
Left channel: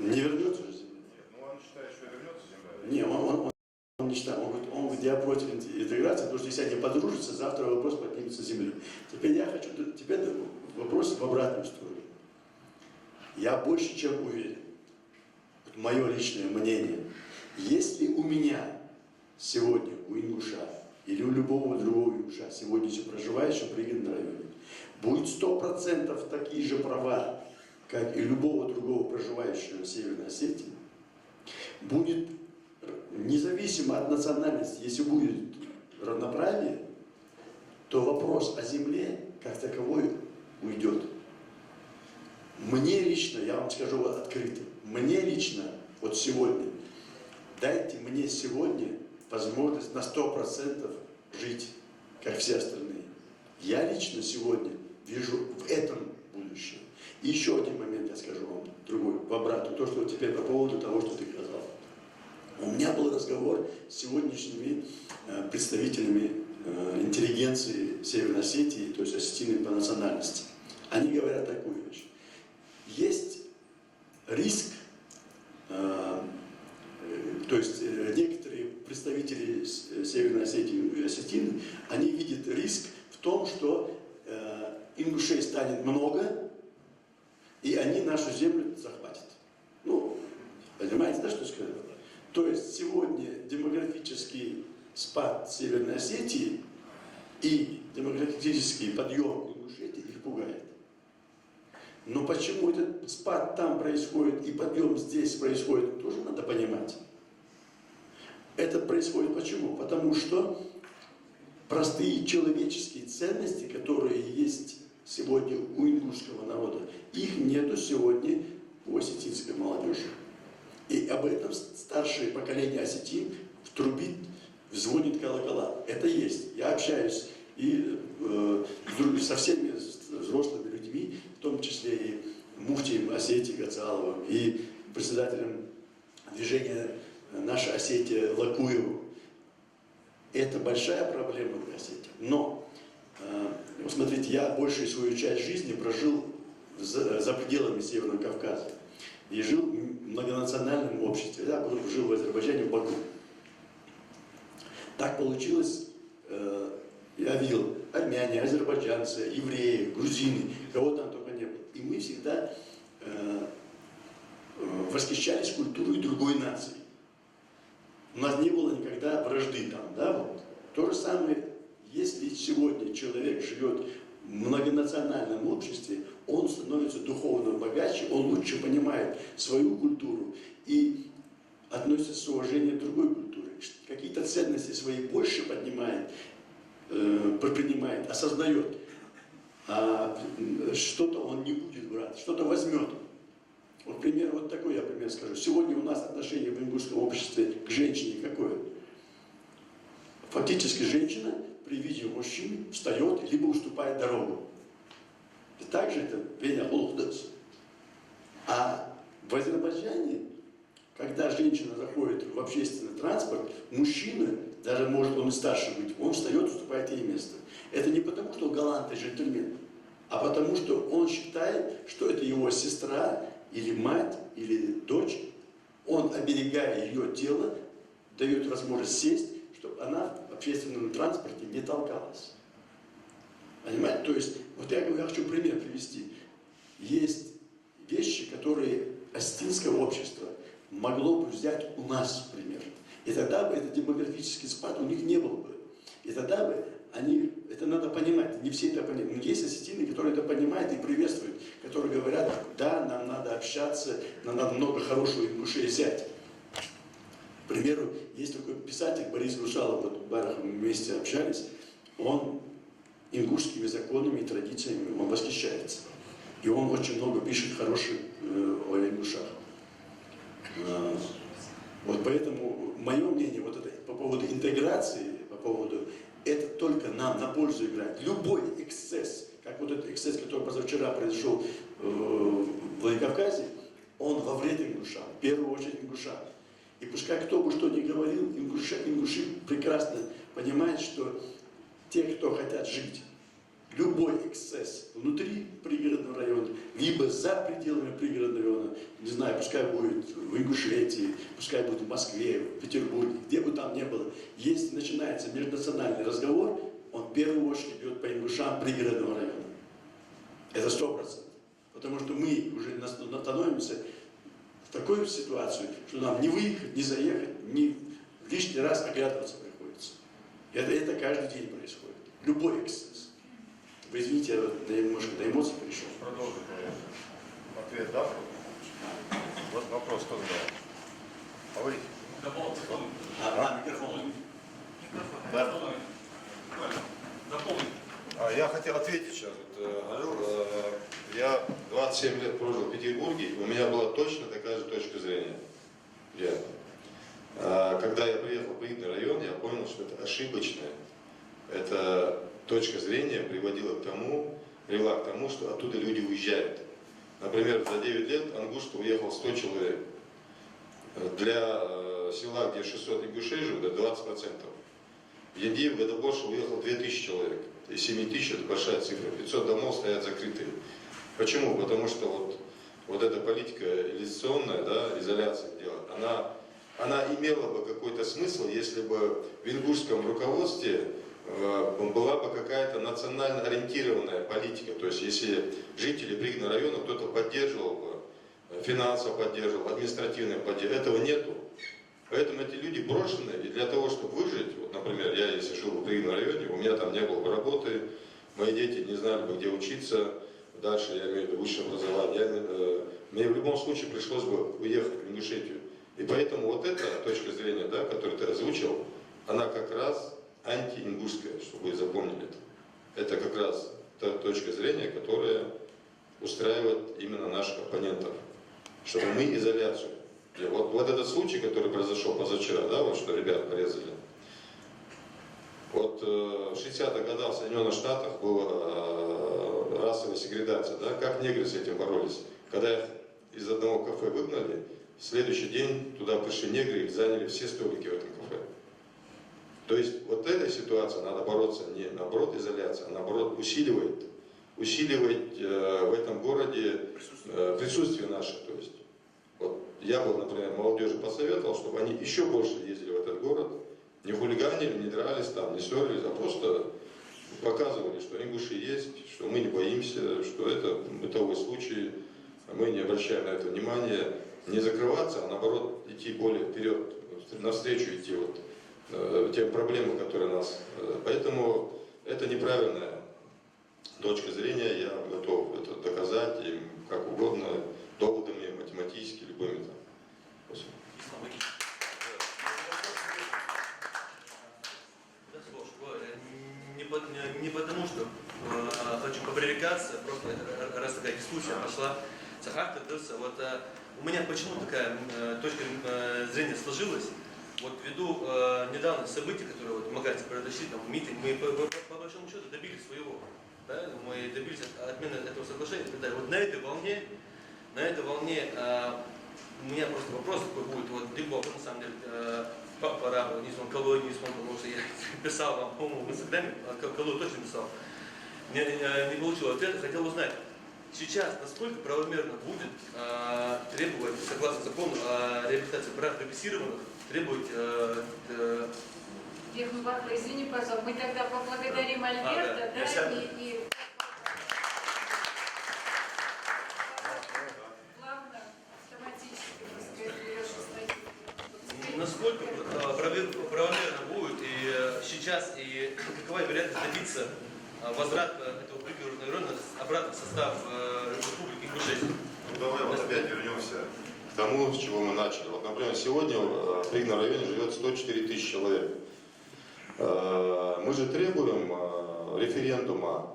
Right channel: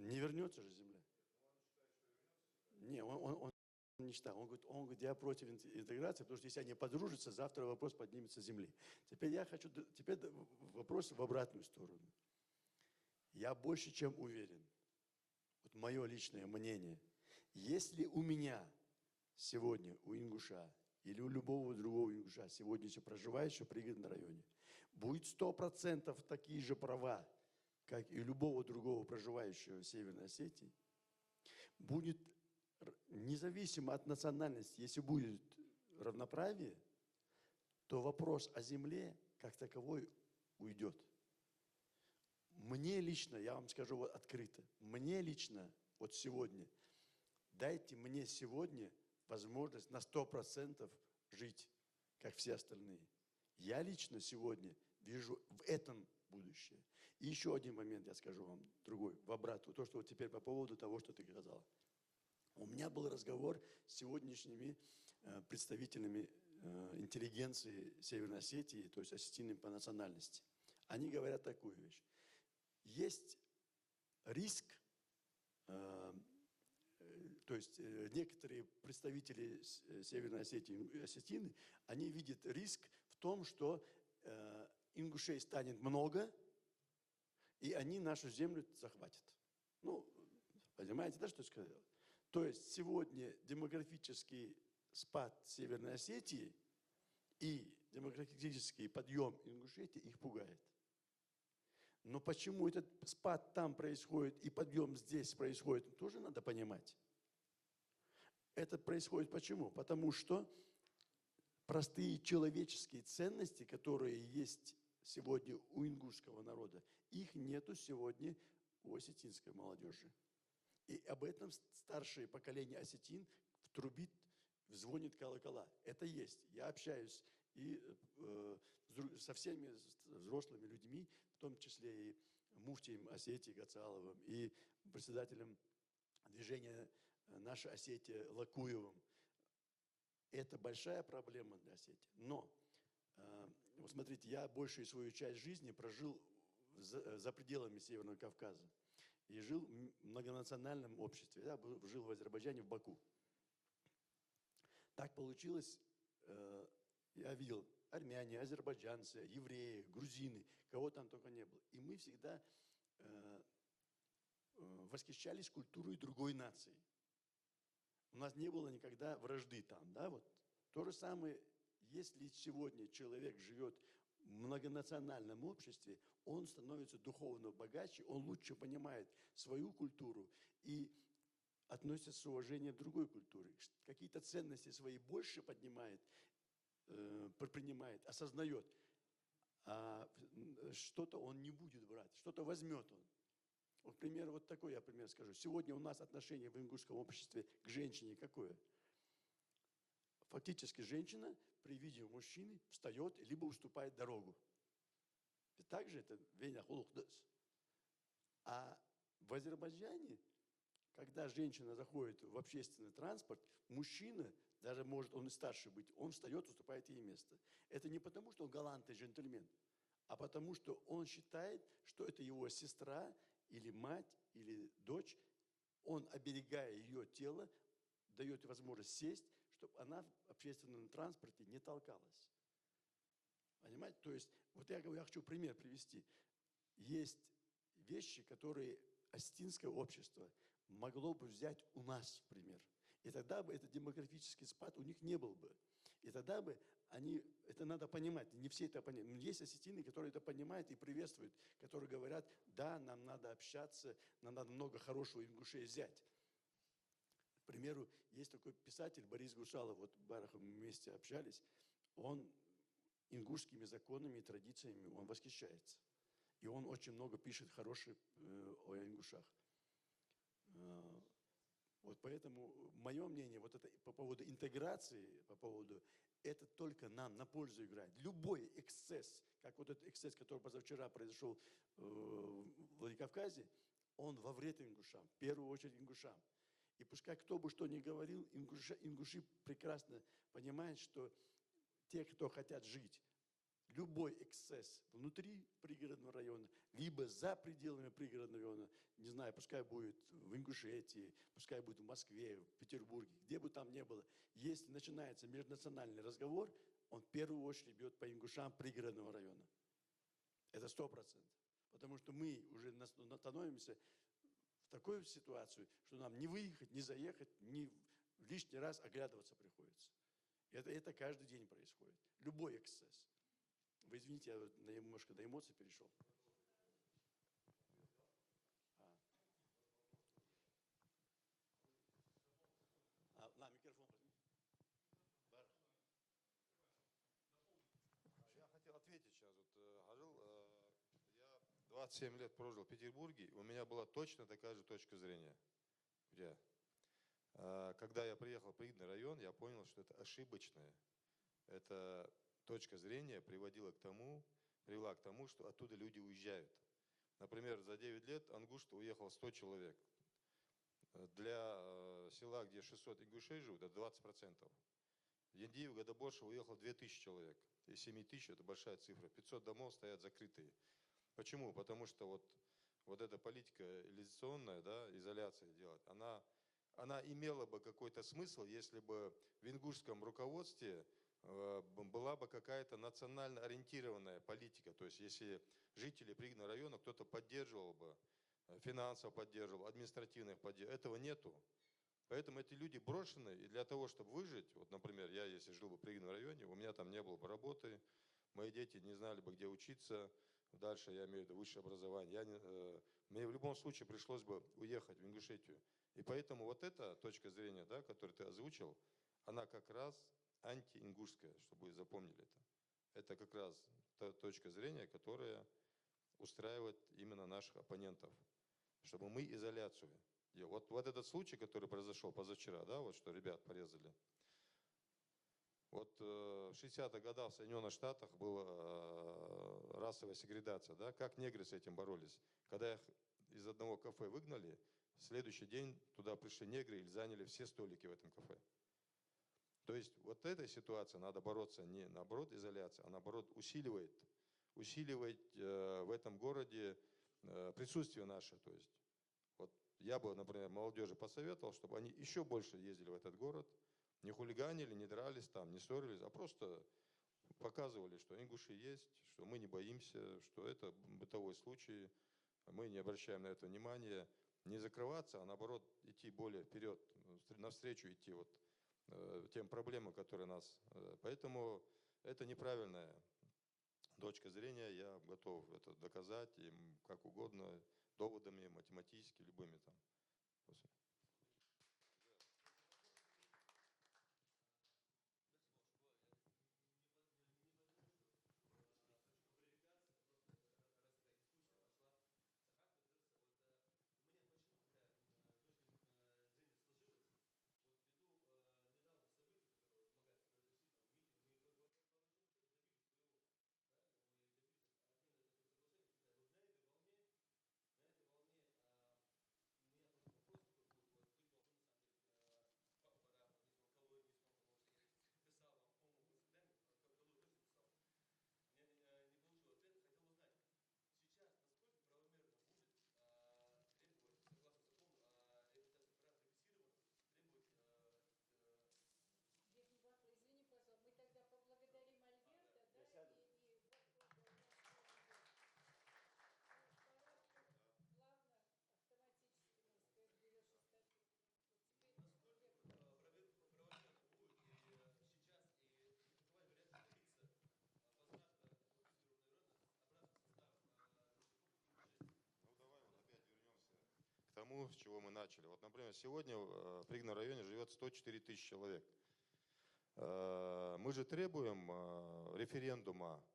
Не вернется же земля? Нет, он считает, что вернется земля. Не, он не считает. Он говорит, я против интеграции, потому что если они подружатся, завтра вопрос поднимется с земли. Теперь вопрос в обратную сторону. Я больше чем уверен, вот мое личное мнение, если у меня сегодня, у ингуша, или у любого другого ингуша, сегодня проживающего в пригородном районе, будет 100% такие же права, как и любого другого проживающего в Северной Осетии, будет независимо от национальности, если будет равноправие, то вопрос о земле как таковой уйдет. Мне лично, я вам скажу открыто, мне лично, вот сегодня, дайте мне сегодня возможность на 100% жить, как все остальные. Я лично сегодня вижу в этом будущее. И еще один момент я скажу вам, другой, в обратную, то, что теперь по поводу того, что ты сказал. У меня был разговор с сегодняшними представителями интеллигенции Северной Осетии, то есть осетины по национальности. Они говорят такую вещь. Есть риск, то есть некоторые представители Северной Осетии и осетины, они видят риск в том, что ингушей станет много, и они нашу землю захватят. Ну, понимаете, да, что я сказал? То есть сегодня демографический спад Северной Осетии и демографический подъем Ингушетии их пугает. Но почему этот спад там происходит и подъем здесь происходит, тоже надо понимать. Это происходит почему? Потому что простые человеческие ценности, которые есть сегодня у ингушского народа, их нету сегодня у осетинской молодежи. И об этом старшее поколение осетин трубит, звонит колокола. Это есть. Я общаюсь и со всеми взрослыми людьми, в том числе и муфтием Осетии Гацаловым, и председателем движения «Наша Осетия» Лакуевым. Это большая проблема для Осетии. Но, смотрите, я большую свою часть жизни прожил за пределами Северного Кавказа и жил в многонациональном обществе. Я жил в Азербайджане, в Баку. Так получилось, я видел армяне, азербайджанцы, евреи, грузины, кого там только не было. И мы всегда восхищались культурой другой нации. У нас не было никогда вражды там, да, вот. То же самое, если сегодня человек живет в многонациональном обществе, он становится духовно богаче, он лучше понимает свою культуру и относится с уважением к другой культуре. Какие-то ценности свои больше поднимает, принимает, осознает. А что-то он не будет брать, что-то возьмет. Вот пример вот такой, я пример скажу. Сегодня у нас отношение в ингушском обществе к женщине какое? Фактически женщина при виде мужчин встает, либо уступает дорогу. И также это Веня Холдес. А в Азербайджане, когда женщина заходит в общественный транспорт, мужчина, даже может он и старше быть, он встает, уступает ей место. Это не потому, что он галантный джентльмен, а потому, что он считает, что это его сестра, или мать, или дочь. Он, оберегая ее тело, дает возможность сесть, чтобы она в общественном транспорте не толкалась. Понимаете? То есть, вот я хочу пример привести. Есть вещи, которые осетинское общество могло бы взять у нас, например. И тогда бы этот демографический спад у них не был бы. И тогда бы они, это надо понимать, не все это понимают. Но есть осетины, которые это понимают и приветствуют, которые говорят, да, нам надо общаться, нам надо много хорошего ингушей взять. К примеру, есть такой писатель Борис Грушалов, вот в Барах мы вместе общались, он ингушскими законами и традициями, он восхищается. И он очень много пишет хороших о ингушах. Вот поэтому мое мнение вот это, по поводу интеграции, по поводу, это только нам на пользу играет. Любой эксцесс, как вот этот эксцесс, который позавчера произошел в Владикавказе, он во вред ингушам, в первую очередь ингушам. И пускай кто бы что ни говорил, ингуши прекрасно понимают, что те, кто хотят жить, любой эксцесс внутри пригородного района, либо за пределами пригородного района, не знаю, пускай будет в Ингушетии, пускай будет в Москве, в Петербурге, где бы там ни было, если начинается межнациональный разговор, он в первую очередь идет по ингушам пригородного района. Это 100%. Потому что мы уже становимся в такую ситуацию, что нам не выехать, не заехать, не лишний раз оглядываться приходится. Это каждый день происходит. Любой эксцесс. Вы извините, я немножко до эмоций пришел. Продолжим ответ, да? Вот вопрос кто задал? Говорите. Микрофон. Я хотел ответить сейчас. Я 27 лет прожил в Петербурге, у меня была точно такая же точка зрения. Когда я приехал в пригородный район, я понял, что это ошибочная. Эта точка зрения привела к тому, что оттуда люди уезжают. Например, за 9 лет Ангушка уехал 100 человек. Для села, где 600 ингушей живут, это 20%. В Яндии в году больше уехало 2000 человек. И 7000 это большая цифра. 500 домов стоят закрытые. Почему? Потому что вот эта политика изоляционная, да, изоляция делает, она имела бы какой-то смысл, если бы в ингушском руководстве была бы какая-то национально ориентированная политика. То есть если жители пригородного района кто-то поддерживал бы, финансово поддерживал, административно поддерживал, этого нету. Поэтому эти люди брошены, и для того, чтобы выжить, вот, например, я если жил в пригородном районе, у меня там не было бы работы, мои дети не знали бы, где учиться, дальше я имею в виду высшее образование, мне в любом случае пришлось бы уехать в Ингушетию. И поэтому вот эта точка зрения, да, которую ты озвучил, она как раз антиингушская, чтобы вы запомнили это. Это как раз та точка зрения, которая устраивает именно наших оппонентов. Чтобы мы изоляцию. И вот этот случай, который произошел позавчера, да, вот что ребят порезали. Вот в 60-х годах в Соединенных Штатах была расовая сегрегация, да, как негры с этим боролись. Когда их из одного кафе выгнали, в следующий день туда пришли негры и заняли все столики в этом кафе. То есть вот этой ситуации надо бороться не наоборот изоляция, а наоборот усиливает усиливать в этом городе присутствие наше. То есть, вот я бы, например, молодежи посоветовал, чтобы они еще больше ездили в этот город, не хулиганили, не дрались там, не ссорились, а просто показывали, что ингуши есть, что мы не боимся, что это бытовой случай, мы не обращаем на это внимания, не закрываться, а наоборот идти более вперед, навстречу идти вот тем проблемам, которые нас. Поэтому это неправильная точка зрения, я готов это доказать им как угодно, доводами, математически, любыми там. Спасибо. Да, слушай, не потому, что хочу попривлекаться, просто раз такая дискуссия пошла, Сахар Тырдырса, вот у меня почему такая точка зрения сложилась, вот ввиду недавних событий, которые вот в Магасе произошли, там митинг, мы по большому счету добились своего, да? Мы добились отмены этого соглашения и так далее. Вот на этой волне у меня просто вопрос такой будет, вот ты был, на самом деле, пора, не вспомнил, Калой не вспомнил, потому что я писал вам, по-моему, в Инстаграме, Калой точно писал, не получил ответа, хотел узнать, сейчас насколько правомерно будет требовать, согласно закону о реабилитации прав репрессированных, требовать... Бехмбаха, извини, пожалуйста, мы тогда поблагодарим Альберта, да, и плавно, автоматически, так сказать, берешь Насколько правомерно будет и сейчас, и какова вероятность добиться возврата этого пригородного района обратно в состав Республики Ингушетия? Ну, давай вот опять вернемся к тому, с чего мы начали. Вот, например, сегодня в пригородном районе живет 104 тысячи человек. Мы же требуем референдума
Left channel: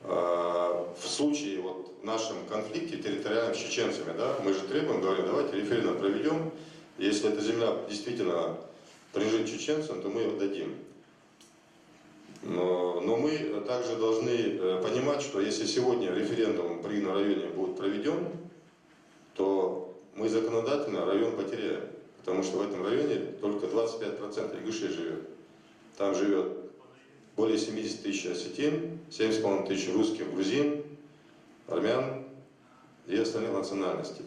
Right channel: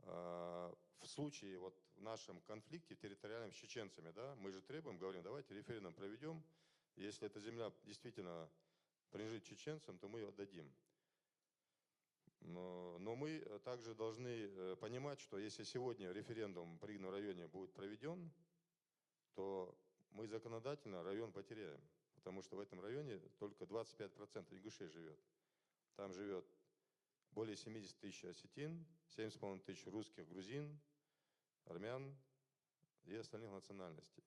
в случае вот в нашем конфликте территориальном с чеченцами, да, мы же требуем, говорим, давайте референдум проведем, если эта земля действительно принадлежит чеченцам, то мы ее дадим. Но мы также должны понимать, что если сегодня референдум в пригородном районе будет проведен, то мы законодательно район потеряем. Потому что в этом районе только 25% ингушей живет. Там живет более 70 тысяч осетин, 70,5 тысяч русских, грузин, армян и остальных национальностей.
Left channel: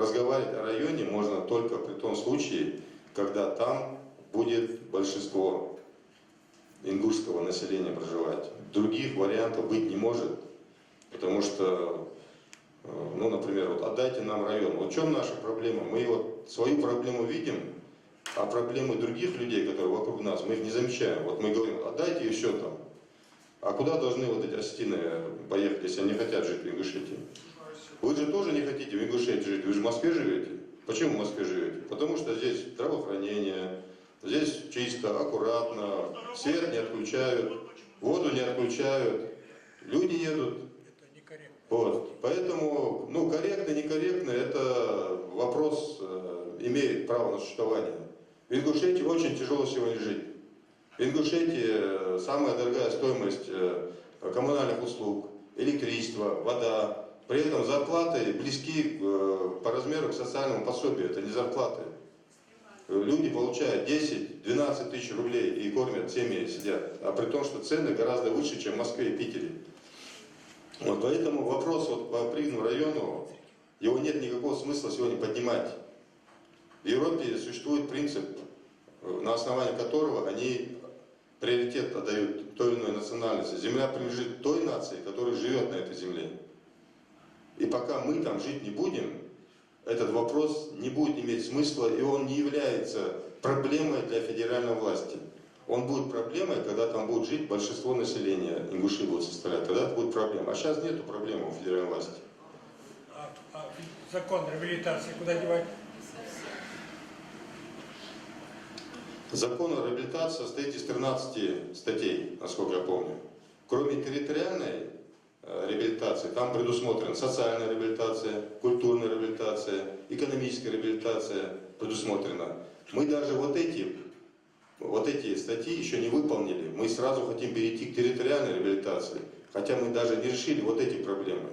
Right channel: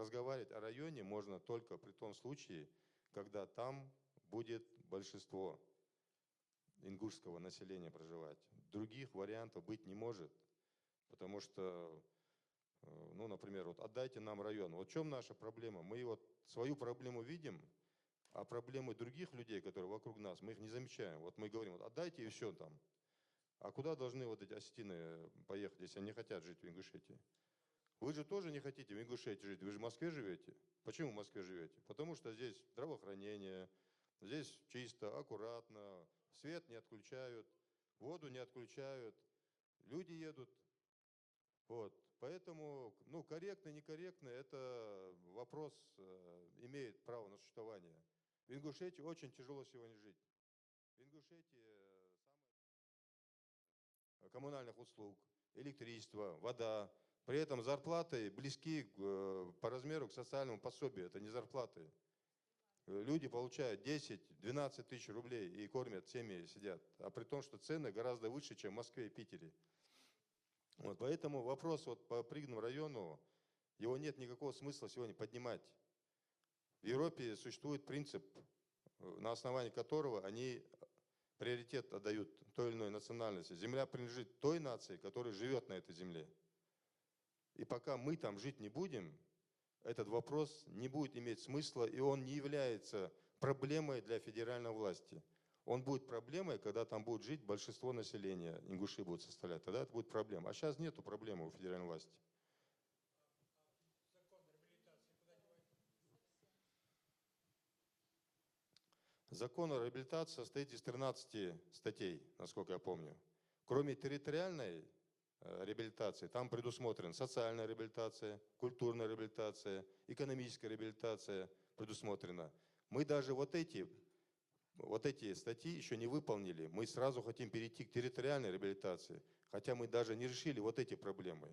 Разговаривать о районе можно только при том случае, когда там будет большинство ингушского населения проживать. Других вариантов быть не может, потому что, ну, например, вот отдайте нам район. Вот в чем наша проблема? Мы вот свою проблему видим, а проблемы других людей, которые вокруг нас, мы их не замечаем. Вот мы говорим, отдайте и все там. А куда должны вот эти осетины поехать, если они хотят жить в Ингушетии? Вы же тоже не хотите в Ингушетии жить, вы же в Москве живете. Почему в Москве живете? Потому что здесь здравоохранение, здесь чисто, аккуратно, свет не отключают, воду не отключают, люди едут. Вот. Поэтому, ну, корректно, некорректно, это вопрос имеет право на существование. В Ингушетии очень тяжело сегодня жить. В Ингушетии самая дорогая стоимость коммунальных услуг, электричество, вода. При этом зарплаты близки по размеру к социальному пособию, это не зарплаты. Люди получают 10-12 тысяч рублей и кормят, семьи сидят. А при том, что цены гораздо выше, чем в Москве и Питере. Вот поэтому вопрос вот по пригородному району, его нет никакого смысла сегодня поднимать. В Европе существует принцип, на основании которого они приоритет отдают той или иной национальности. Земля принадлежит той нации, которая живет на этой земле. И пока мы там жить не будем, этот вопрос не будет иметь смысла, и он не является проблемой для федеральной власти. Он будет проблемой, когда там будет жить большинство населения, ингуши будут составлять, тогда это будет проблема. А сейчас нету проблемы у федеральной власти. А закон реабилитации куда девать? Закон о реабилитации состоит из 13 статей, насколько я помню. Кроме территориальной реабилитации, там предусмотрена социальная реабилитация, культурная реабилитация, экономическая реабилитация предусмотрена. Мы даже вот эти статьи еще не выполнили. Мы сразу хотим перейти к территориальной реабилитации, хотя мы даже не решили вот эти проблемы.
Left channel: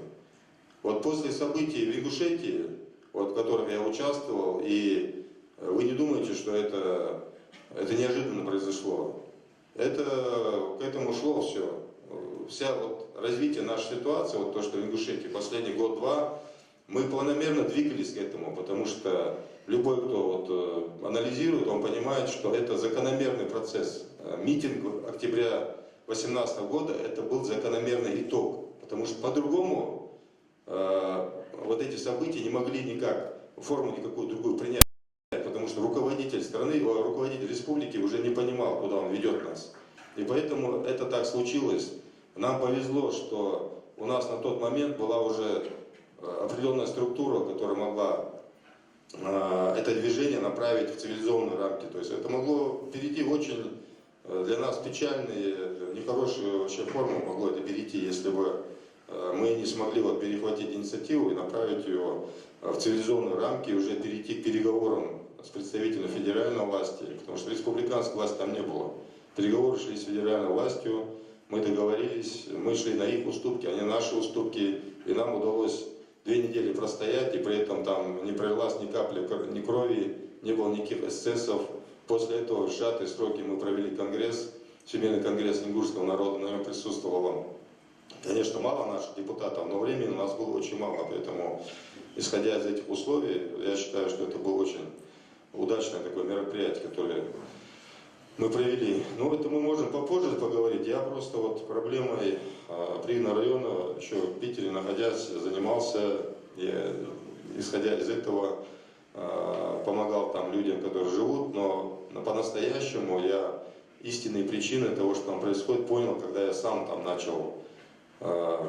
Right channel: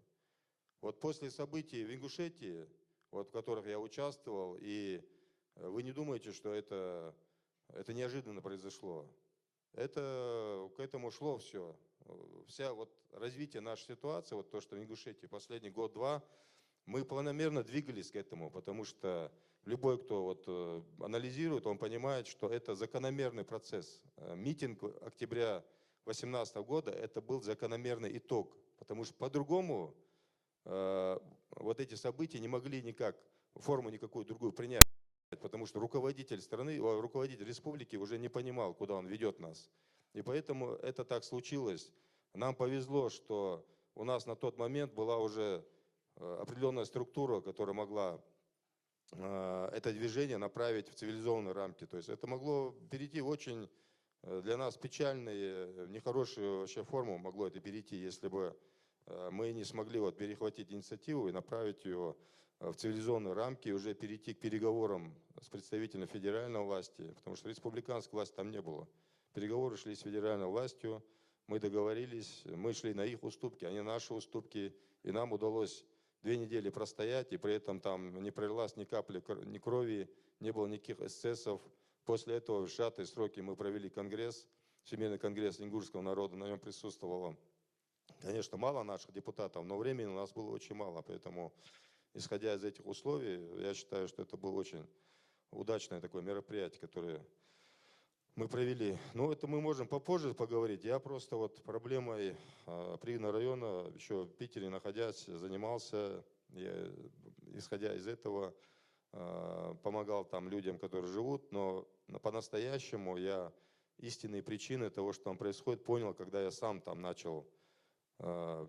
Вот после событий в Ингушетии, вот в которых я участвовал, и вы не думаете, что это неожиданно произошло. Это к этому шло все. Вся вот развитие нашей ситуации, вот то, что в Ингушетии последний год-два, мы планомерно двигались к этому, потому что любой, кто вот анализирует, он понимает, что это закономерный процесс. Митинг октября 2018 года это был закономерный итог, потому что по-другому вот эти события не могли никак форму никакую другую принять, потому что руководитель страны, руководитель республики уже не понимал, куда он ведет нас. И поэтому это так случилось. Нам повезло, что у нас на тот момент была уже определенная структура, которая могла это движение направить в цивилизованные рамки. То есть это могло перейти в очень для нас печальные, нехорошие вообще формы могло это перейти, если бы мы не смогли вот перехватить инициативу и направить ее в цивилизованные рамки и уже перейти к переговорам с представителями федеральной власти, потому что республиканской власти там не было. Переговоры шли с федеральной властью, мы договорились, мы шли на их уступки, они наши уступки, и нам удалось 2 недели простоять, и при этом там не пролилась ни капли ни крови, не было никаких эксцессов. После этого в сжатые сроки мы провели конгресс, Всемирный конгресс ингушского народа, на нем присутствовало, конечно, мало наших депутатов, но времени у нас было очень мало, поэтому, исходя из этих условий, я считаю, что это было очень удачное такое мероприятие, которое мы провели. Но это мы можем попозже поговорить. Я просто вот проблемой Привного района, еще в Питере находясь, занимался, и, исходя из этого, помогал там людям, которые живут, но по-настоящему я истинные причины того, что там происходит, понял, когда я сам там начал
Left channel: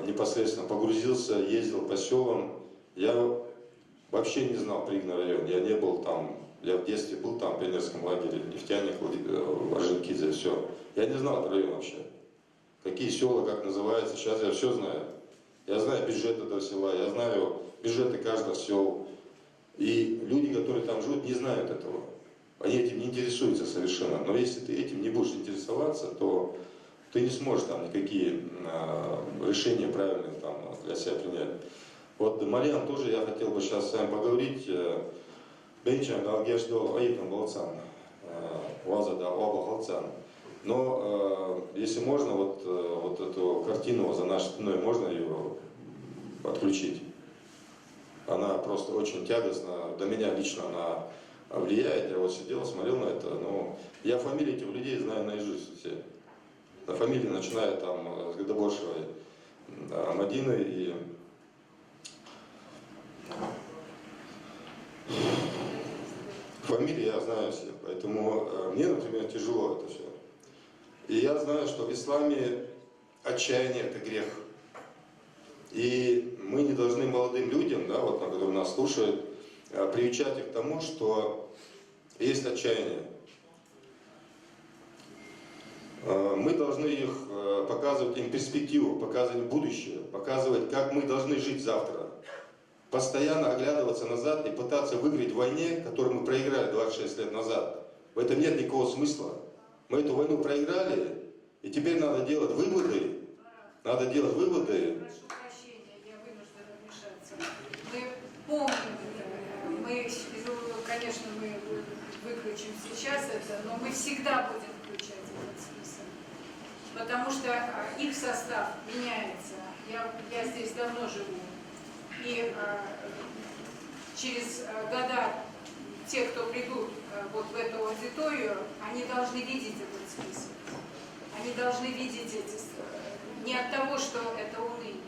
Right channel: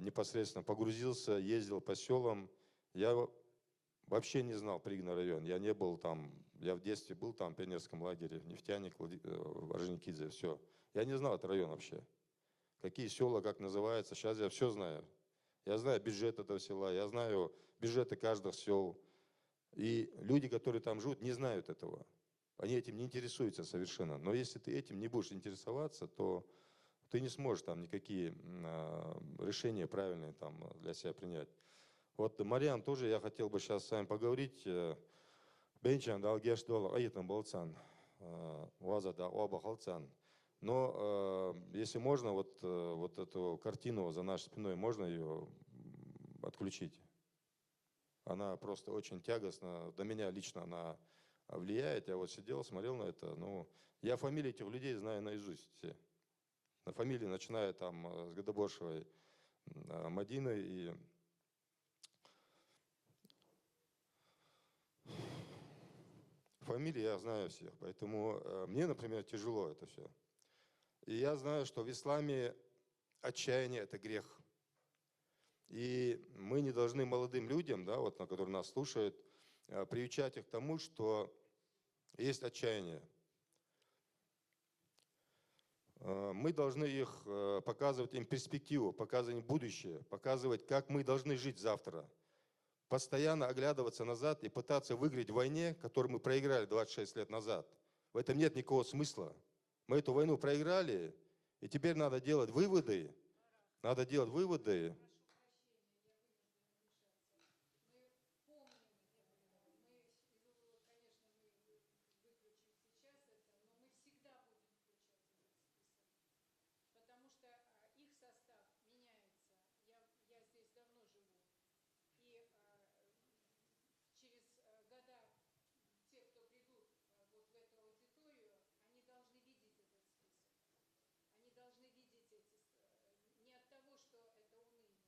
непосредственно погрузился, ездил по селам. Я вообще не знал Привный район, я не был там. Я в детстве был там, в пионерском лагере, нефтяник, Орджоникидзе, все. Я не знал этот район вообще. Какие села, как называется, сейчас я все знаю. Я знаю бюджет этого села, я знаю бюджеты каждого села. И люди, которые там живут, не знают этого. Они этим не интересуются совершенно. Но если ты этим не будешь интересоваться, то ты не сможешь там никакие решения правильные там для себя принять. Вот, Мариан, тоже я хотел бы сейчас с вами поговорить. Бенчан, Галгешдо, Аитам, Болцан, Уазада, Оба, Халцан. Но, если можно, вот эту картину за нашей спиной, можно ее отключить? Она просто очень тягостна, до меня лично она влияет. Я вот сидел, смотрел на это, но я фамилии этих людей знаю наизусть все. На фамилии, начиная там с Гадабошевой, Мадины и... Фамилии я знаю все, поэтому мне, например, тяжело это все. И я знаю, что в исламе отчаяние – это грех. И мы не должны молодым людям, да, вот, которые нас слушают, приучать их к тому, что есть отчаяние. Мы должны их показывать им перспективу, показывать им будущее, показывать, как мы должны жить завтра. Постоянно оглядываться назад и пытаться выиграть в войне, которую мы проиграли 26 лет назад. В этом нет никакого смысла. Мы эту войну проиграли, и теперь надо делать выводы. Надо делать выводы. Прошу прощения, я вынуждена вмешаться. Мы помним это. Мы, конечно, мы выключим сейчас это, но мы всегда будем включать этот список. Потому что их состав меняется. Я здесь давно живу. И через года те, кто придут вот в эту аудиторию, они должны видеть этот список. Они должны видеть эти... Не от того, что это уныние.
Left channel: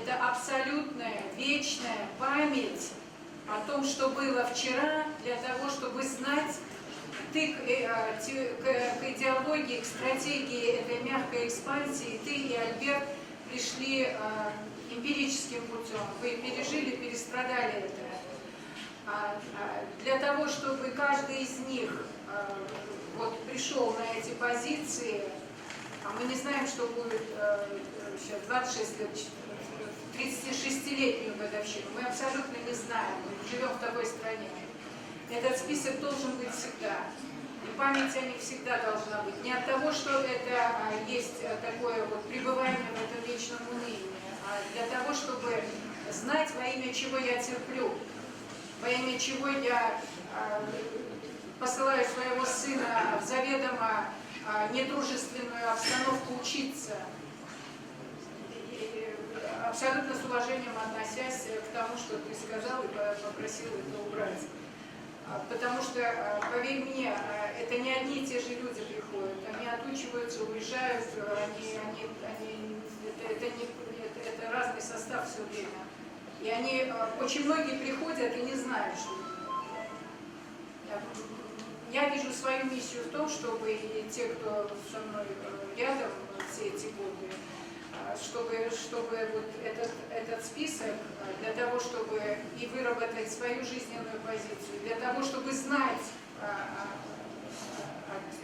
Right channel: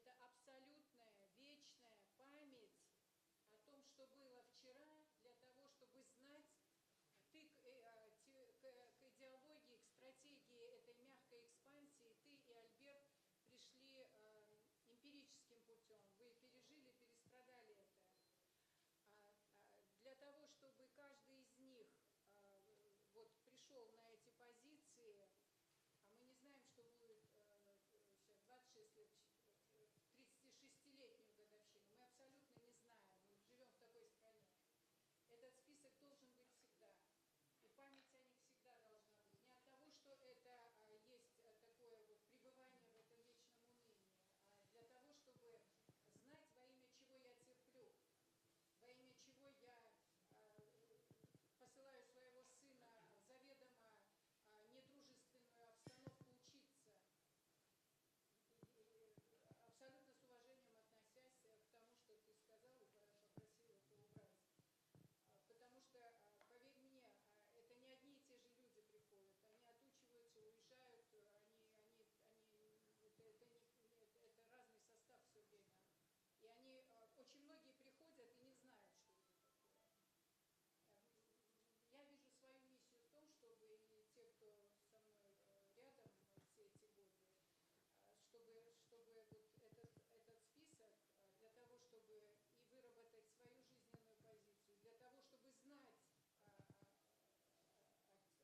Это абсолютная, вечная память о том, что было вчера, для того, чтобы знать, ты к идеологии, к стратегии этой мягкой экспансии, ты и Альберт пришли эмпирическим путем. Вы пережили, перестрадали это. Для того, чтобы каждый из них вот пришел на эти позиции, а мы не знаем, что будет сейчас 26 лет, 36-летнюю годовщину, мы абсолютно не знаем, мы живем в такой стране. Этот список должен быть всегда. И память о них всегда должна быть. Не от того, что это есть такое вот пребывание в этом вечном унынии, а для того, чтобы знать, во имя чего я терплю, во имя чего я посылаю своего сына в заведомо недружественную обстановку учиться. И абсолютно с уважением относясь к тому, что ты сказал, и попросил это убрать. Потому что, поверь мне, это не одни и те же люди приходят. Они отучиваются, уезжают, это разный состав все время. И они, очень многие приходят и не знают, что я вижу свою миссию в том, чтобы и те, кто со мной рядом все эти годы, чтобы вот этот список для того, чтобы и выработать свою жизненную позицию, для того, чтобы знать,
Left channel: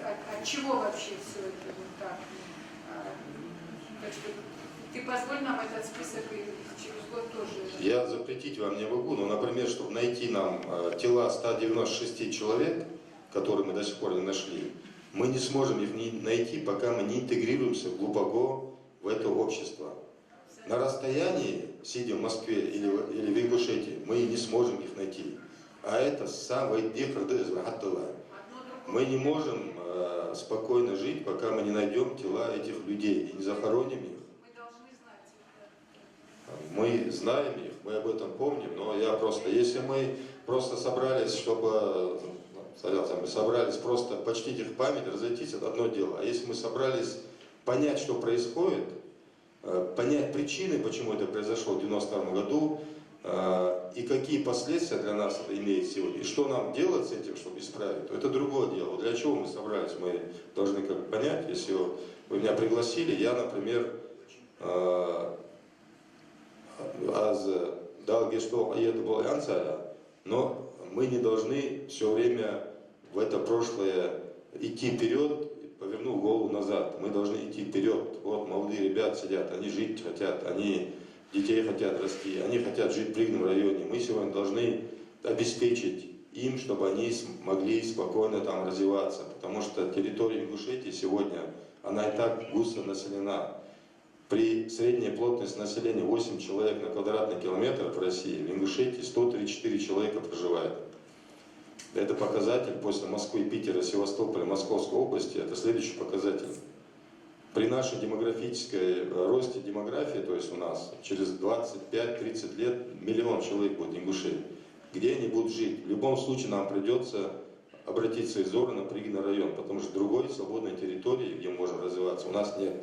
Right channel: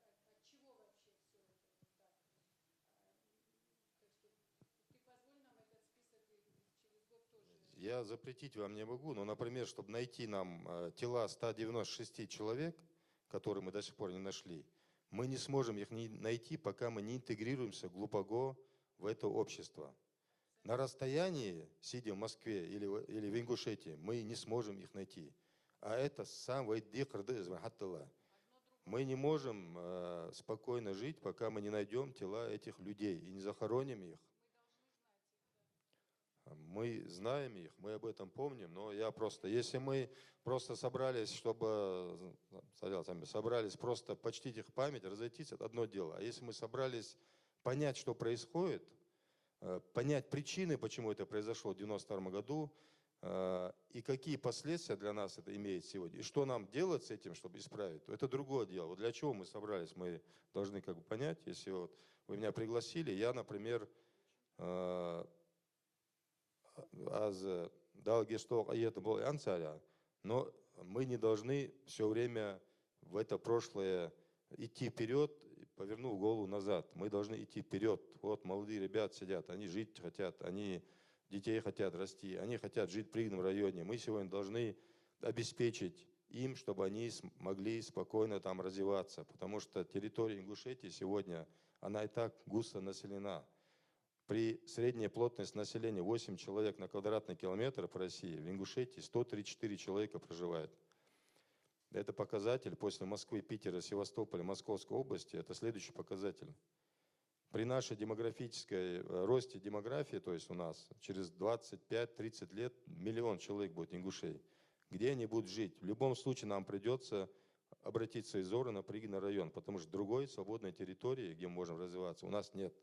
от чего вообще все это вот так. Так что ты позволь нам этот список и через год тоже. Я запретить вам не могу, но, например, чтобы найти нам тела 196 человек, которые мы до сих пор не нашли, мы не сможем их найти, пока мы не интегрируемся глубоко в это общество. На расстоянии, сидя в Москве или в Ингушетии, мы не сможем их найти. А это самое дефродезвахаттала. Мы не можем спокойно жить, пока мы не найдем тела этих людей и не захороним их. Мы знаем их, мы об этом помним, но если мы просто собрались, чтобы почтить их память, разойтись, это одно дело. А если мы собрались понять, что происходит, понять причины, почему это произошло в 1992 году, и какие последствия для нас это имеет сегодня, и что нам делать с этим, чтобы исправить, то это другое дело. Для чего мы собрались, мы должны понять. Если вы меня пригласили, я, например, но мы не должны все время в это прошлое идти вперед, повернув голову назад. Мы должны идти вперед. Вот молодые ребята сидят, они жить хотят, они детей хотят расти, они хотят жить в Пригном районе. Мы сегодня должны обеспечить им, чтобы они могли спокойно там развиваться. Потому что территория Ингушетии сегодня, она и так густо населена. При средней плотности населения 8 человек на квадратный километр в России, в Ингушетии 134 человека проживает. Это показатель после Москвы, Питера, Севастополя, Московской области, это следующий показатель. При нашей демографической росте демографии, то есть у нас через 25-30 лет 1 миллион человек будет ингушей. Где они будут жить? В любом случае нам придется обратить свои взоры на Пригный район, потому что другой свободной территории, где мы можем развиваться, у нас нет.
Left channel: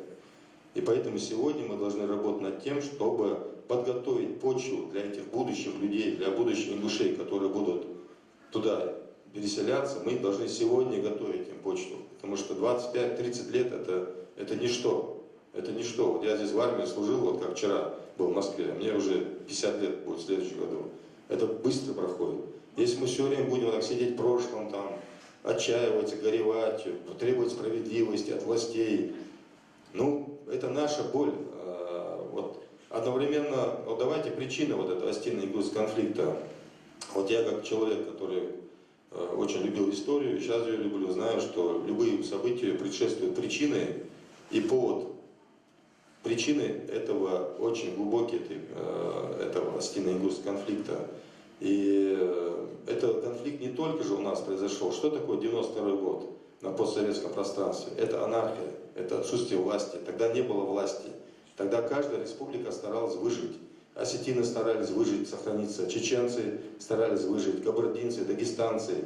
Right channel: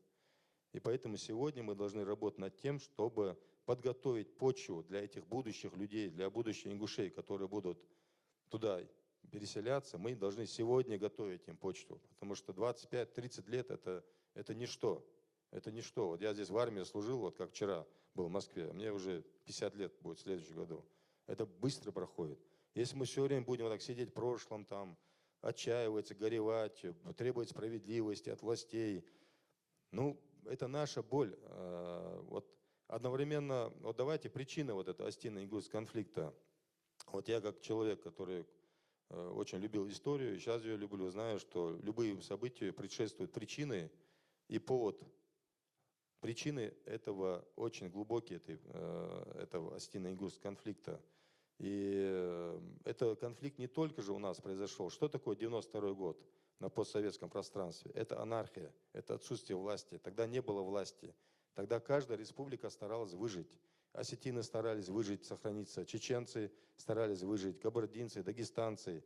И поэтому сегодня мы должны работать над тем, чтобы подготовить почву для этих будущих людей, для будущих ингушей, которые будут туда переселяться. Мы должны сегодня готовить им почву, потому что 25-30 лет это ничто. Это ничто. Вот я здесь в армии служил, вот как вчера был в Москве, мне уже 50 лет будет в следующем году. Это быстро проходит. Если мы все время будем так сидеть в прошлом, там, отчаиваться, горевать, требовать справедливости от властей, это наша боль. Вот одновременно, давайте причины вот этого Остинно-Ингушского конфликта. Вот я как человек, который очень любил историю, сейчас ее люблю, знаю, что любые события предшествуют причины и повод. Причины этого очень глубокие, этого Остинно-Ингушского конфликта. И этот конфликт не только же у нас произошел. Что такое 92 год на постсоветском пространстве? Это анархия, это отсутствие власти. Тогда не было власти. Тогда каждая республика старалась выжить. Осетины старались выжить, сохраниться. Чеченцы старались выжить. Кабардинцы, дагестанцы.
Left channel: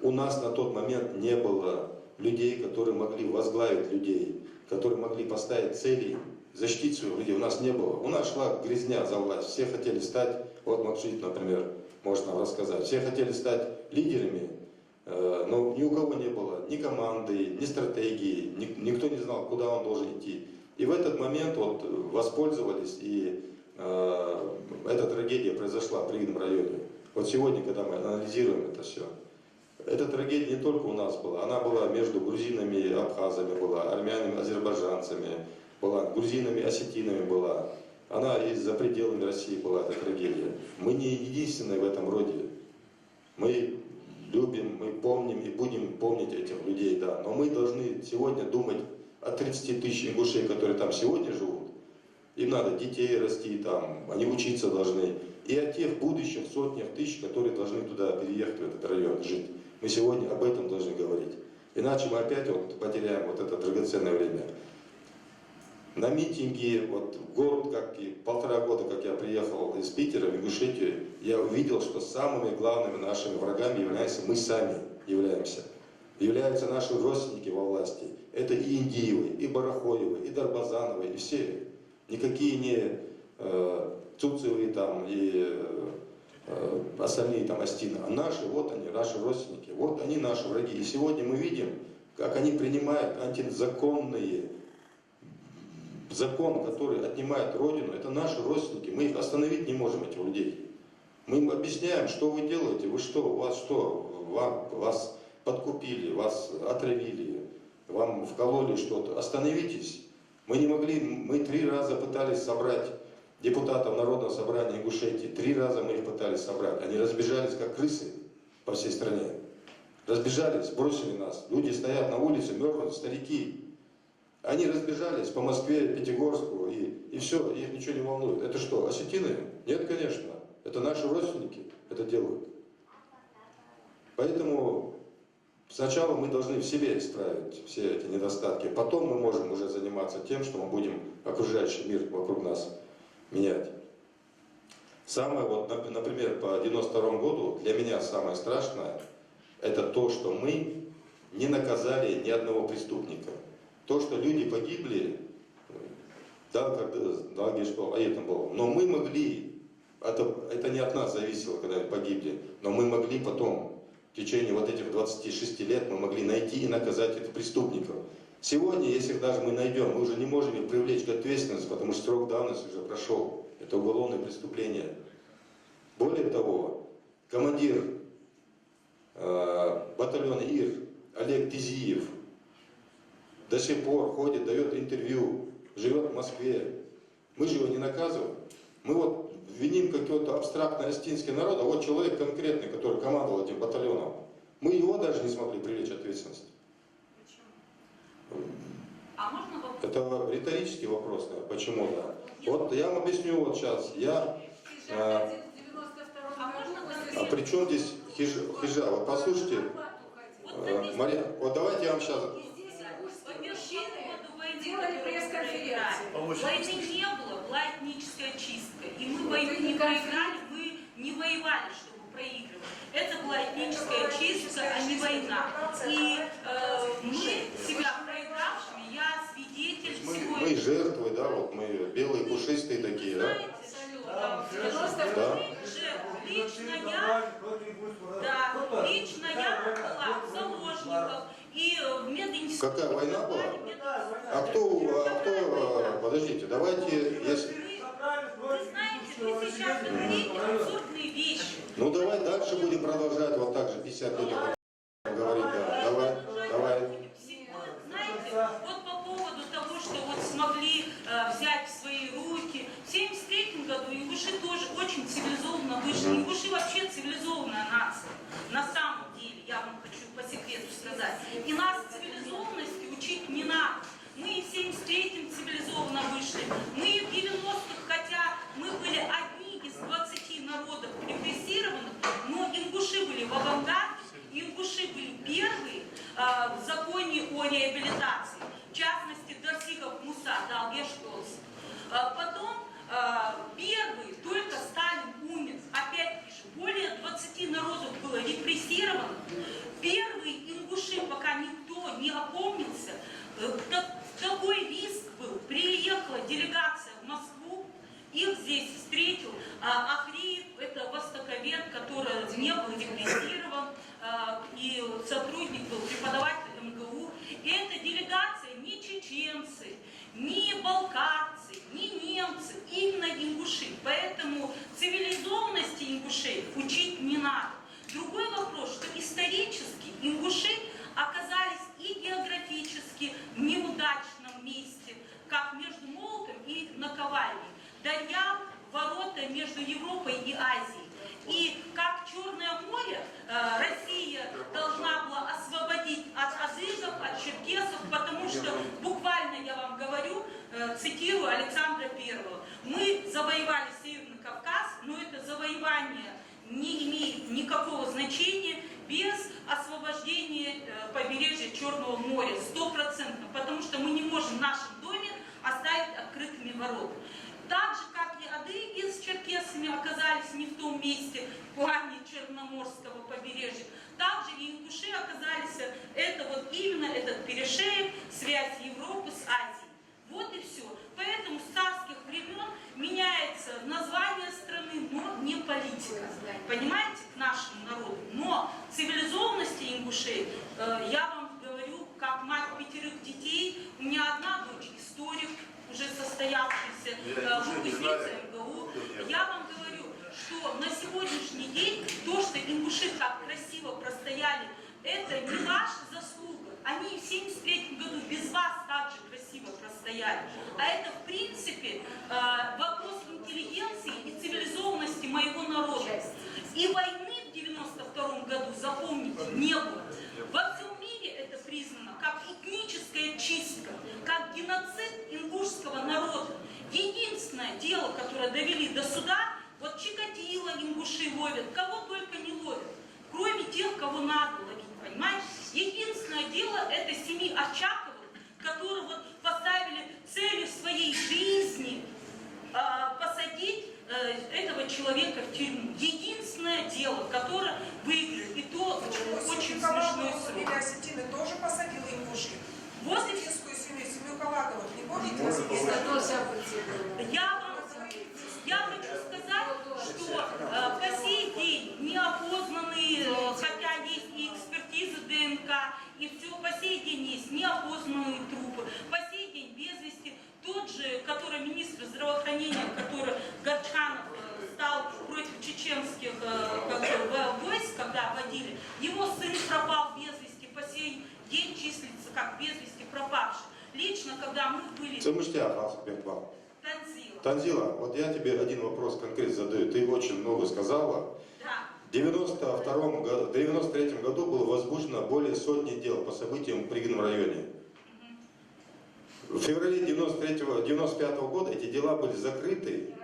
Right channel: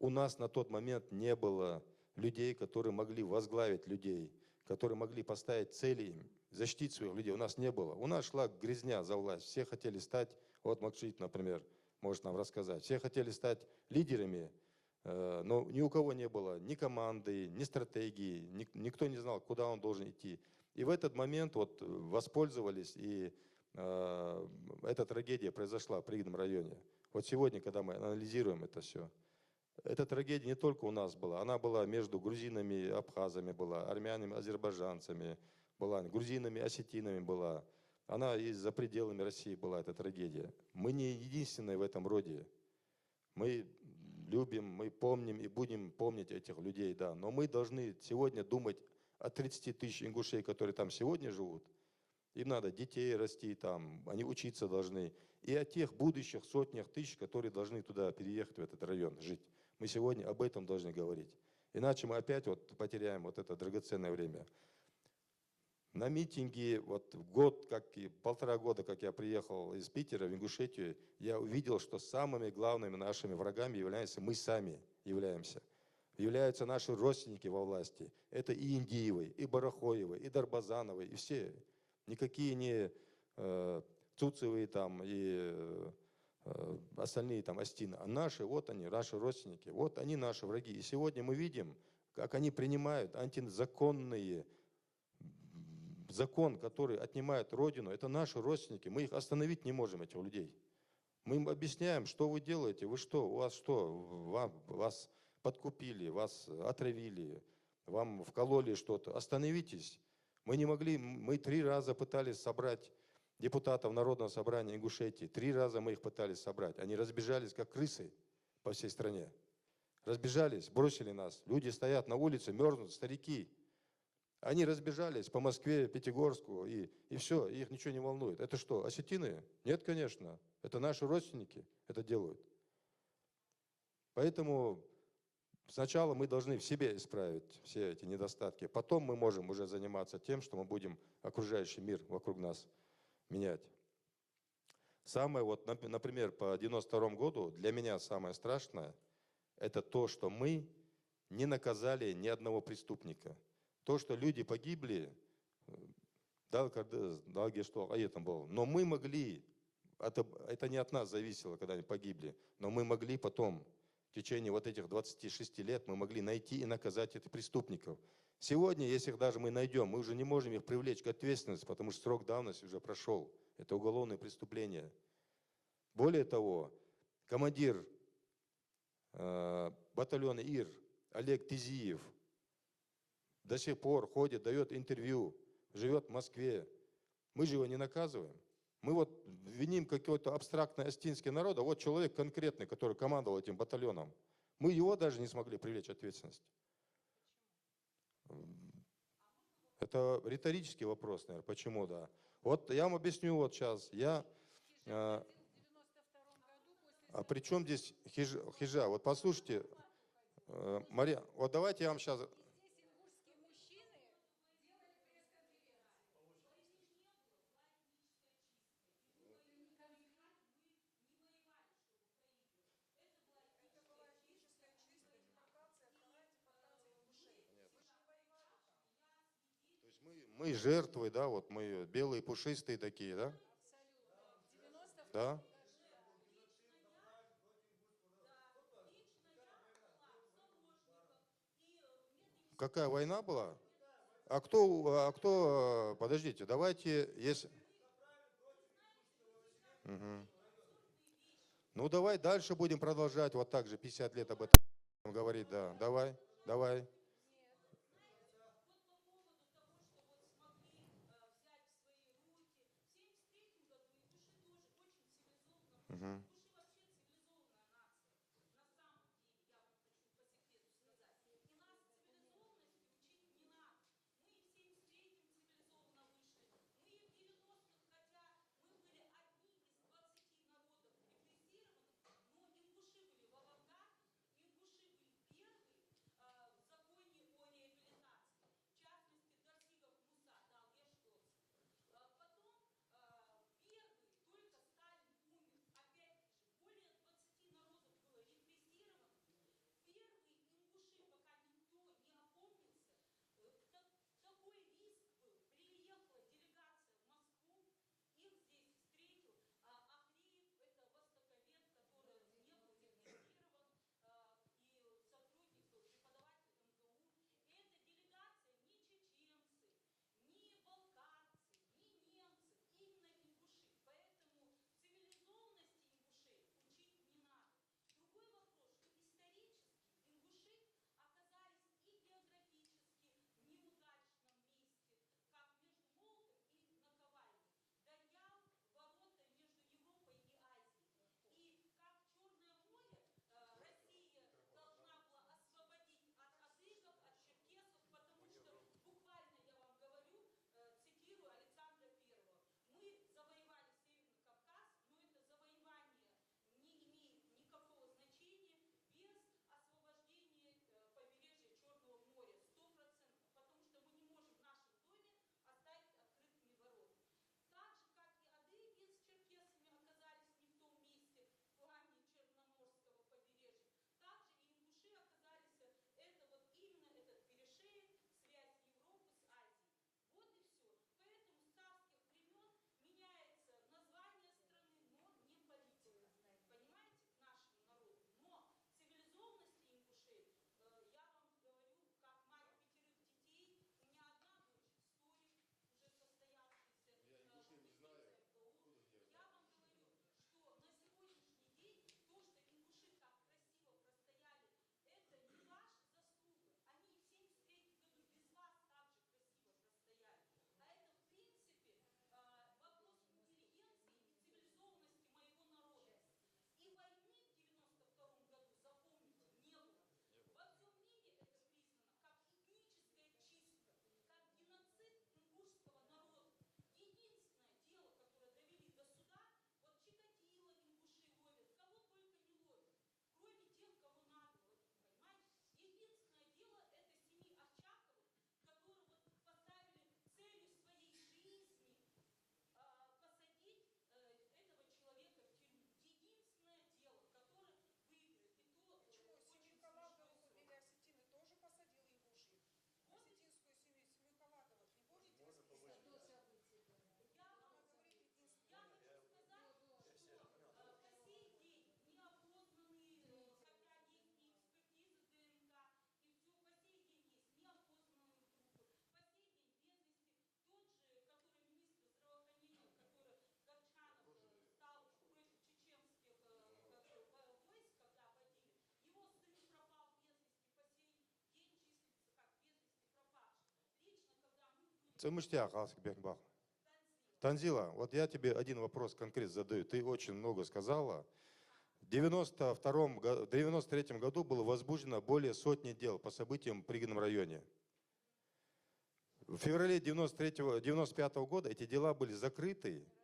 У нас на тот момент не было людей, которые могли возглавить людей, которые могли поставить цели, защитить своих людей. У нас не было. У нас шла грязня за власть. Все хотели стать, вот Макшит, например, может нам рассказать, все хотели стать лидерами, но ни у кого не было ни команды, ни стратегии, никто не знал, куда он должен идти. И в этот момент вот воспользовались, и эта трагедия произошла в Пригном районе. Вот сегодня, когда мы анализируем это все, эта трагедия не только у нас была, она была между грузинами и абхазами, была армянами, азербайджанцами, была грузинами, осетинами была. Она и за пределами России была, эта трагедия. Мы не единственные в этом роде. Мы любим, мы помним и будем помнить этих людей, да. Но мы должны сегодня думать о 30 тысяч ингушей, которые там сегодня живут. Им надо детей расти там, они учиться должны. И о тех будущих сотнях тысяч, которые должны туда переехать, в этот район, жить. Мы сегодня об этом должны говорить. Иначе мы опять вот потеряем вот это драгоценное время. На митинге, вот год, как и 1,5 года, как я приехал из Питера в Ингушетию, я увидел, что самыми главными нашими врагами являемся мы сами, являются наши родственники во власти. Это и Индиевы, и Барахоевы, и Дарбазановы, и все. Никакие не Цуцевы там, и остальные там Остины, а наши, вот они, наши родственники, вот они наши враги. И сегодня мы видим, как они принимают антизаконные закон, который отнимает Родину, это наши родственники. Мы их остановить не можем, этих людей. Мы им объясняем, что вы делаете, вы что, у вас что, вас подкупили, вас отравили, вам вкололи что-то. Остановитесь. Мы не могли, мы 3 раза пытались собрать депутатов Народного собрания Ингушетии. 3 раза мы их пытались собрать. Они разбежались, как крысы по всей стране. Разбежались, бросили нас. Люди стоят на улице, мерзнут, старики. Они разбежались по Москве, Пятигорску, и все, их ничего не волнует. Это что, осетины? Нет, конечно. Это наши родственники это делают. Поэтому сначала мы должны в себе исправить все эти недостатки. Потом мы можем уже заниматься тем, что мы будем окружающий мир вокруг нас менять. Самое, вот, например, по 92 году, для меня самое страшное, это то, что мы не наказали ни одного преступника. То, что люди погибли, да, но мы могли, это не от нас зависело, когда погибли, но мы могли потом, в течение вот этих 26 лет, мы могли найти и наказать этих преступников. Сегодня, если даже мы найдем, мы уже не можем их привлечь к ответственности, потому что срок давности уже прошел. Это уголовное преступление. Более того, командир батальона ИР Олег Тизиев до сих пор ходит, дает интервью, живет в Москве. Мы же его не наказываем. Мы вот виним какой-то абстрактный остинский народ, а вот человек конкретный, который командовал этим батальоном, мы его даже не смогли привлечь к ответственности. А можно вопрос? Это риторический вопрос, почему, да. Вот я вам объясню вот сейчас. А при чем здесь хижа? Вот послушайте, Мария, вот давайте я вам сейчас... Делали пресс-конференцию. Войны не было, была этническая чистка. И мы войну не проиграли, мы не воевали, чтобы проигрывать. Это была этническая чистка, а не война. И мы себя проигравшими, я свидетель всего Мы жертвы, да, вот мы белые, пушистые такие, да? Да. Лично я была в заложниках. И в мединституте. Какая война была? А кто, подождите, давайте, если... Вы знаете, вы сейчас говорите абсурдные вещи. Ну давай дальше будем продолжать вот так же 50 лет говорить, да. Давай. Знаете, вот по поводу того, что вот смогли взять в свои руки, в 1973 году ингуши тоже очень цивилизованно вышли. Ингуши вообще цивилизованная нация. На самом деле, я вам хочу по секрету сказать. И нас цивилизованности учить не надо. Мы и в 1973-м цивилизованно вышли. Мы и в 90-х, хотя мы были одни из 20 народов репрессированных, но ингуши были в авангарде, ингуши были первые в законе о реабилитации. В частности, Дарсигов Муса дал Ешколс. Потом первый, только Сталин умер. Опять же, более 20 народов было репрессировано. Первые ингуши, пока никто не опомнился, такой риск был. Приехала делегация в Москву, их здесь встретил Ахриев, это востоковед, который не был репрессирован, и сотрудник был, преподаватель МГУ. И эта делегация не чеченцы, не балкарцы, не немцы, именно ингуши. Поэтому цивилизованности ингушей учить не надо. Другой вопрос, что исторически ингуши оказались и географически в неудачном месте, как между Молотом и наковальней. Дарья – ворота между Европой и Азией. И как Черное море Россия должна была освободить от азызов, от черкесов, потому что, буквально я вам говорю, цитирую Александра Первого, мы завоевали Северный Кавказ, но это завоевание не имеет никакого значения без освобождения побережья Черного моря, 100%, потому что мы не можем в нашем доме оставить открытыми ворота. Так же, как и адыги с черкесами оказались не в том месте в плане Черноморского побережья, также и ингуши оказались, это вот именно этот перешеек, связь Европы с Азией. Вот и все. Поэтому с царских времен меняется название страны, но не политика. Понимаете, к нашему народу. Но цивилизованности ингушей, я вам говорю, как мать 5 детей, у меня одна дочь историк, уже состоявшийся выпускница МГУ. Я вам говорю, что на сегодняшний день то, что ингуши так красиво простояли, это не ваша заслуга. Они в 1973 году без вас также красиво простояли. А это, в принципе, вопрос интеллигенции и цивилизованности моего народа. И войны в 1992 году, запомните, не было. Во всем мире это признано как этническая чистка, как геноцид ингушского народа. Единственное дело, которое довели до суда, вот Чикатило ингуши ловят, кого только не ловят, кроме тех, кого надо ловить, понимаете? Единственное дело это семьи Очаковых, которые вот поставили целью своей жизни посадить этого человека в тюрьму. Единственное дело, которое выиграли, и то очень смешной срок. Фамилия Осетины тоже посадила ингуши. Вот и Осетинскую семью Каваковых, не помните? Я хочу сказать, что по сей день неопознанные, хотя есть и экспертиза ДНК, и все, по сей день есть неопознанные трупы, по сей день без вести тот же, который министр здравоохранения, который Горчанов стал против чеченских войск, когда водили, его сын пропал без вести, по сей день числится как без вести пропавший. Лично, когда мы были... Танзила, вот я тебе один вопрос конкретно задаю. Ты очень много сказала. Да. В 1993 году было возбуждено более сотни дел по событиям в Пригином районе. В феврале 1995 года эти дела были закрыты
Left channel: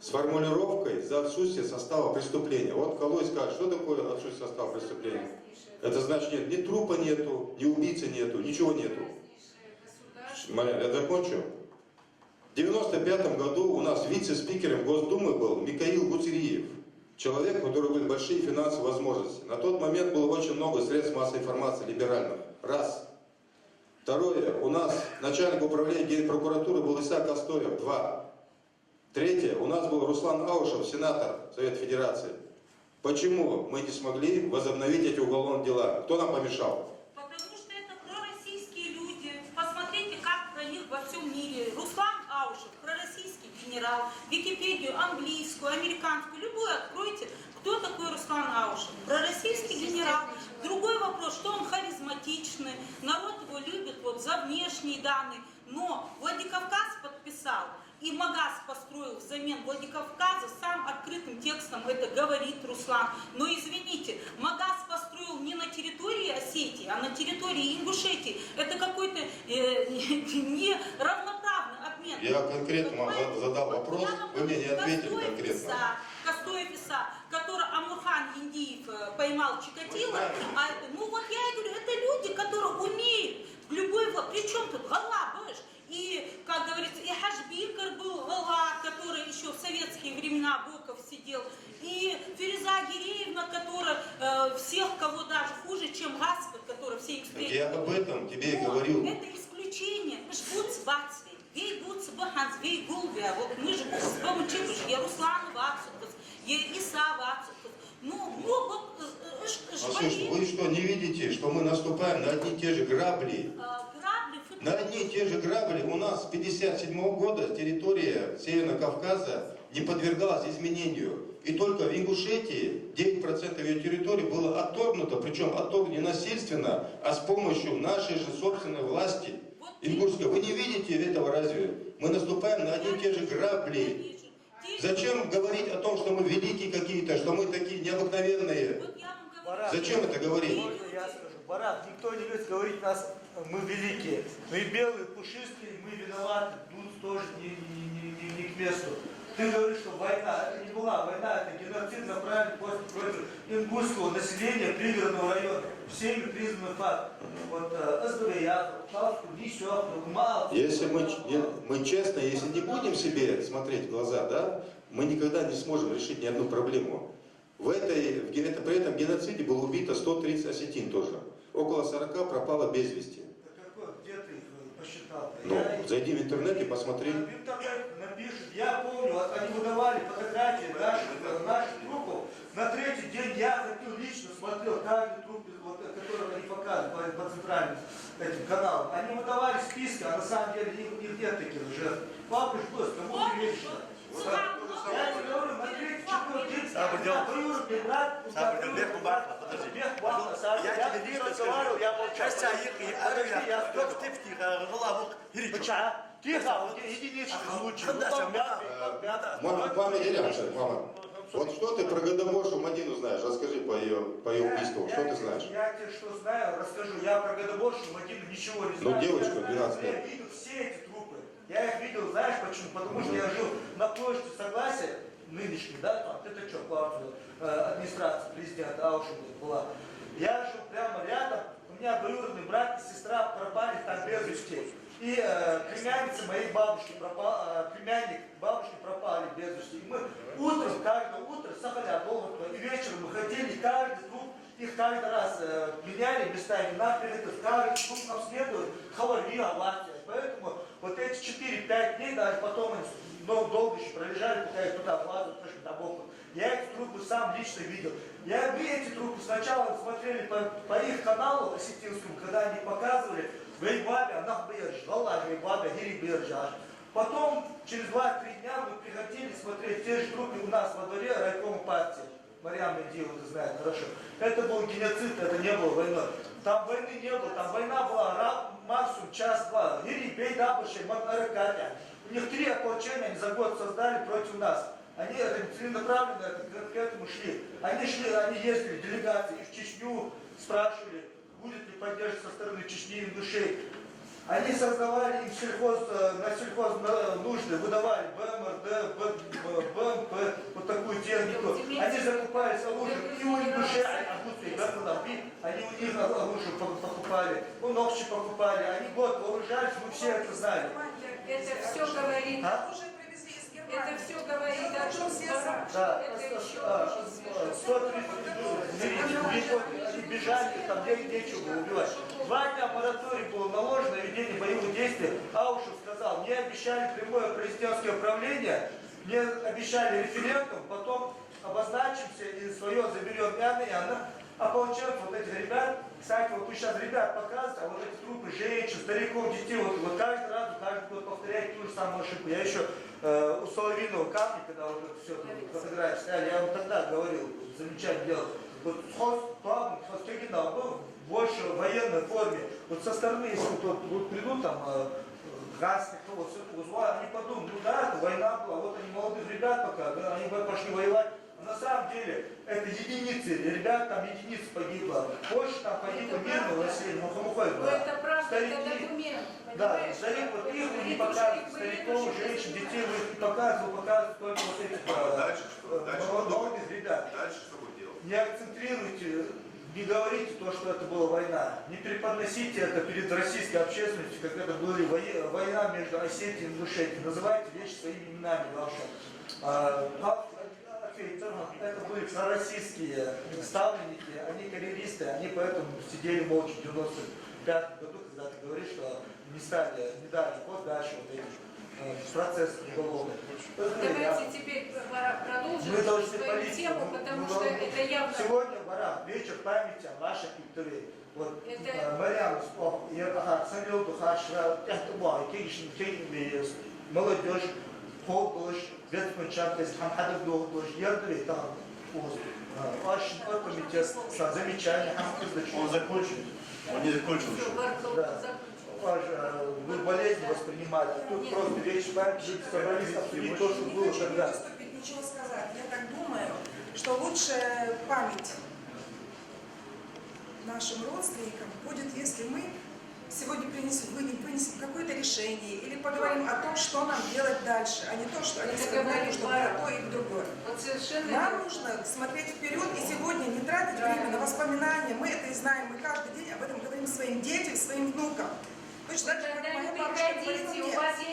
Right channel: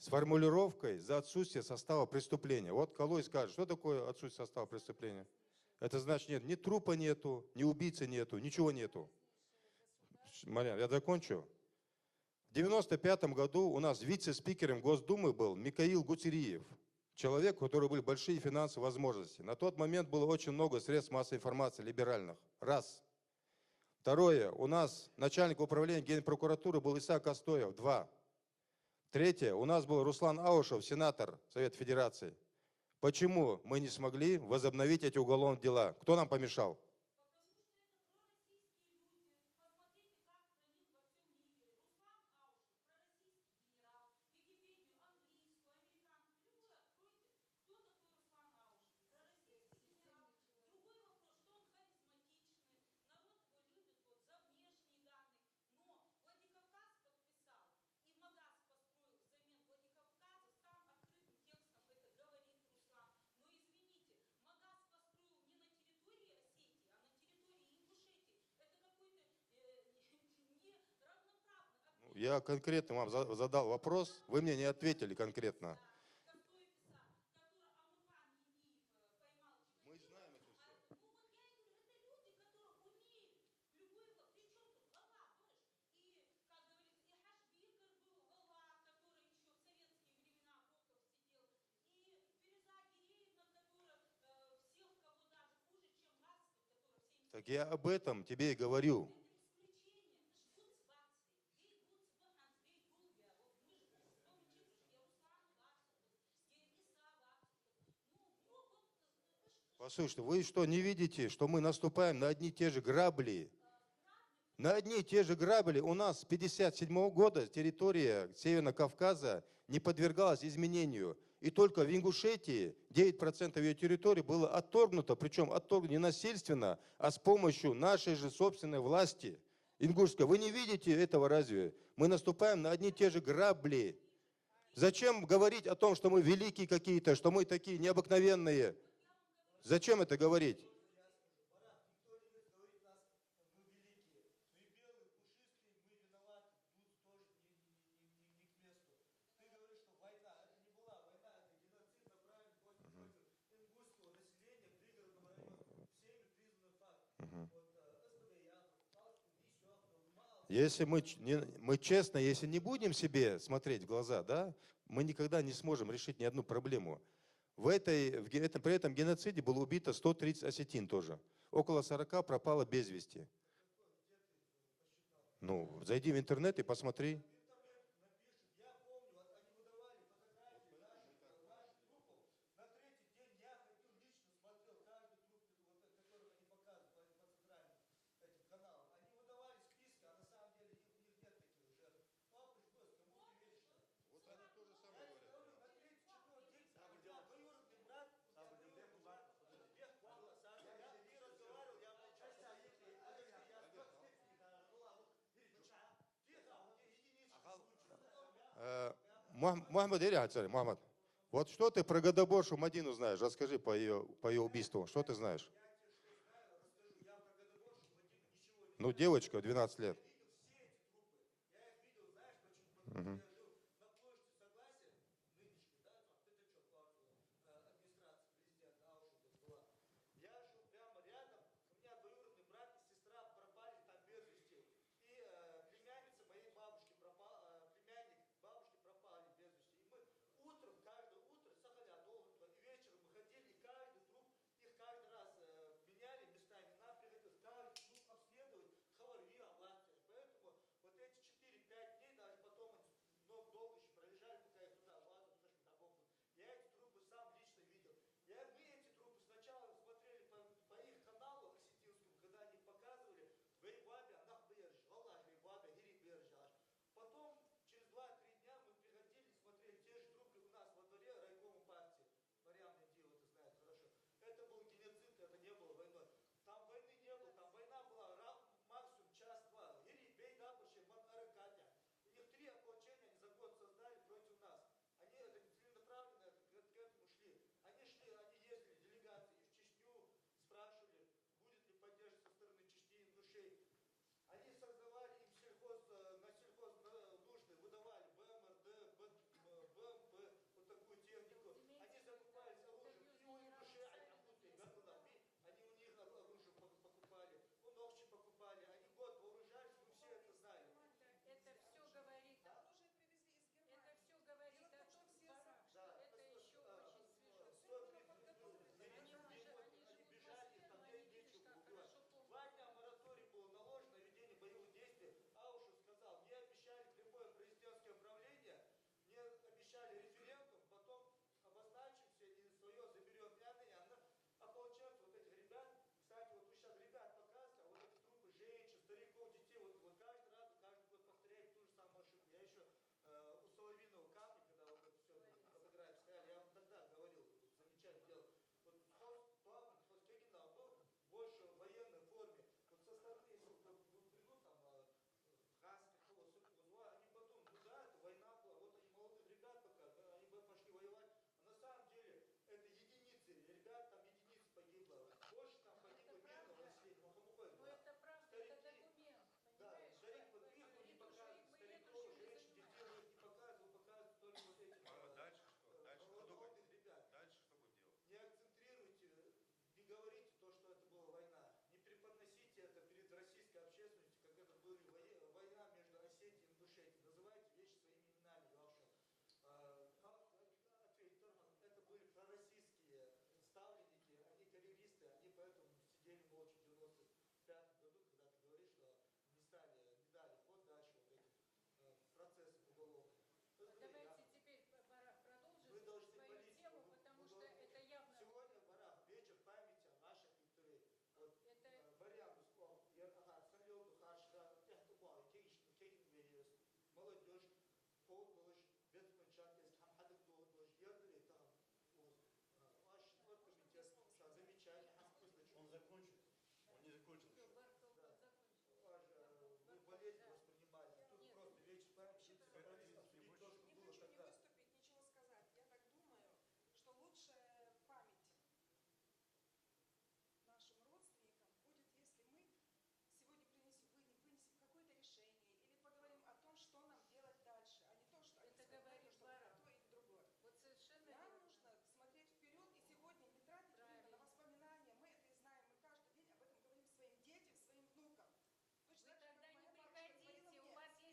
с формулировкой за отсутствие состава преступления. Вот Калой скажет, что такое отсутствие состава преступления? Это значит, нет, ни трупа нету, ни убийцы нету, ничего нету. Я закончу. В 1995 году у нас вице-спикером Госдумы был Михаил Гуцериев. Человек, у которого были большие финансовые возможности. На тот момент было очень много средств массовой информации либеральных. Раз. Второе. У нас начальник управления Генпрокуратуры был Исаак Астоев. Два. Третье. У нас был Руслан Аушев, сенатор Совета Федерации. Почему мы не смогли возобновить эти уголовные дела? Кто нам помешал? Потому что это пророссийские люди. Посмотрите, как про них во всем мире. Руслан Аушев, пророссийский генерал. Википедию английскую, американскую, любую откройте. Кто такой Руслан Аушев? Пророссийский генерал. Другой вопрос, что он харизматичный, народ его любит вот за внешние данные. Но Владикавказ подписал, и Магаз построил взамен Владикавказа, сам открытым текстом это говорит Руслан. Но извините, Магаз построил не на территории Осетии, а на территории Ингушетии. Это какой-то неравноправный обмен. Я конкретно вам задал вопрос, вы мне не ответили конкретно. Костоев Иса, который Амурхан Индиев поймал Чикатило. Ну вот я и говорю, это люди, которые умеют в любой... Причем тут Гала, понимаешь? И, как говорится, и Хашбикар был Гала, который еще в советские времена Боков сидел. И Фереза Гиреевна, которая всех, кого даже хуже, чем Гаспод, который все их встретили. Я об этом тебе и говорю. Это исключение. Мы ж будь сбацвей. Вей будь сбаханзвей гулвя. Вот мы же с помощью я Руслан Вацукас, я Иса Вацукас. Ну, вот, слушай, вы что, не видите, что мы наступаем на одни и те же грабли? На одни и те же грабли. У нас с 1957 года территория Северного Кавказа не подвергалась изменению. И только в Ингушетии 9% ее территории было отторгнуто, причем отторгнуто не насильственно, а с помощью нашей же собственной власти. Ингушской. Вы не видите этого разве? Мы наступаем на одни и те же грабли. Зачем говорить о том, что мы великие какие-то, что мы такие необыкновенные? Зачем это говорить? Я скажу, Барат, никто не любит говорить нас, мы великие. Мы белые, пушистые, мы виноваты. Тут тоже не к месту. Ты говоришь, что война, это не была война, это геноцид направлен против ингушского населения пригородного района. Всеми признанный факт. Вот СБЯ, Палку, Нищев, Мал. Если мы честно, если не будем себе смотреть в глаза, да, мы никогда не сможем решить ни одну проблему. При этом геноциде было убито 130 осетин тоже. Около 40 пропало без вести. Где ты их посчитал? Ну, зайди в интернет и посмотри. В интернете напишут, я помню, они выдавали фотографии наших трупов. На третий день я ходил лично, смотрел каждый труп, вот, который они показывают по центральным этим каналам. Они выдавали списки, а на самом деле их нет таких жертв. Папа ждет, кому ты веришь? Я тебе говорю, на третий, четвертый день, двоюродный брат, подожди. Я тебе не разговаривал, я молчал. Тихо, единичный случай. Мама, вот что ты про Годоборшу Мадину знаешь? Расскажи по ее убийству. Что ты знаешь? Я тебе что знаю, расскажу. Я про Годоборшу Мадину ничего не знаю. Ну, девочку 12 лет. Я видел все эти трупы. Я их видел, знаешь почему? Потому что я жил на площади Согласия, нынешней, да, там, это что, администрация президента Аушева была. Я жил прямо рядом, у меня двоюродный брат и сестра пропали там без вести. И племянница моей бабушки пропала, племянник бабушки пропали без вести. И мы утром, каждое утро, Сахаля, Долготова, и вечером мы ходили, каждый труп, их каждый раз меняли местами, каждый труп обследуют, хавари, авария. Поэтому вот эти 4-5 дней, даже потом они долго еще пролежали, пока их туда влазят, точно до боку. Я эти трупы сам лично видел. Мы эти трупы сначала смотрели по их каналу осетинскому, когда они показывали, Гайбабе, она ждала, Гайбабе, Гирибирджаш. Потом, через 2-3 дня мы приходили смотреть те же трупы у нас во дворе райкома партии. Марьям Медиева, ты знаешь, хорошо. Это был геноцид, это не было войны. Там войны не было, там война была максимум час-два. Гирибей, Дабуши, Макаракатя. У них 3 ополчения они за год создали против нас. Они целенаправленно к этому шли. Они ездили, делегации в Чечню, спрашивали, будет ли поддержка со стороны Чечни и Ингушей. Они создавали им на сельхоз нужды, выдавали БМРД, БМП, вот такую технику. Они закупались оружием и у Ингушей, они у них оружие покупали, у Нокчи покупали, они год вооружались, мы все это знали. Это все говорит... Это все говорит о том, что это еще очень свежо. Они бежали, там нечего было убивать. 2 дня мораторий было наложено на ведение боевых действий. Аушев сказал, мне обещали прямое президентское управление, мне обещали референдум, потом обозначимся и свое заберем яно. А получается вот этих ребят, кстати, вот вы сейчас ребят показываете, а вот эти трупы женщин, стариков, детей, вот каждый раз, каждый год повторяет ту же самую ошибку. Я еще у Соловьиного камня, когда вот это все фотографии сняли, я вам тогда говорил, замечательно делал. Вот Хостегина был больше в военной форме. Вот со стороны, если вот придут там гасник, вот все это узвали, они подумают, ну да, это война была, вот они молодых ребят пока, да, они пошли воевать. На самом деле это единицы, ребят там единиц погибло. Больше там погибло мирного населения, Но это правда, это документ. Да, старик, вот их вы не показываете, стариков, женщин, детей вы их не показываете только вот этих молодых ребят. Дальше что будет делать? Не акцентрируйте, не говорите то, что это была война. Не преподносите это перед российской общественностью, как это была война между Осетией и Ингушетией. Называйте вещи своими именами ваши. Это были пророссийские ставленники, они карьеристы, они поэтому сидели молча в 95 году, когда ты говоришь, что не дали ход дальше вот этих процессов уголовных. Давайте теперь продолжим Мы должны свою тему, потому что это явно... Сегодня, Барам, вечер памяти о нашей культуре. Вот Марьям, Самил Духашра, молодежь, полдожь, веткончатость, хамхадов долгдожь, ярдовый там, очень комитет, замечание, Он закончил. Он не закончил еще. Вы болезнь воспринимали, тут просто вечер памяти собрались обсудить то, что было тогда. Ничего сказать. Я так думаю, что лучшая память нашим родственникам будет, если мы сегодня вынесем какое-то решение. решении или поговорим о том, что нам делать дальше, а не то, что они сказали, что то и другое. Вот совершенно Нам нужно смотреть вперед и сегодня не тратить время на воспоминания. Мы это и знаем, мы каждый день об этом говорим своим детям, своим внукам. Точно так же, как моя бабушка говорила мне,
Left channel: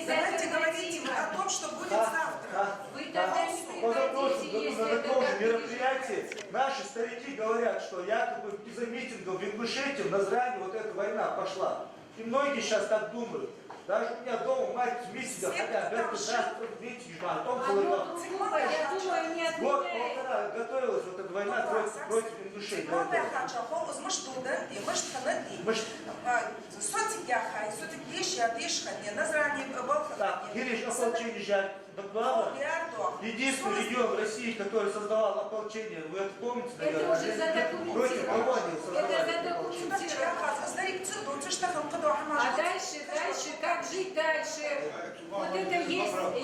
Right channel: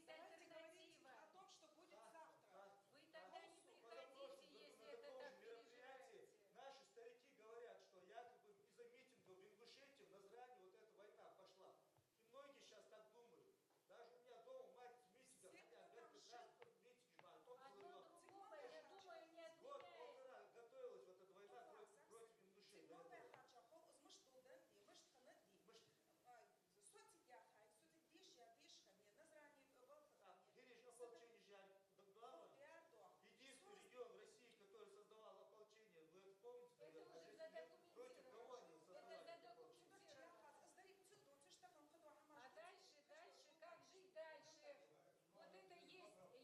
давайте говорить о том, что будет завтра. Вы тогда не приходите, если На это таком же так мероприятии наши старики говорят, что якобы из-за митингов в Ингушетии в Назране вот эта война пошла. И многие сейчас так думают. Даже у меня дома мать в митингах, хотя в митинге, а потом было я думаю, не год, отменяет. полтора готовилась вот эта война против Ингушетии. Так, Гириш, ополчение жаль. Единственный регион в России, который создавал ополчение, вы это помните, Это наверное? уже Против задокументировано. колонии Это создавали. задокументировано. А дальше, как жить дальше? Вот это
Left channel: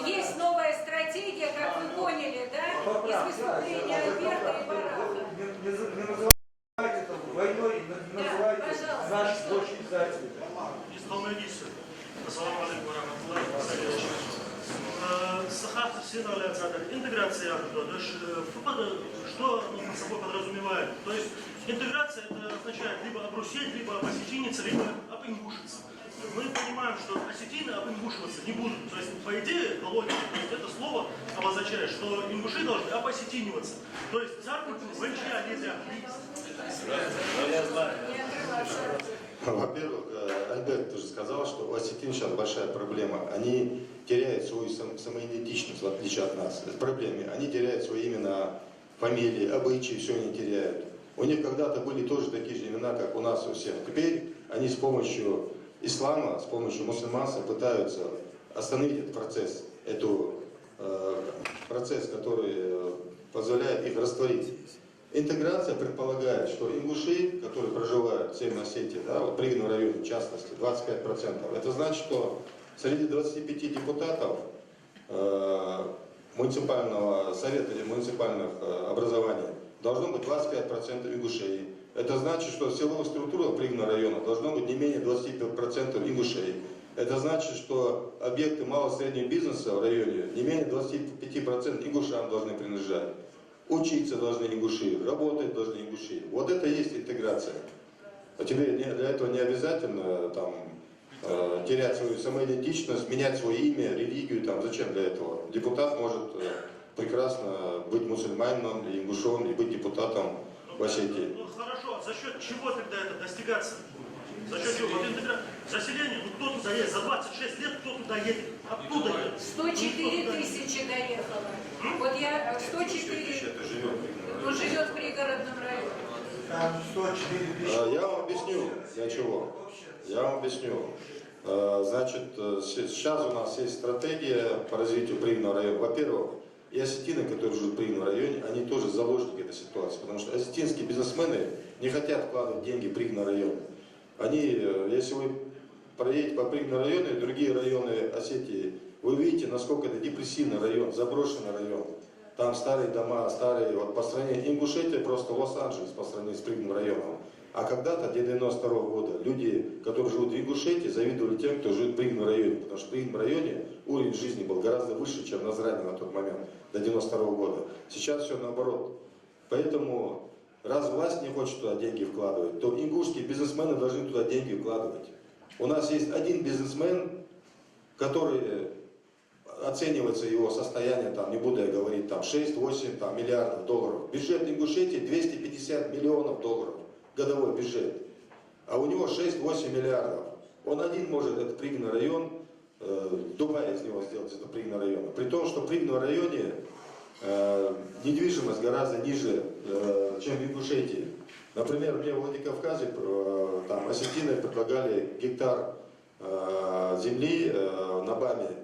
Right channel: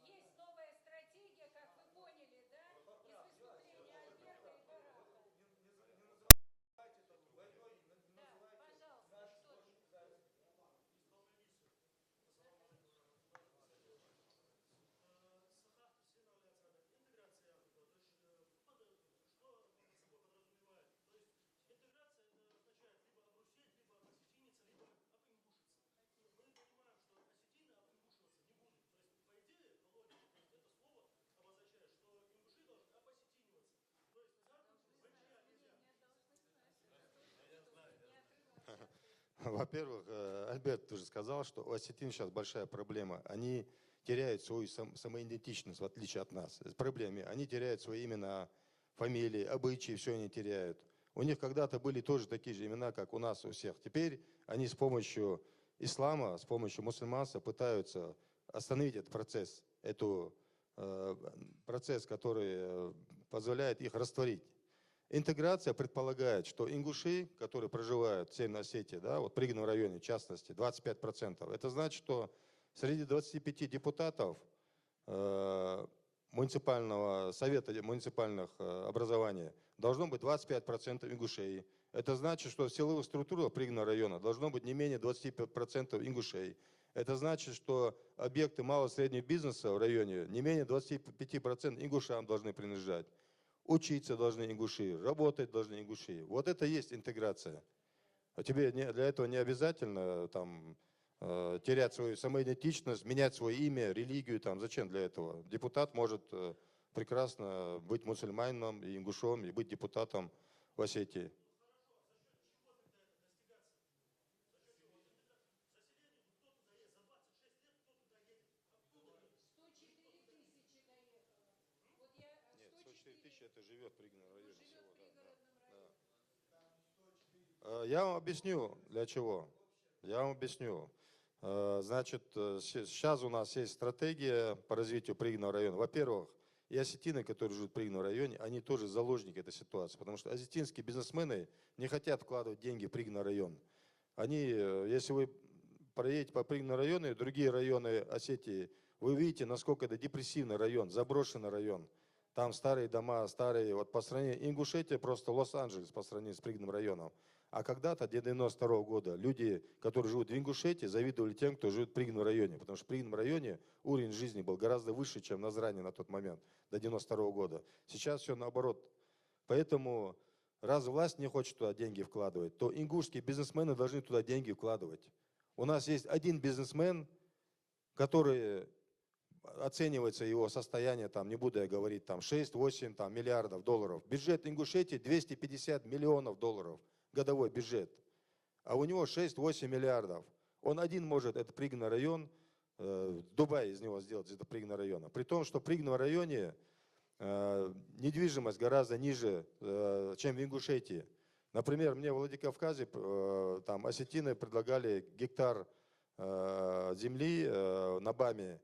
есть новая стратегия, как вы поняли, да? Из выступления Альберта и Бараха. Не называйте это войной, не называйте пожалуйста, наших дочь издателей. Assalamu alaikum wa rahmatullahi wa barakatuh. Сахар Синали Ацадаль. Интеграция, что под собой подразумевает? То есть интеграция это означает либо обрусеть, либо обосетиниться, либо обингушиться. Мы понимаем, что осетины обингушиваться не будут. То есть, по идее, по логике, это слово обозначает, что ингуши должны обосетиниваться. То есть царку венчия нельзя. Во-первых, Альберт тоже сказал, что у осетин сейчас большая проблема. Они теряют свою самоидентичность, в отличие от нас. Это проблема. Они теряют свои имена, фамилии, обычаи, все они теряют. У них когда-то были тоже такие же имена, как у нас у всех. Теперь они с помощью ислама, с помощью мусульманства пытаются остановить этот процесс, процесс, который позволяет их растворить. Интеграция предполагает, что ингуши, которые проживают в Северной Осетии, да, вот в Пригородном районе в частности, 25%, это значит, что среди 25 депутатов муниципального совета или муниципальных образований должно быть 25% ингушей. Это значит, что в силовых структурах Пригородного района должно быть не менее 25% ингушей. Это значит, что объекты малого и среднего бизнеса в районе не менее 25% ингушам должны принадлежать. Учиться должны ингуши, работать должны ингуши. Вот это и есть интеграция. А тебе для этого не обязательно там, терять свою самоидентичность, менять свое имя, религию. Там. Зачем для этого? Депутат может прекрасно быть мусульманином, и ингушом, и быть депутатом в Осетии. Ну хорошо, а за счет чего тогда это достигаться? За счет чего? Вот заселение, ну кто туда едет? За 26 лет кто туда едет? Оттуда едет? 104 тысячи доехало. Вот я 104 ну, живет в пригородном районе. Там 104 тысячи. Я вам объясню, для чего. Я вам объясню. Значит, сейчас у нас есть стратегия по развитию Пригородного района. Во-первых, и осетины, которые живут в Пригородном районе, они тоже заложники этой ситуации. Потому что осетинские бизнесмены не хотят вкладывать деньги в Пригородный район. Они, если вы проедете по Пригородному району и другие районы Осетии, вы увидите, насколько это депрессивный район, заброшенный район. Там старые дома, старые, вот по сравнению, Ингушетия просто Лос-Анджелес по сравнению с Пригородным районом. А когда-то, до 92 года, люди, которые живут в Ингушетии, завидовали тем, кто живет в Пригородном районе. Потому что в Пригородном районе уровень жизни был гораздо выше, чем в Назране на тот момент, до 92 года. Сейчас все наоборот. Поэтому, раз власть не хочет туда деньги вкладывать, то ингушские бизнесмены должны туда деньги вкладывать. У нас есть один бизнесмен, который оценивается его состояние, там, не буду я говорить, там 6-8 миллиардов долларов. Бюджет Ингушетии 250 миллионов долларов, годовой бюджет. А у него 6-8 миллиардов. Он один может этот Пригородный район, Дубай из него сделать, это Пригородный район. При том, что в Пригородном районе недвижимость гораздо ниже, чем в Ингушетии. Например, мне в Владикавказе там осетины предлагали гектар земли на БАМе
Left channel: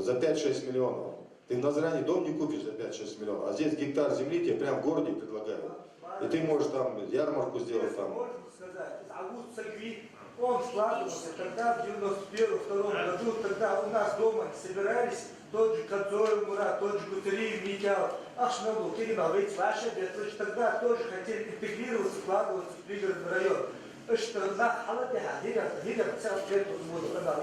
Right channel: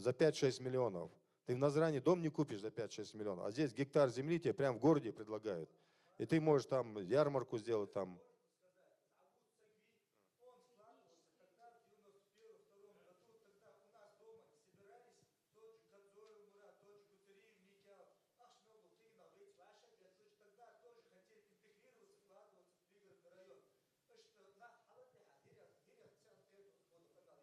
за 5-6 миллионов. Ты в Назране дом не купишь за 5-6 миллионов, а здесь гектар земли тебе прямо в городе предлагают. И ты можешь там ярмарку сделать там. Можно сказать, август Сагви, он складывался тогда, в 91-92 году, тогда у нас дома собирались тот же Кадзой Мурат, тот же Гутариев, Митял, Ашнаду, Киринал, ведь ваши, тогда тоже хотели интегрироваться, складываться в пригородный район. что на Халатеха,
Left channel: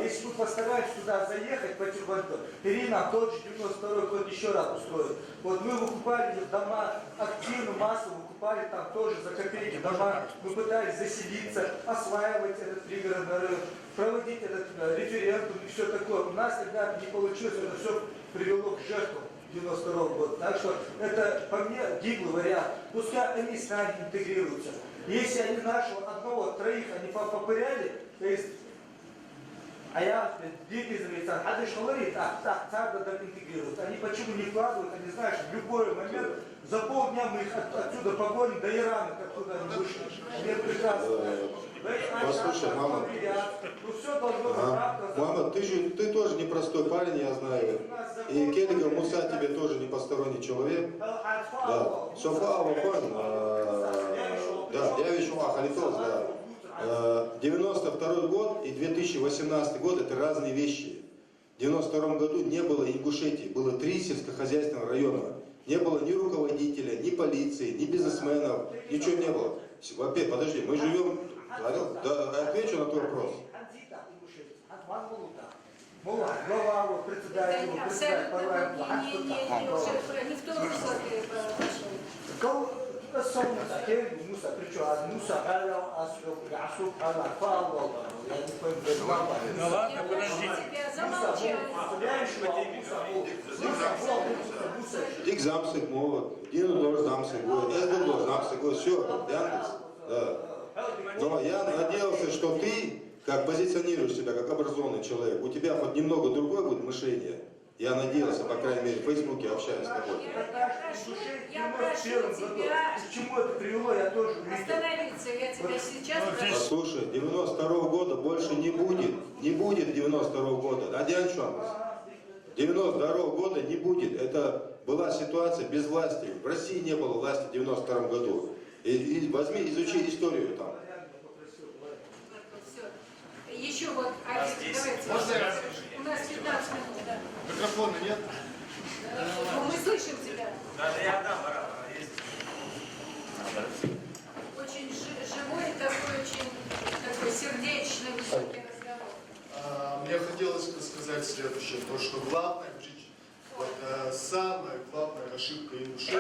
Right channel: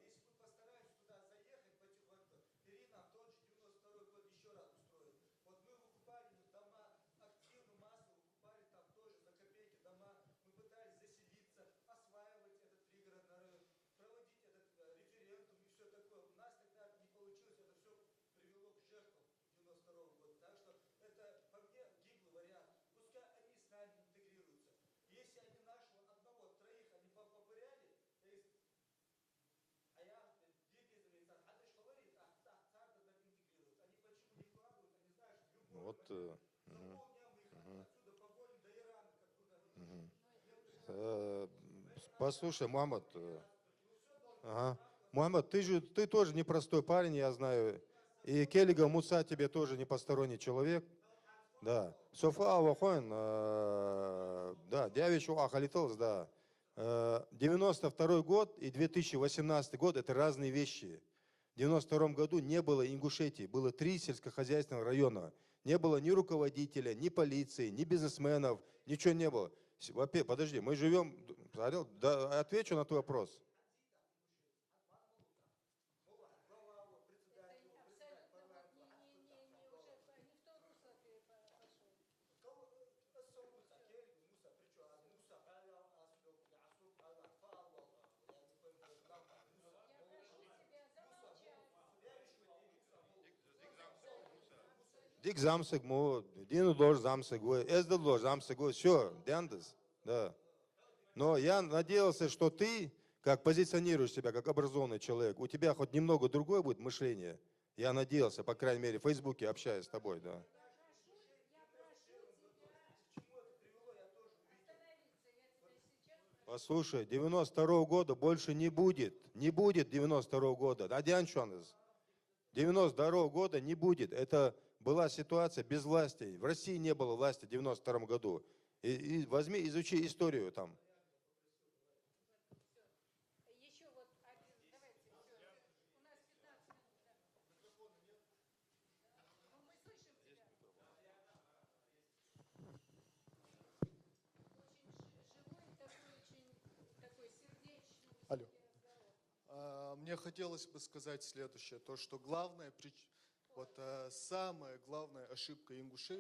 если мы постараемся туда заехать по Тюрбанту, Ирина тот же 92-й год еще раз устроит. Вот мы выкупали дома активно, массово выкупали там тоже за копейки дома, мы пытались заселиться, осваивать этот пригородный район, проводить этот референдум и все такое. У нас, ребята, не получилось, это все привело к жертвам 92-го года. Так что это, по мне, гиблый вариант. Пускай они с нами интегрируются. Если они нашего одного, троих, они попыряли, то есть, а я, дети израильтян, а ты что говорит, так интегрируют. Они почему не вкладывают, они знают, что в любой момент, за полдня мы их отсюда погоним до Ирана, откуда они вышли. Они прекрасно. Послушай, мама. Ну все должно быть правда. Мама, ты тоже непростой парень, я знаю. И Келлига Муса тебе тоже не посторонний человек. Да. Софа Алафан, да, я вижу Халитос, да. 92 год и 2018 год это разные вещи. В 92 году не было Ингушетии, было 3 сельскохозяйственных района. Не было ни руководителя, ни полиции, ни бизнесменов, ничего не было. Во-первых, подожди, мы живем... Да, отвечу на твой вопрос. Это абсолютно не в том русло ты пошел. Ну ладно, подождите. Dik zamsık mı? Yine doğru zamsık bu. Это было замсык, все, Яндекс. Да. Но я надеялся, что ты, как позиционируешь себя, как образованный человек, у тебя хоть немного другое будет мышление. Я надеялся, по крайней мере, в Фейсбуке общаюсь с тобой. Я прошу тебя к чему это привело, я тоже увидел. остановиться. Я тебя сейчас прошу. Послушай, 92 года больше не будет. Не будет 92 года. Адян Шамас. 92 года не будет. Это была ситуация без власти. В России не было власти в 92 году. И возьми, изучи историю там. Еще вот, давайте. У нас 15 минут, да. Микрофона нет? Мы слышим тебя. Даже я отдам, Очень живой, такой очень такой сердечный, высокий разговор. Мне хотелось бы сказать следующее, то что главная, вот, самая главная ошибка ингушей.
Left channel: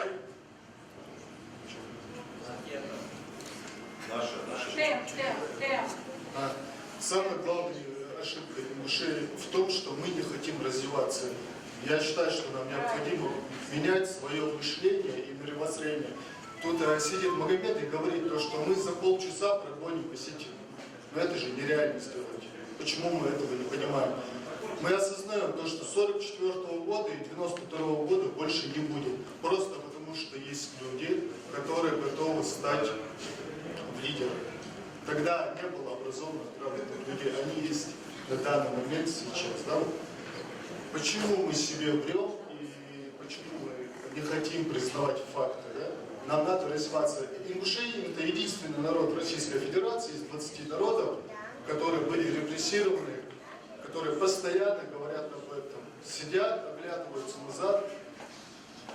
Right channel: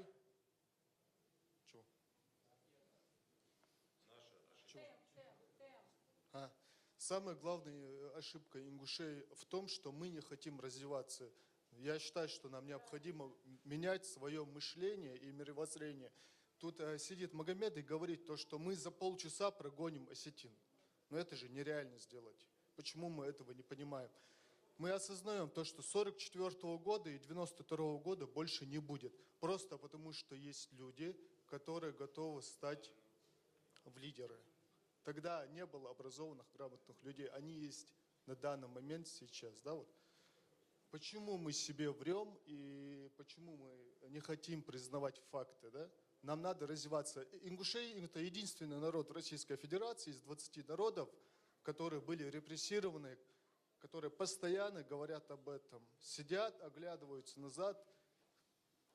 Самая главная ошибка ингушей в том, что мы не хотим развиваться. Я считаю, что нам необходимо менять свое мышление и мировоззрение. Тут сидит Магомед и говорит, то, что мы за полчаса прогоним посетителей. Но это же нереально сделать. Почему мы этого не понимаем? Мы осознаем то, что 44 года и 92 года больше не будет. Просто потому, что есть люди, которые готовы стать лидерами. Тогда не было образованных, грамотных людей. Они есть на данный момент сейчас. Да? Почему мы себе врем и почему мы не хотим признавать факты? Да? Нам надо развиваться. Ингушетия – это единственный народ Российской Федерации из 20 народов, которые были репрессированы, которые постоянно говорят об этом, сидят, оглядываются назад.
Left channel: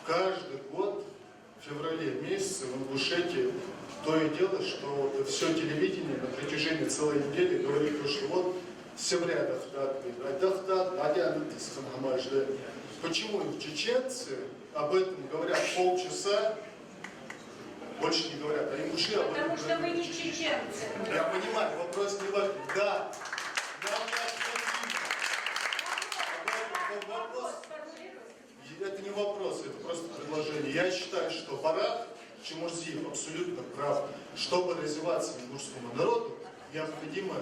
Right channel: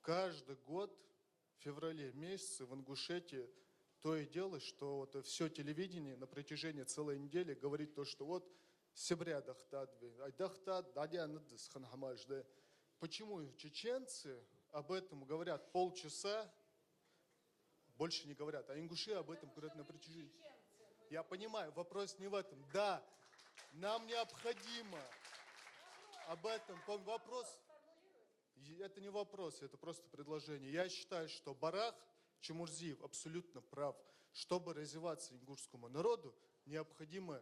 Каждый год в феврале месяце в Ингушетии то и дело, что все телевидение на протяжении целой недели говорит, что вот семья Почему чеченцы об этом говорят полчаса, больше не говорят, а ингуши об этом Потому что вы не чеченцы. Я понимаю, вопрос не в этом. Да, нам необходимо. Вопрос, это не вопрос, это просто предложение. Я считаю, что Барат Чемурзиев абсолютно прав. Чтобы развиваться ингушскому народу, необходимо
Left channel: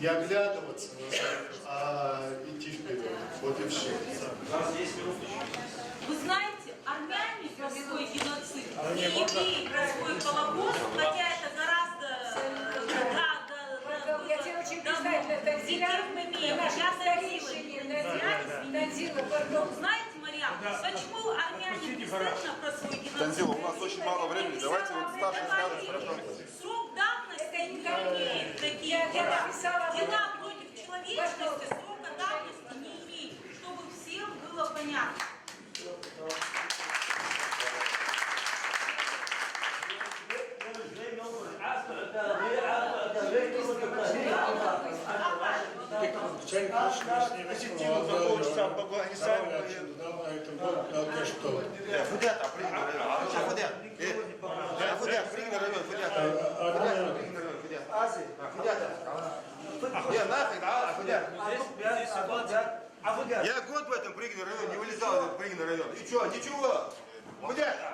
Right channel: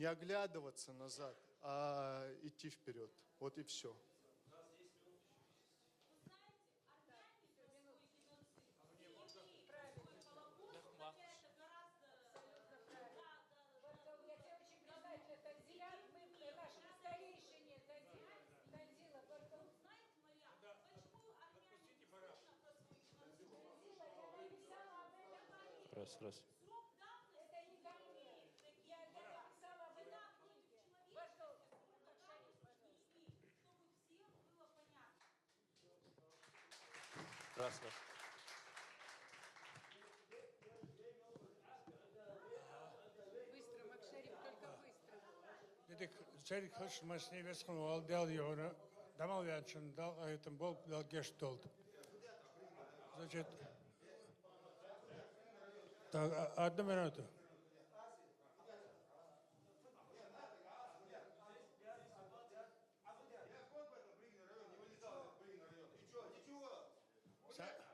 не оглядываться назад, а идти вперед. Вот и все. Вы знаете, армяне про свой геноцид и евреи про свой Холокост, хотя это гораздо... Я тебе очень признательна, Танзила. Наша старейшина Танзила, пардон. Знаете, Марьям, почему армяне не стыдно про свой геноцид? Танзила, у нас очень мало времени, давайте вот старший скажет, хорошо. Срок давности не имеет такие дела. Дела против человечности срока давности не имеет, чтобы всем было понятно. позитивно закончится в Афганистане. Фудята, пригнал район. Фудят, пригнал район, Фудят. Я год в этом пригнал район, не вылезал в этот пригнал район. И что, ничего? Фудята.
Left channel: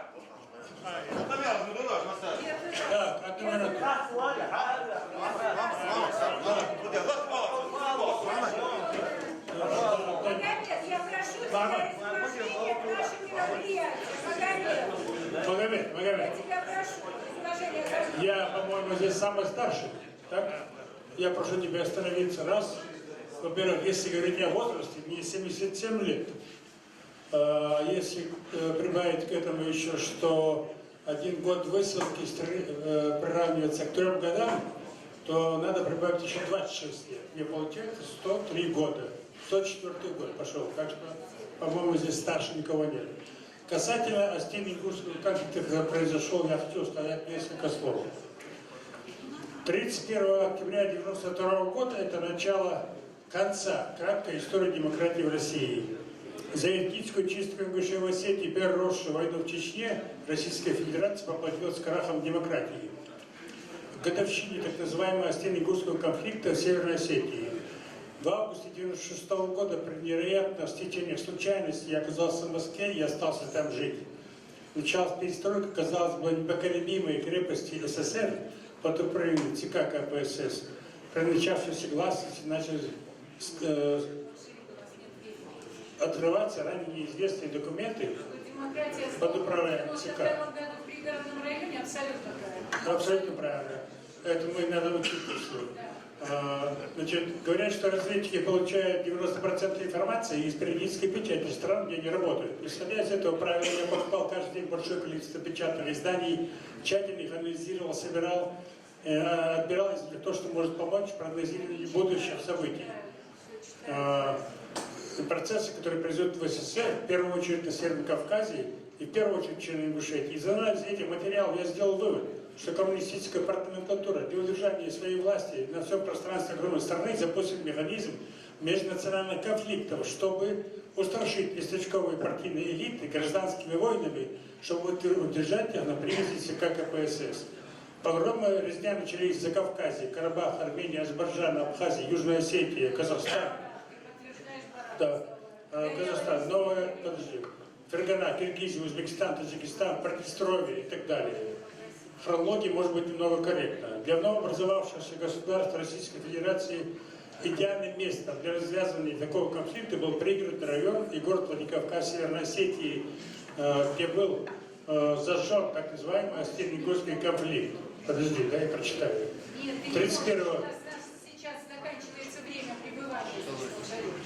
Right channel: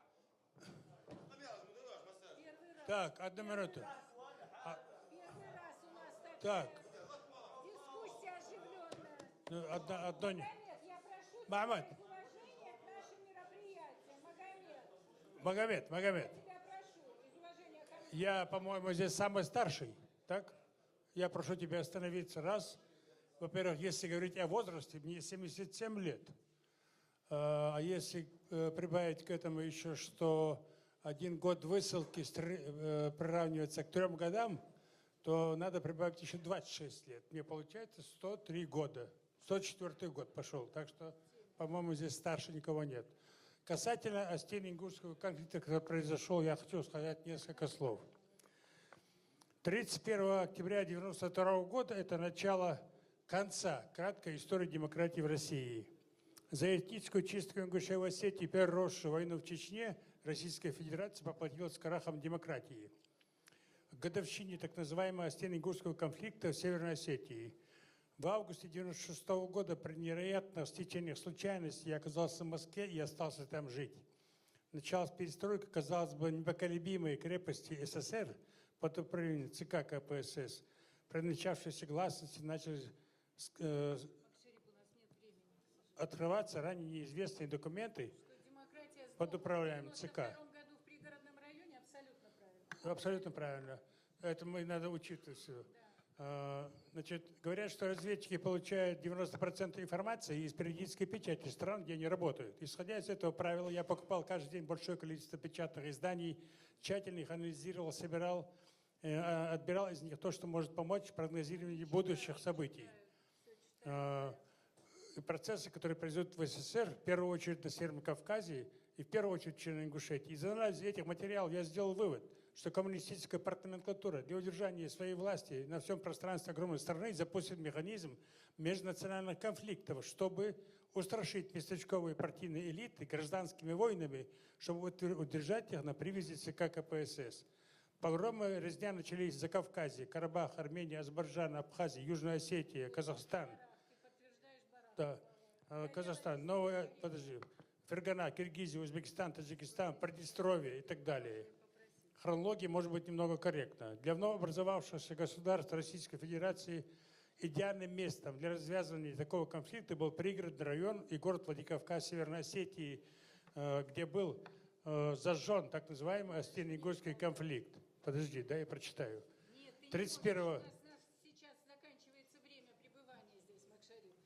Так, одну минуту. Я прошу тебя изложение наших мероприятий. Магомед, Я тебя прошу, изложение каждого. я, по-моему, здесь самый старший, так? Я прошу тебя остановиться. Раз, во-первых, если говорить о возрасте, мне 77 лет. Если прибавить к этому еще, что 1 год высылки приравнивается к 3 годам, то надо прибавить еще 26 лет. Мне получается 103 года. 104 год пошел. Так что, по-моему, здесь старше никого нет. Касательно Остинно-Ингушского конфликта, когда произошел, я хочу сказать несколько слов. 31 октября 1992 года это начало конца краткой истории демократии в России. За этническую чистку Ингушей в Осетии и переросшую войну в Чечне Российская Федерация поплатилась крахом демократии. К годовщине так называемого Остинно-Ингушского конфликта в Северной Осетии. В августе 1996 года при невероятном стечении случайностей я оказался в Москве и остался там жить. Началась перестройка, казалось бы, непоколебимой крепости СССР под управлением ЦК КПСС. При начавшейся гласности начали открываться ранее неизвестные документы под управлением ЦК. В первом году в пригородном районе абсолютно правильно. Абсолютно правильно. Поэтому и надо учиться. Значит, говорят, что разведчики получают 90% информации из периодической печати стран, где они работают. Исходя из этого правила, я покупал каждый день большое количество печатных изданий, тщательно их анализировал, собирал, отбирал из них то, что может помочь в прогнозировании будущих событий. Процессы, которые произойдут в СССР, в первую очередь на Северном Кавказе и в первую очередь в Черно-Ингушетии. Из анализа этих материалов я сделал вывод, что коммунистическая партия для удержания своей власти на всем пространстве огромной страны запустит механизм межнациональных конфликтов, чтобы устрашить местечковые партийные элиты гражданскими войнами, чтобы удержать их на привязи ЦК КПСС. Погромы резня начались в Закавказье, Карабах, Армения, Азербайджан, Абхазия, Южная Осетия, Казахстан. Да, Казахстан, Фергана, Киргизия, Узбекистан, Таджикистан, Приднестровье и так далее. Хронология может быть немного корректна. Для новообразовавшегося государства Российской Федерации идеальным местом для развязывания такого конфликта был пригородный район и город Владикавказ Северной Осетии, где был зажжен так называемый Остинно-Ингушский конфликт. Подожди, да, я прочитаю. 31-го. Сейчас заканчивается время пребывания.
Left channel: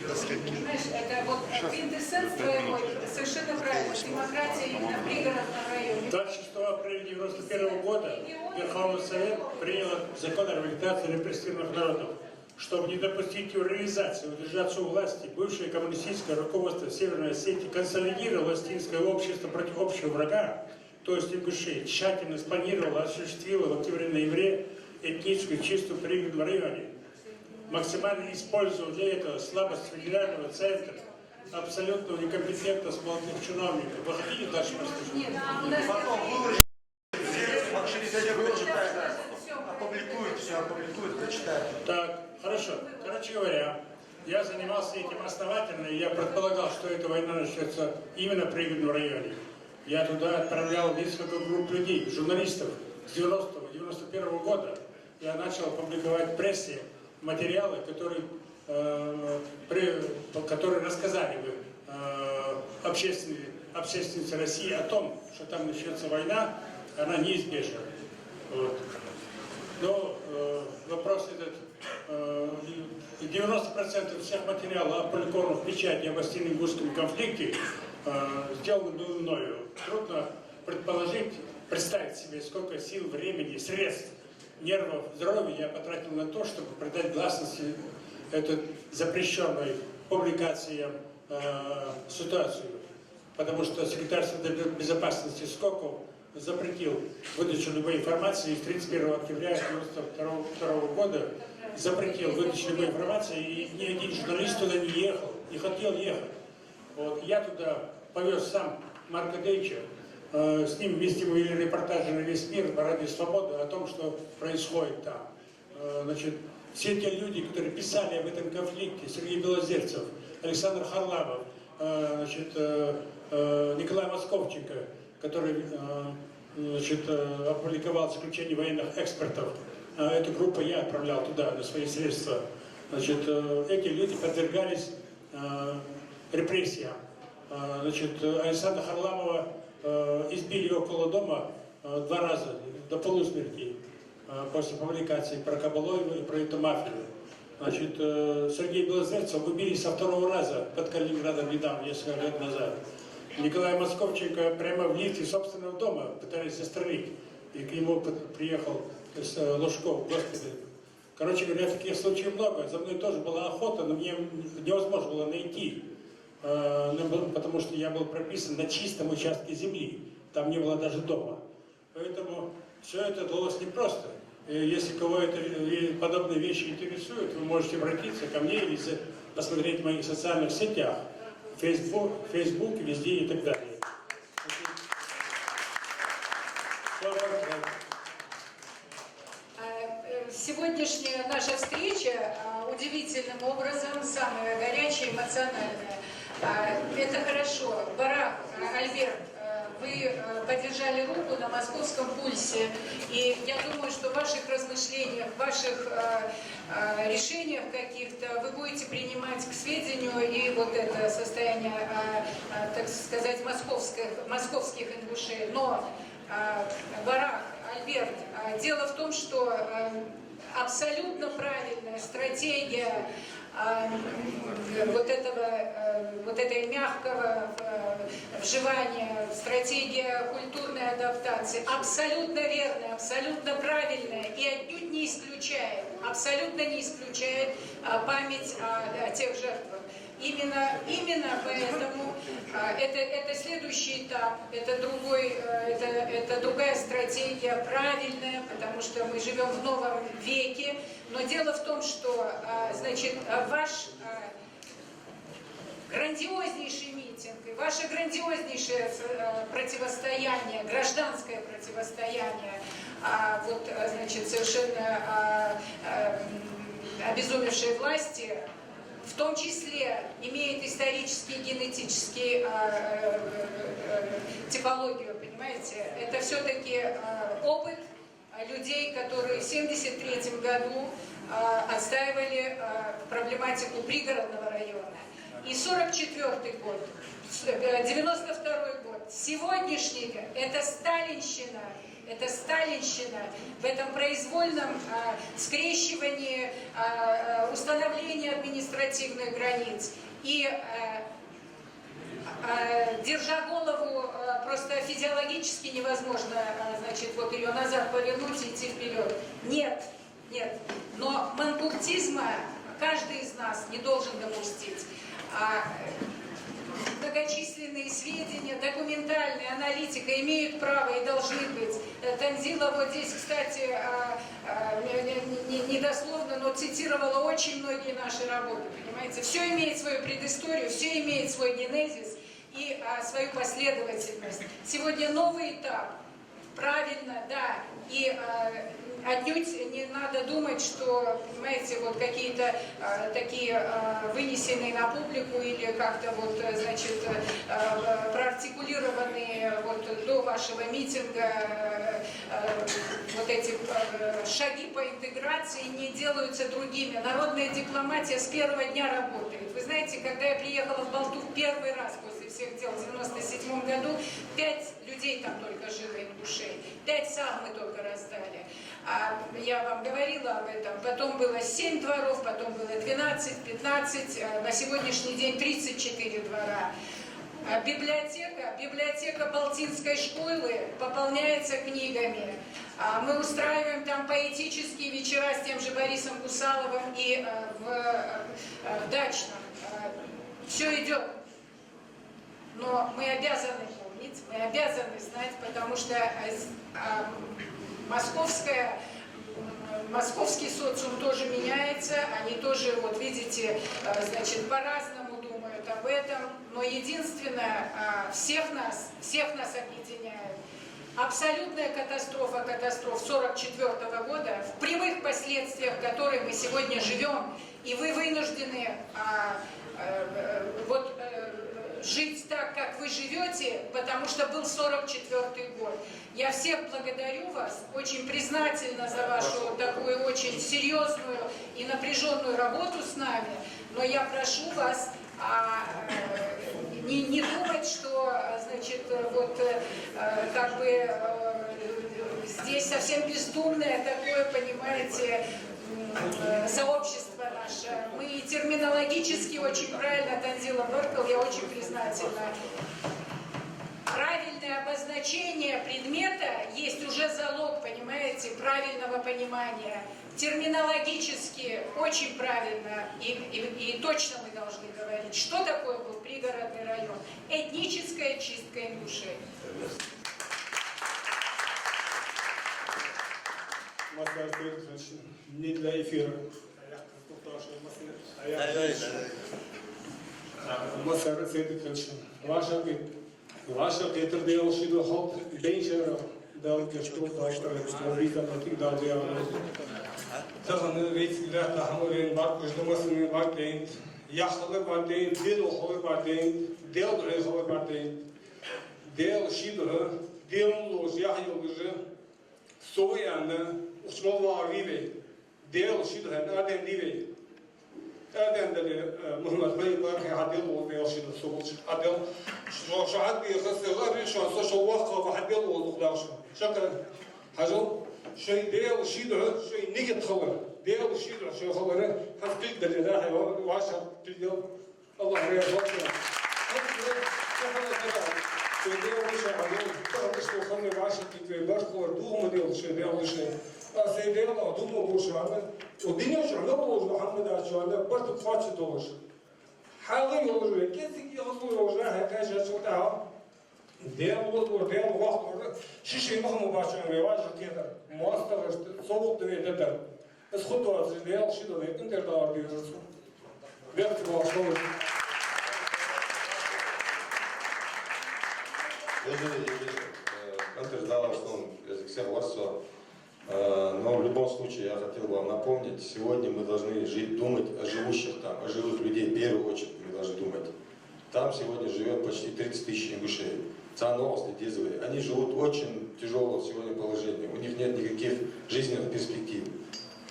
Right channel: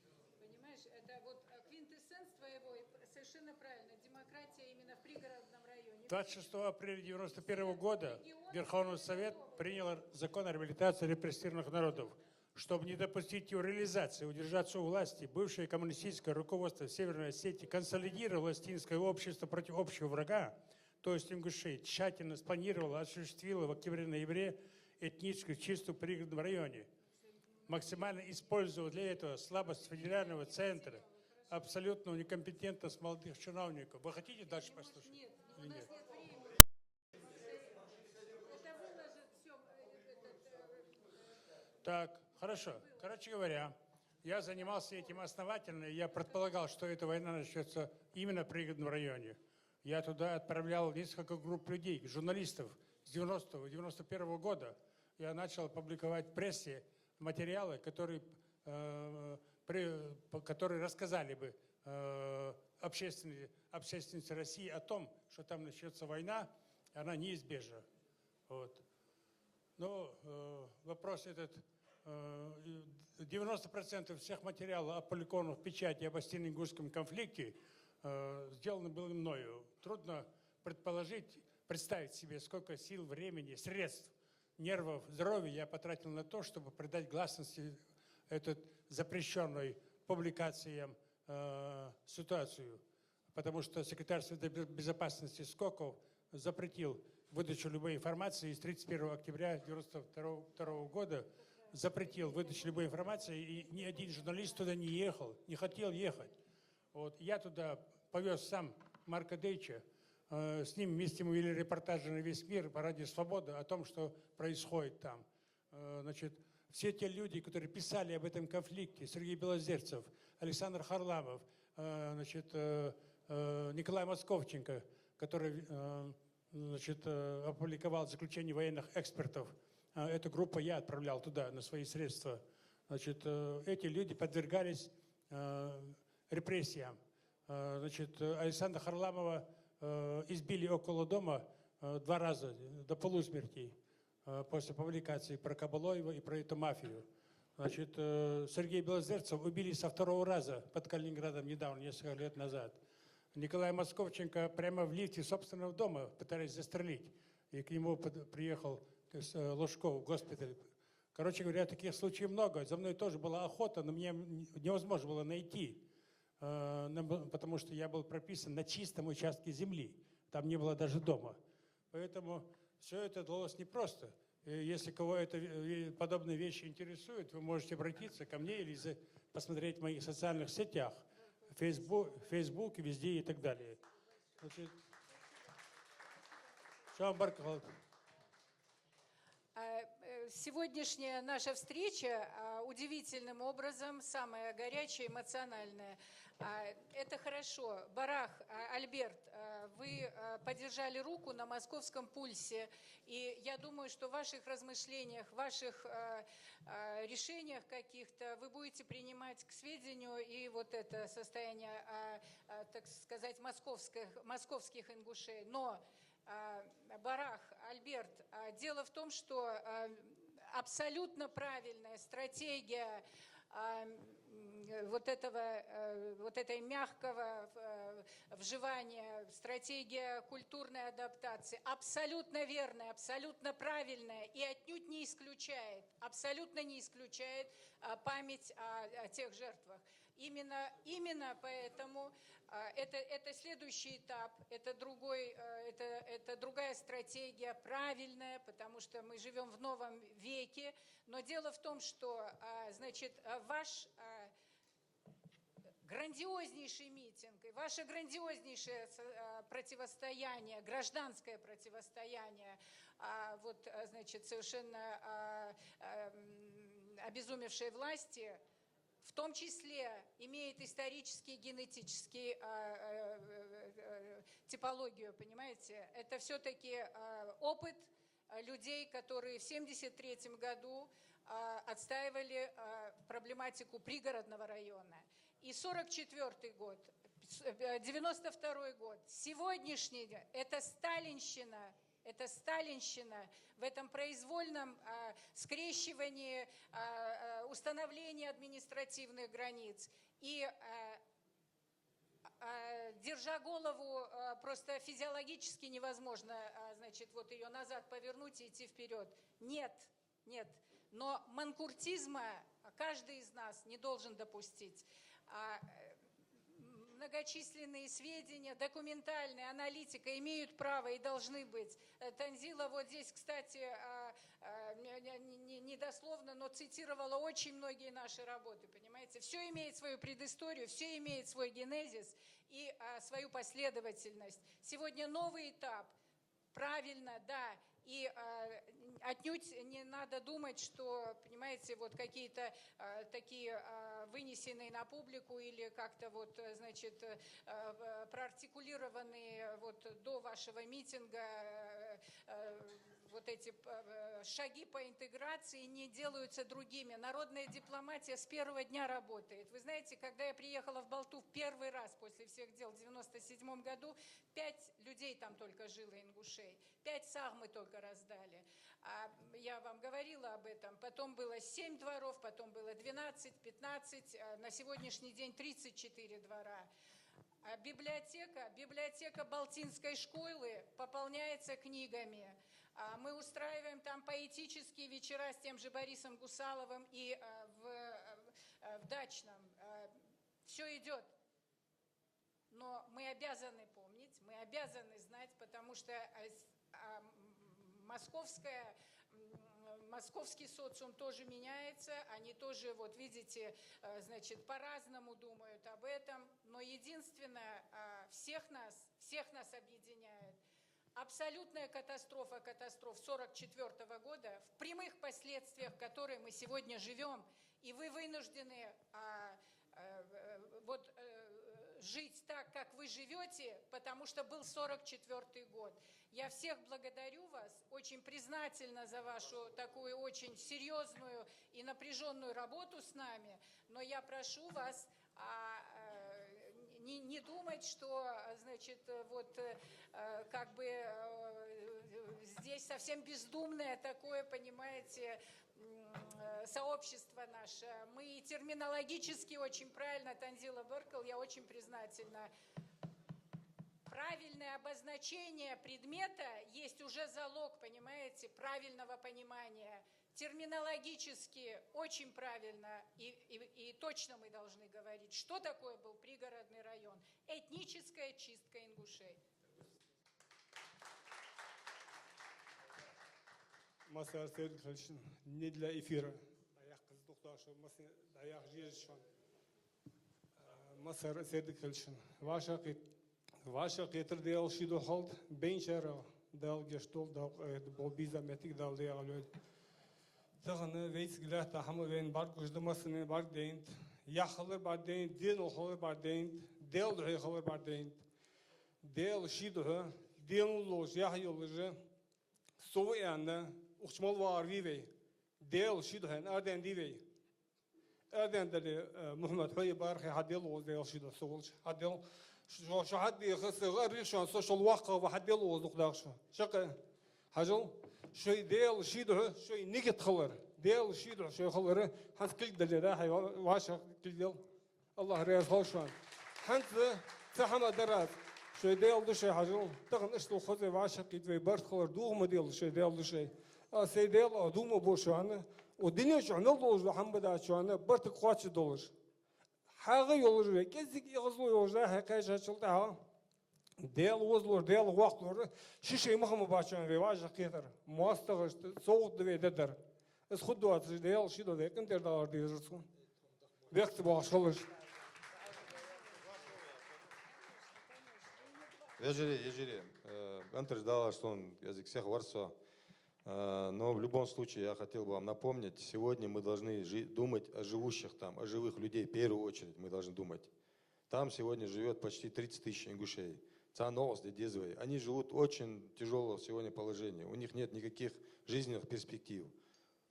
Понимаешь, это вот квинтэссенс твоего, совершенно правильно. Демократия именно в пригородном районе. 26 апреля 1991 года Верховный Совет принял закон о реабилитации репрессированных народов. Чтобы не допустить его реализации, удержаться у власти, бывшее коммунистическое руководство Северной Осетии консолидировало остинское общество против общего врага, то есть ингушей, тщательно спланировало, осуществило в октябре-ноябре этническую чистку в пригородном районе. Максимально использовал для этого слабость федерального центра, абсолютно некомпетентность молодых чиновников. Вы хотите дальше послушать? Опубликуют, все опубликуют, прочитают. Так, хорошо. Короче говоря, я занимался этим основательно, и я предполагал, что эта война начнется именно в пригородном районе. Я туда отправлял несколько групп людей, журналистов с 90-91 года. Я начал публиковать в прессе материалы, которые рассказали бы общественнице России о том, что там начнется война, она неизбежна. Вот. Но вопрос этот, 90% всех материалов, опубликованных в печати об Остинно-Ингушском конфликте, сделаны было мною. Трудно представить себе, сколько сил, времени, средств, нервов, здоровья я потратил на то, чтобы придать гласности этой запрещенной публикациям ситуацию. Потому что секретарь Совета безопасности Скоков запретил выдачу любой информации с 31 октября 1992 года запретил выдачу любой информации, и ни один журналист туда не ехал, не хотел ехать. Вот. Я туда повез сам Марка Дейча, с ним вместе мы вели репортажи на весь мир по радио «Свобода» о том, что происходит там. Значит, все те люди, которые писали об этом конфликте, Сергей Белозерцев, Александр Харламов, значит, Николай Московченко, который значит, опубликовал заключение военных экспертов. Эту группу я отправлял туда на свои средства. Значит, эти люди подвергались репрессиям. Значит, Александра Харламова избили около дома 2 раза до полусмерти после публикации про Кабалоева и про эту мафию. Значит, Сергей Белозерцев убили со 2-го раза под Калининградом недавно, несколько лет назад. Николай Московченко прямо в лифте собственного дома пытались застрелить. И к нему приехал Лужков, госпиталь. Короче говоря, таких случаев много. За мной тоже была охота, но мне невозможно было найти. Потому что я был прописан на чистом участке земли. Там не было даже дома. Поэтому все это далось непросто. Если кого это подобные вещи интересуют, вы можете обратиться ко мне или посмотреть в моих социальных сетях. Facebook, везде и так далее. Сегодняшняя наша встреча удивительным образом, самая горячая, эмоциональная. Это хорошо. Барак, Альберт, вы подержали руку на московском пульсе, и я думаю, что в ваших размышлениях, в ваших решениях каких-то вы будете принимать к сведению и вот это состояние, так сказать, московских ингушей. Но, Барак, Альберт, дело в том, что абсолютно правильная стратегия вот этой мягкого вживания, стратегия культурной адаптации абсолютно верная, абсолютно правильная и отнюдь не исключает, абсолютно не исключает память о тех жертвах. Именно поэтому это следующий этап, это другая стратегия, правильная, потому что мы живем в новом веке. Но дело в том, что значит, ваш грандиознейший митинг и ваше грандиознейшее противостояние, гражданское противостояние, вот, значит, совершенно обезумевшей власти, в том числе имеет исторический, генетический типологию, понимаете? Это все-таки опыт людей, которые в 1973 году отстаивали проблематику пригородного района. И 1944 год, 1992 год, сегодняшний – это сталинщина. Это сталинщина в этом произвольном скрещивании, установлении административных границ. И держа голову, просто физиологически невозможно, значит, вот ее назад повернуть и идти вперед. Нет. Но манкуртизма каждый из нас не должен допустить. Многочисленные сведения, документальная аналитика имеют право и должны быть. Танзила вот здесь, кстати, недословно, но цитировала очень многие наши работы, понимаете. Все имеет свою предысторию, все имеет свой генезис и свою последовательность. Сегодня новый этап. Правильно, да. И отнюдь не надо думать, что, понимаете, вот какие-то такие вынесенные на публику или как-то вот, значит, проартикулированные вот до вашего митинга вот эти шаги по интеграции не делаются другими. Народная дипломатия с первого дня работает. Вы знаете, когда я приехала в Балту в первый раз после всех дел в 1997 году, 5 людей там только жило, ингушей, 5 сал мы только раздали. Я вам говорила об этом. Потом было 7 дворов, потом было 12, 15, на сегодняшний день 34 двора. Библиотека Балтинской школы пополняется книгами. Мы устраиваем там поэтические вечера с тем же Борисом Кусаловым и в Дачном. Все идет. Но мы обязаны помнить, мы обязаны знать, потому что московская московский социум тоже меняется, они тоже, вот видите, значит, по-разному думают об этом, но единственное, всех нас объединяет абсолютная катастрофа 1944 года, в прямых последствиях которой мы сегодня живем, и вы вынуждены жить так, как вы живете, потому что был 1944 год. Я всех благодарю вас, очень признательна за вашу такую очень серьезную и напряженную работу с нами, но я прошу вас не думать, что, значит, вот как бы здесь совсем бездумное такое, понимаете, сообщество наше. Мы терминологически очень правильно, Танзила Беркл, я очень признательна. Правильное обозначение предмета есть уже залог, понимаете, правильного понимания. Терминологически очень правильно и точно мы должны говорить, что такое был пригородный район. Этническая чистка ингушей. Не для эфира. Ваша geëtableerde de hand bezig dat je stopt als er niet aan het dat je dat een weet dat hammer in wat dus de massen wat deed jachtelen wat deed deel hoor wat deed deel de hoor wat deed deel schilderen deel los ja je zo ja osmova vive deel schilderen naar den die أردن محمد بن بارك عدل وبيوشي الصوت عدل شو عاد بيخص غير شو وقت وحدل وضخلاش شكل حاجة شيء ديال شيء ده شيء نيجي تخبر ديال شيء ده شيء خبره هتكلك دلنا واشر تلقى الله يرحمه هذا سبحان الله ديال وش هذول ترى شو خلني واشر تلقى باش خبر دوم ديال شيء ديال وش سيدنا دوم وش هذا ودينا شو نقول محمد عشان برد قاتش دوش حاضر يقولوا كيف يقولوا وجهه كاش شو تعال ديال وقت ديال وقت شيء مهم مباشر رواج كذا مواصلة صوت ده اسخطوا ديال شيء ده كنت دار ديال بيعطي باشور Антер ждала, что он язык всех вас, но в любом случае я хотел бы вам напомнить, сегодня мы должны жить, думать о живущих там, о живых людей, в первую очередь мы должны думать. Там сегодня живет почти 30 тысяч ингушей. Они живут очень тяжелое сегодня положение, у них нет никаких жизненных перспектив.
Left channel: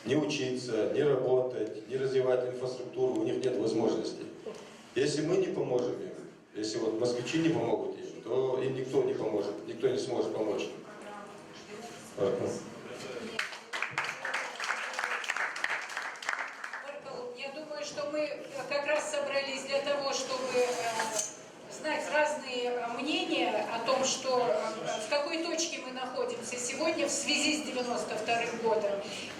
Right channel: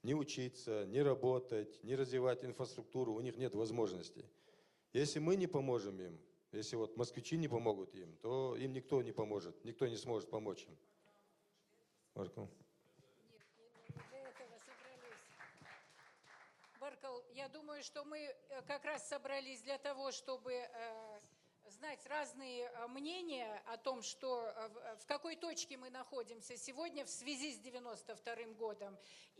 Не учиться, не работать, не развивать инфраструктуру, у них нет возможностей. Если мы не поможем им, если вот москвичи не помогут им, то им никто не поможет, никто не сможет помочь. Я думаю, что мы как раз собрались для того, чтобы знать разные мнения о том, что в какой точке мы находимся сегодня в связи с 92-м годом,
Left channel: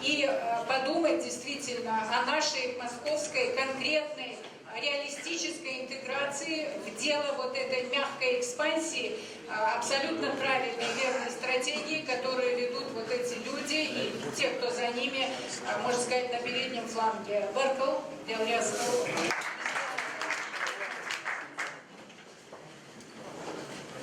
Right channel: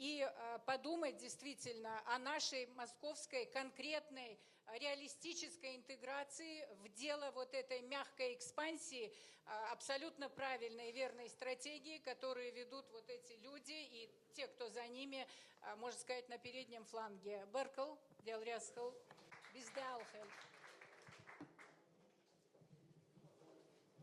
и подумать действительно о нашей московской конкретной реалистической интеграции в дело вот этой мягкой экспансии, абсолютно правильной и верной стратегии, которую ведут вот эти люди и те, кто за ними, можно сказать, на переднем фланге. Беркл, Делрязков.